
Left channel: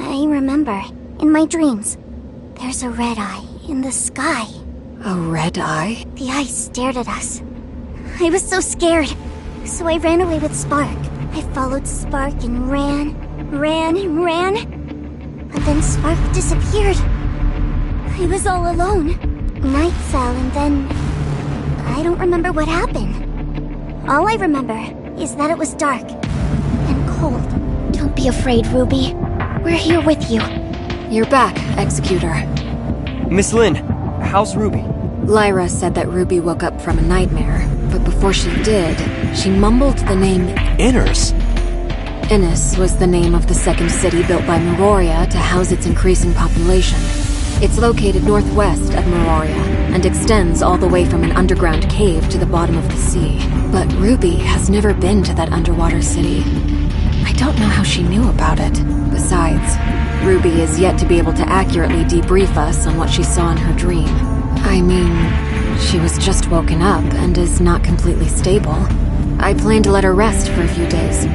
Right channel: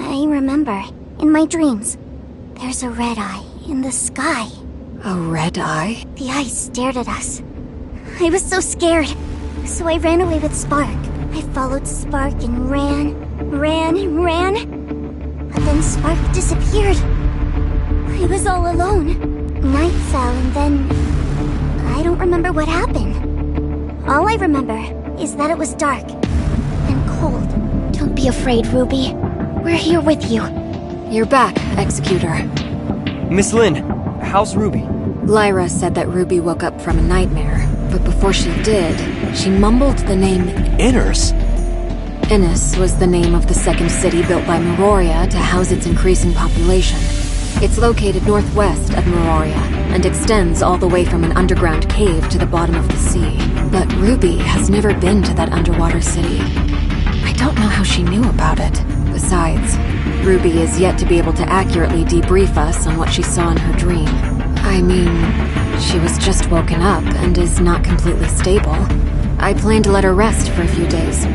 I remember, in my dreams, there's a red eye in the sky. A red eye? The eye stared at us. I was so scared, so I ran away with Spark. I followed Spark and ran. But then Spark disappeared. I was all alone. Night fell and then... I don't remember what happened. All I remember is that it was dark and cold. Don't be afraid, Ruby. We're here with you. You're back, Executor. Miss Lin, how's Ruby? Lyra said that Ruby woke up from a nightmare, but before she did, she mumbled the name Inners? Innis was the name of the second city built by Meroria to house its increasing population. It's located northwest of Meroria and extends all the way from an underground cave to the bottom of the sea. But Ruby has never been to that underwater city. I don't know how she knew about it. Besides, Ruby is yet to be able to accurately debrief us on what she saw in her dream. I mean, she was just woken up and is not completely stable. I plan to let her rest for a few days.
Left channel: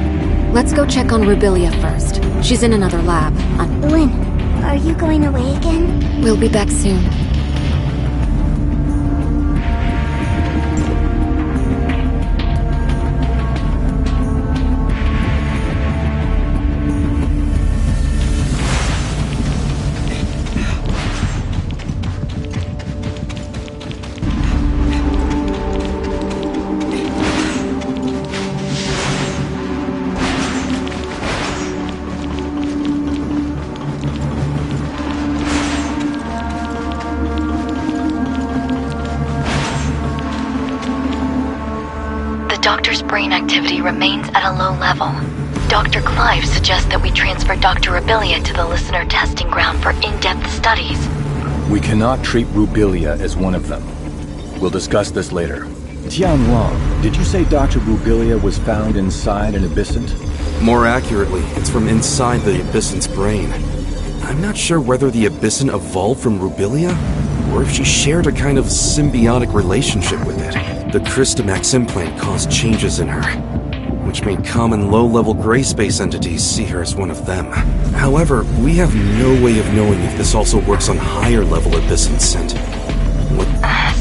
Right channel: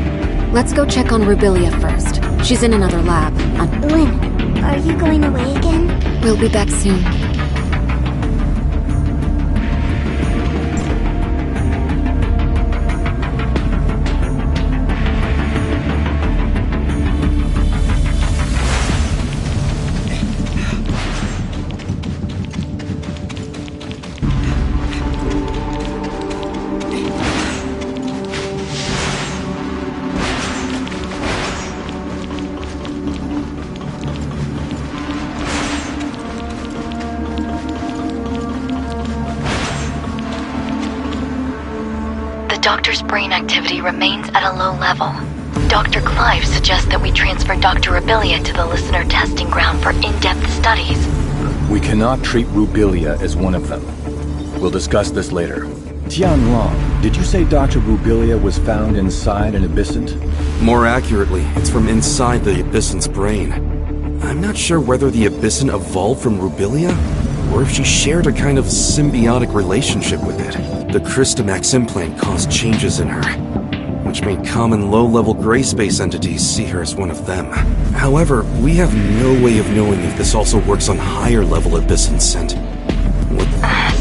Let's go check on Rubilia first. She's in another lab. Lynn, are you going away again? We'll be back soon. The doctor's brain activity remains at a low level. Dr. Clive suggests that we transfer Dr. Rubilia to the listener testing ground for in-depth studies. We cannot treat Rubilia as one of them. We'll discuss this later. Tianlong, did you say Dr. Rubilia was found inside an abyssant? More accurately, it's from inside the Abyssant's brain. I'm not sure whether the Abyssant evolved from Rubilia, or if she shared a kind of symbiotic relationship with it. The Crystamax implant caused changes in her, which made common low-level gray space entities see her as one of them. However, we have no way of knowing if this also works on higher-level Abyssants and...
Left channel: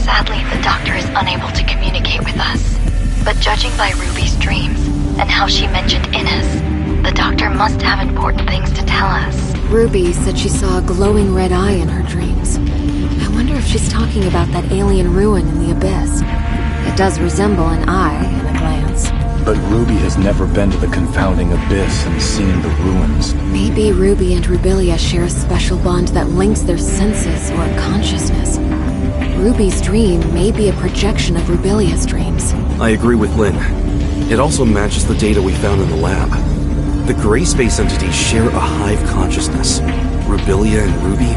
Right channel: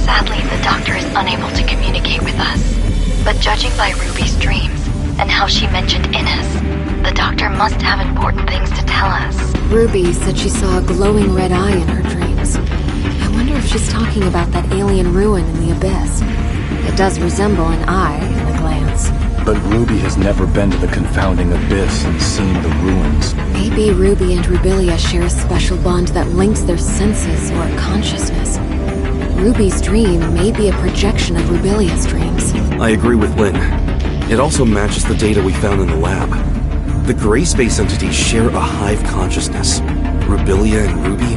Sadly, the doctor is unable to communicate with us. But judging by Ruby's dreams, and how she mentioned Innis, the doctor must have important things to tell us. Ruby said she saw a glowing red eye in her dreams. I wonder if she's talking about that alien ruin in the abyss. It does resemble an eye at a glance. But Ruby has never been to the confounding abyss and seen the ruins. Maybe Ruby and Rubilia share a special bond that links their senses or consciousness. Ruby's dream may be a projection of Rubilia's dreams. I agree with Lynn. It also matches the data we found in the lab. The gray space entities share a hive consciousness. Rubilia and Ruby,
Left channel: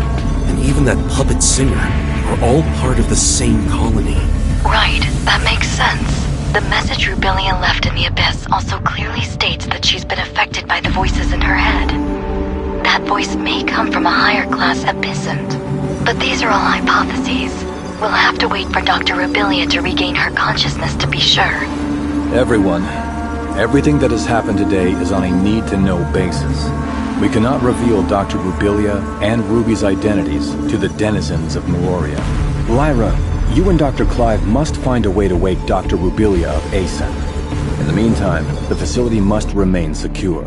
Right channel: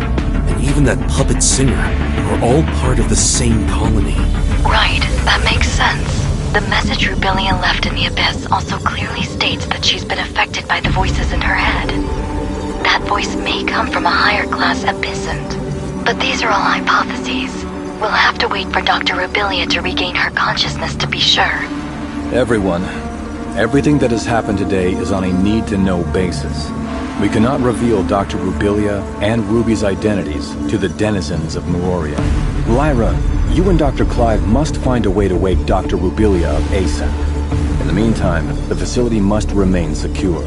and even that puppet singer, are all part of the same colony. Right, that makes sense. The message Rubilia left in the abyss also clearly states that she's been affected by the voices in her head. That voice may come from a higher class abyssant. But these are all hypotheses. We'll have to wait for Dr. Rubilia to regain her consciousness to be sure. Everyone, everything that has happened today is on a need-to-know basis. We cannot reveal Dr. Rubilia and Ruby's identities to the denizens of Meroria. Lyra, you and Dr. Clive must find a way to wake Dr. Rubilia of ASAP. In the meantime, the facility must remain secure.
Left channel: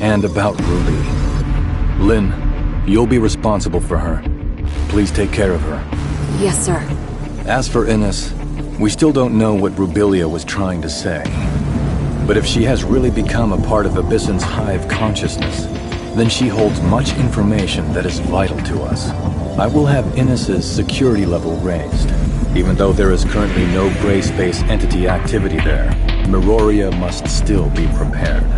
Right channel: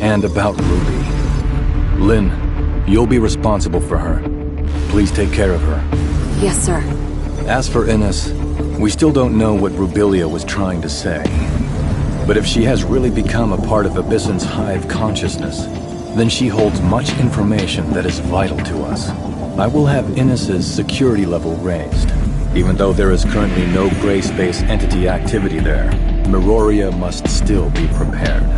And about Ruby. Lynn, you'll be responsible for her. Please take care of her. Yes, sir. As for Innis, we still don't know what Rubilia was trying to say. But if she has really become a part of Abyssant's hive consciousness, then she holds much information that is vital to us. I will have Innis's security level raised. Even though there is currently no gray space entity activity there, Meroria must still be prepared.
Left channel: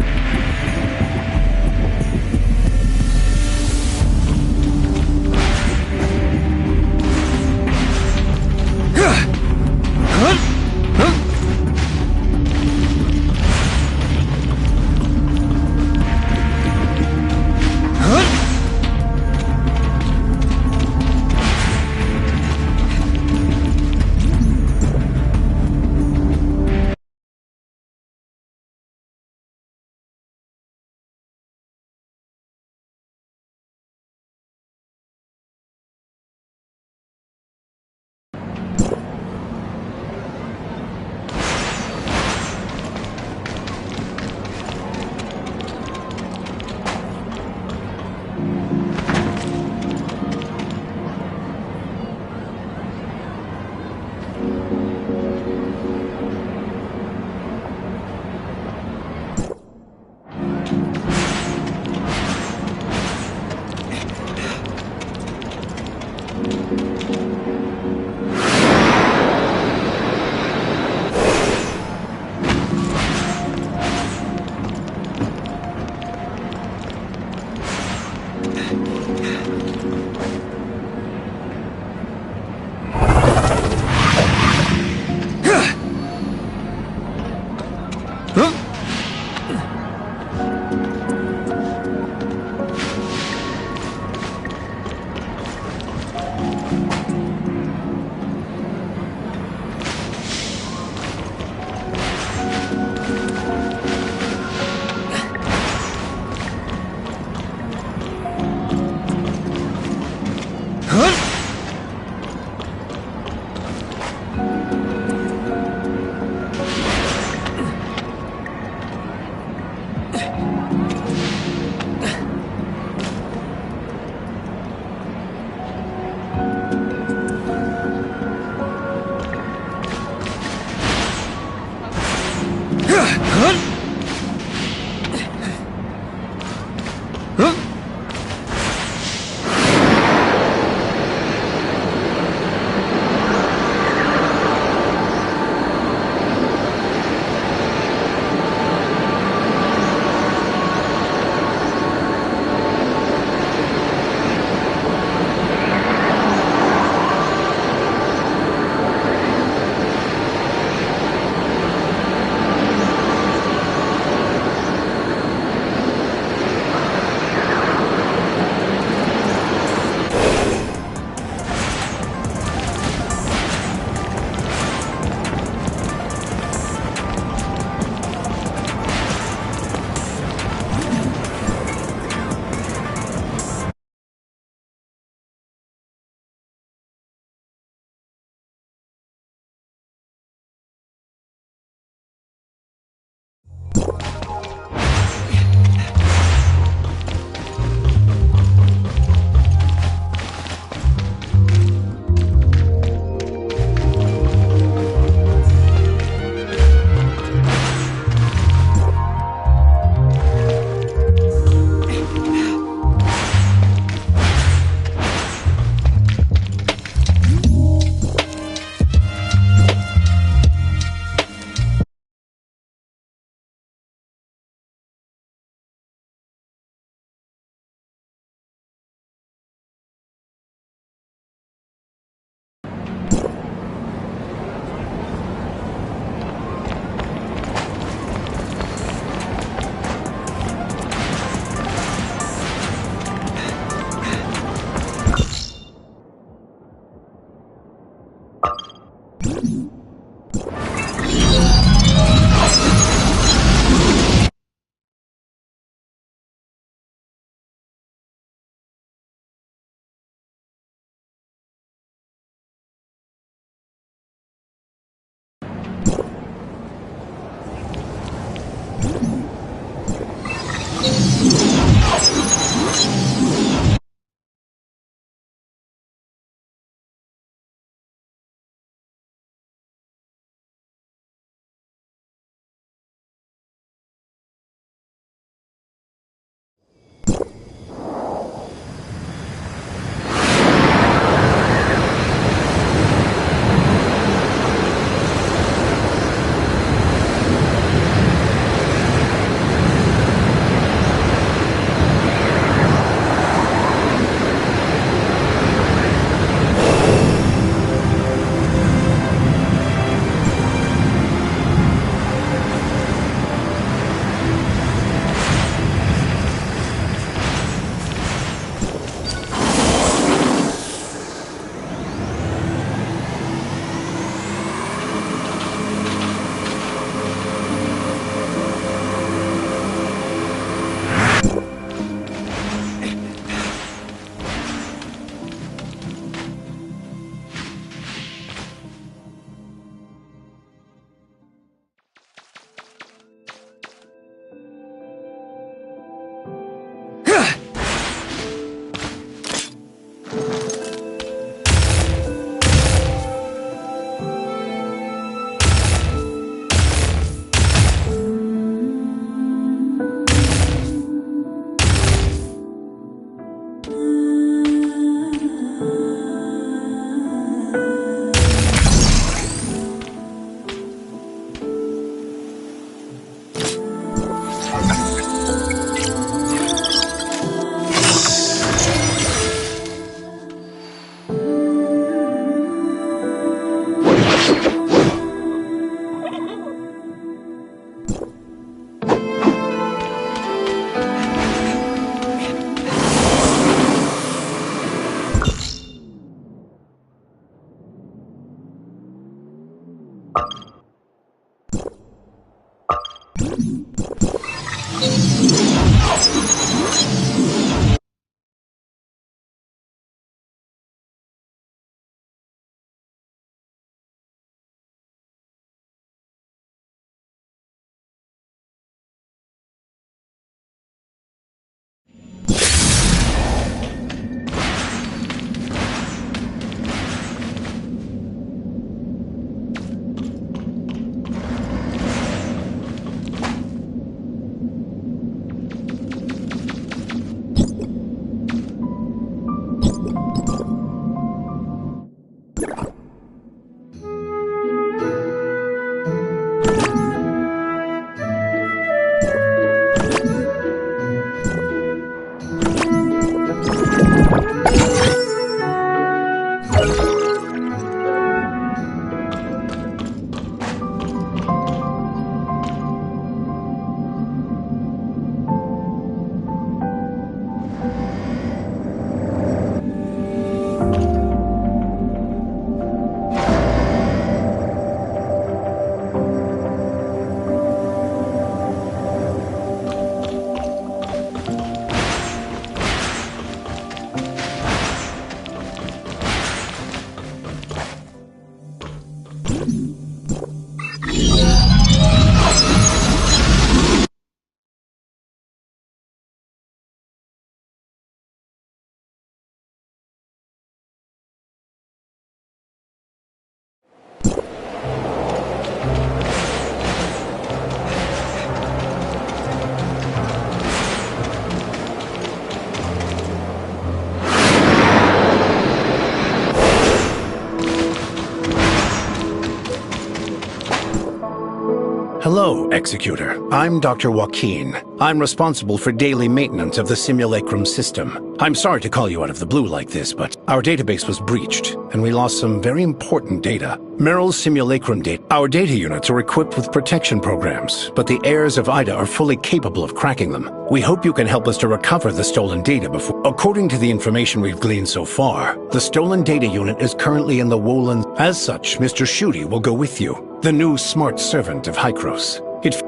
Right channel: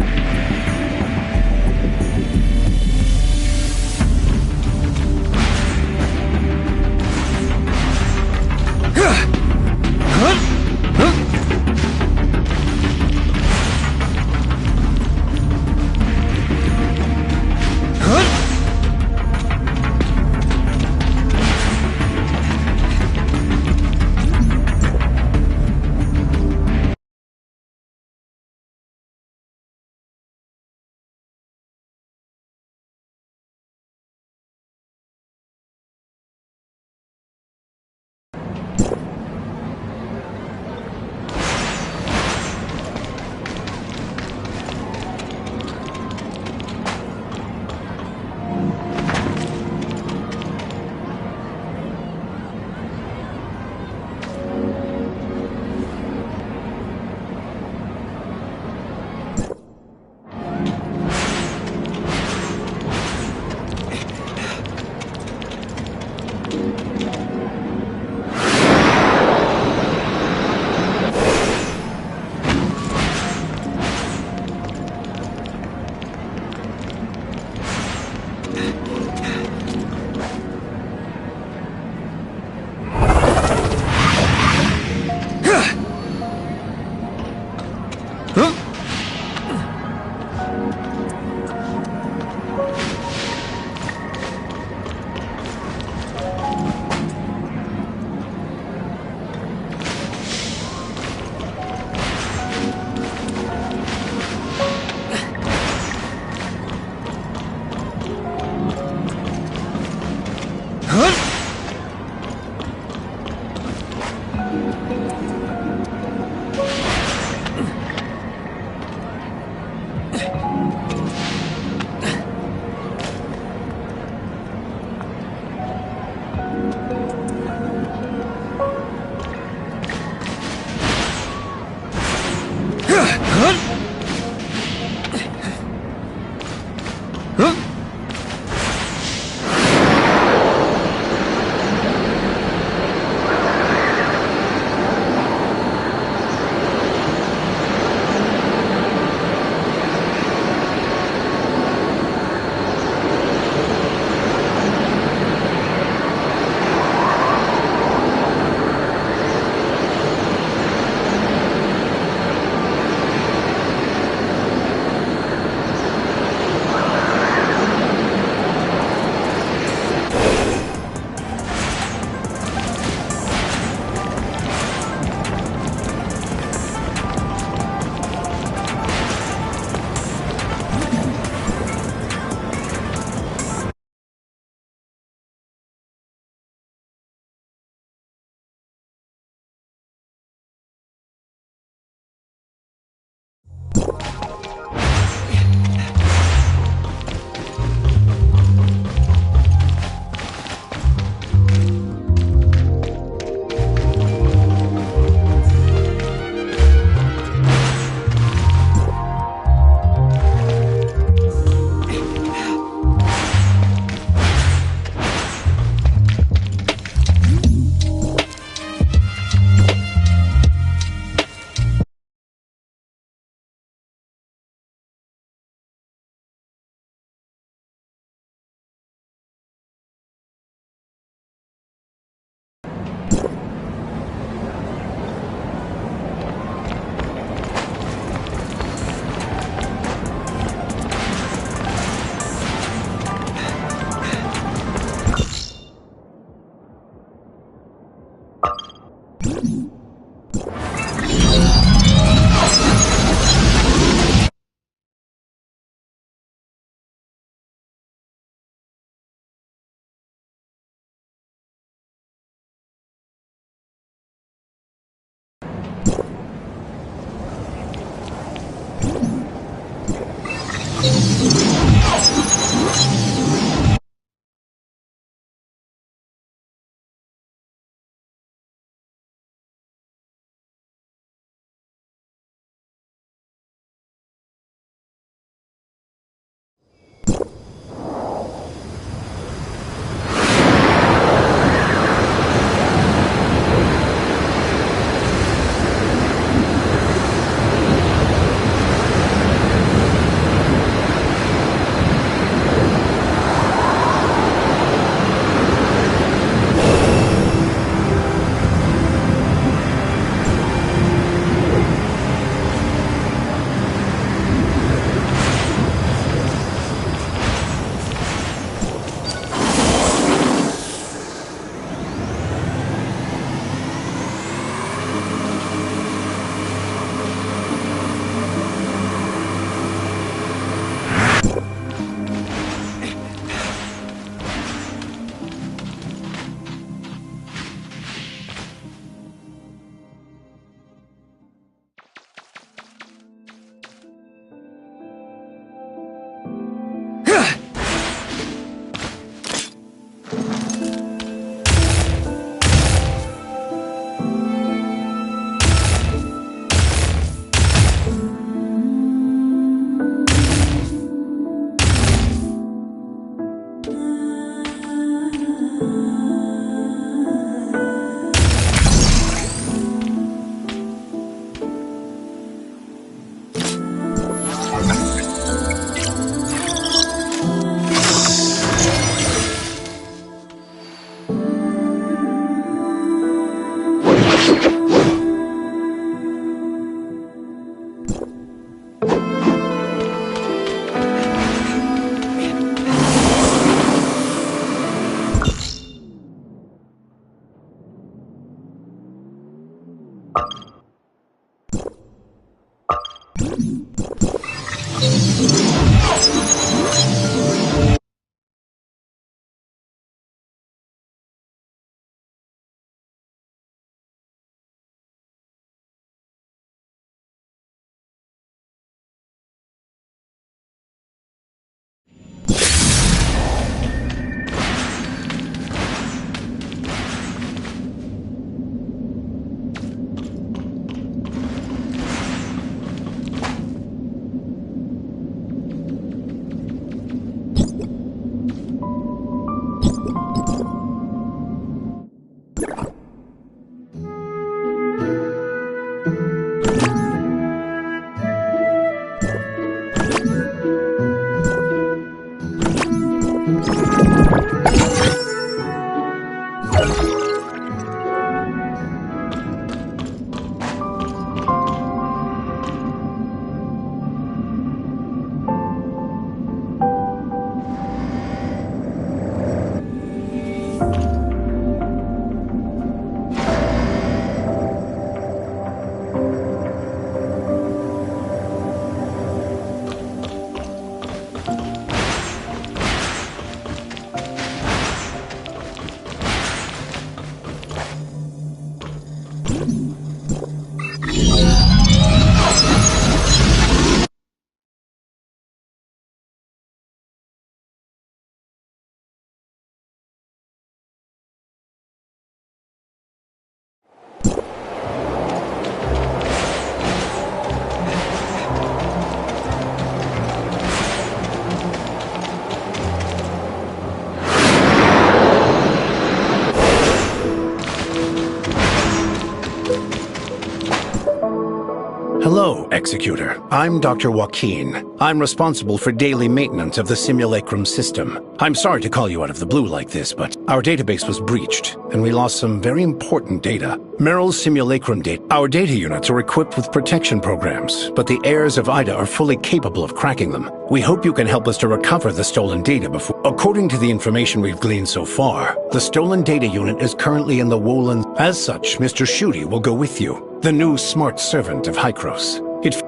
Hello, Executor. I'm Dr. Joaquin. I'm responsible for daily maintenance of the simulacrum system. I'm sorry to call you out of the blue like this, but our database was breached, and we lost some very important data. Meryl's simulacrum data. Our data units are equipped with protection programs, but the heirs of Ida are fully capable of cracking them. We hope you can help us to recover the stolen data before... According to the information we've gleaned so far, the stolen data unit is currently in the Woland. As such, Mr. Shooty will go with you, the new smart servant of Hykros.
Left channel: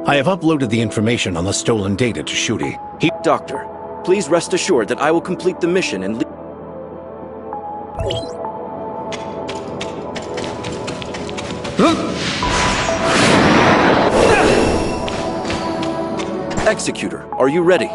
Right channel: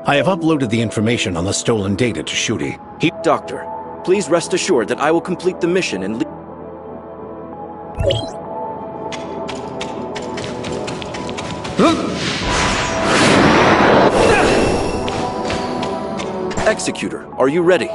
I have uploaded the information on the stolen data to Shooty. Doctor, please rest assured that I will complete the mission and leave. Executor, are you ready?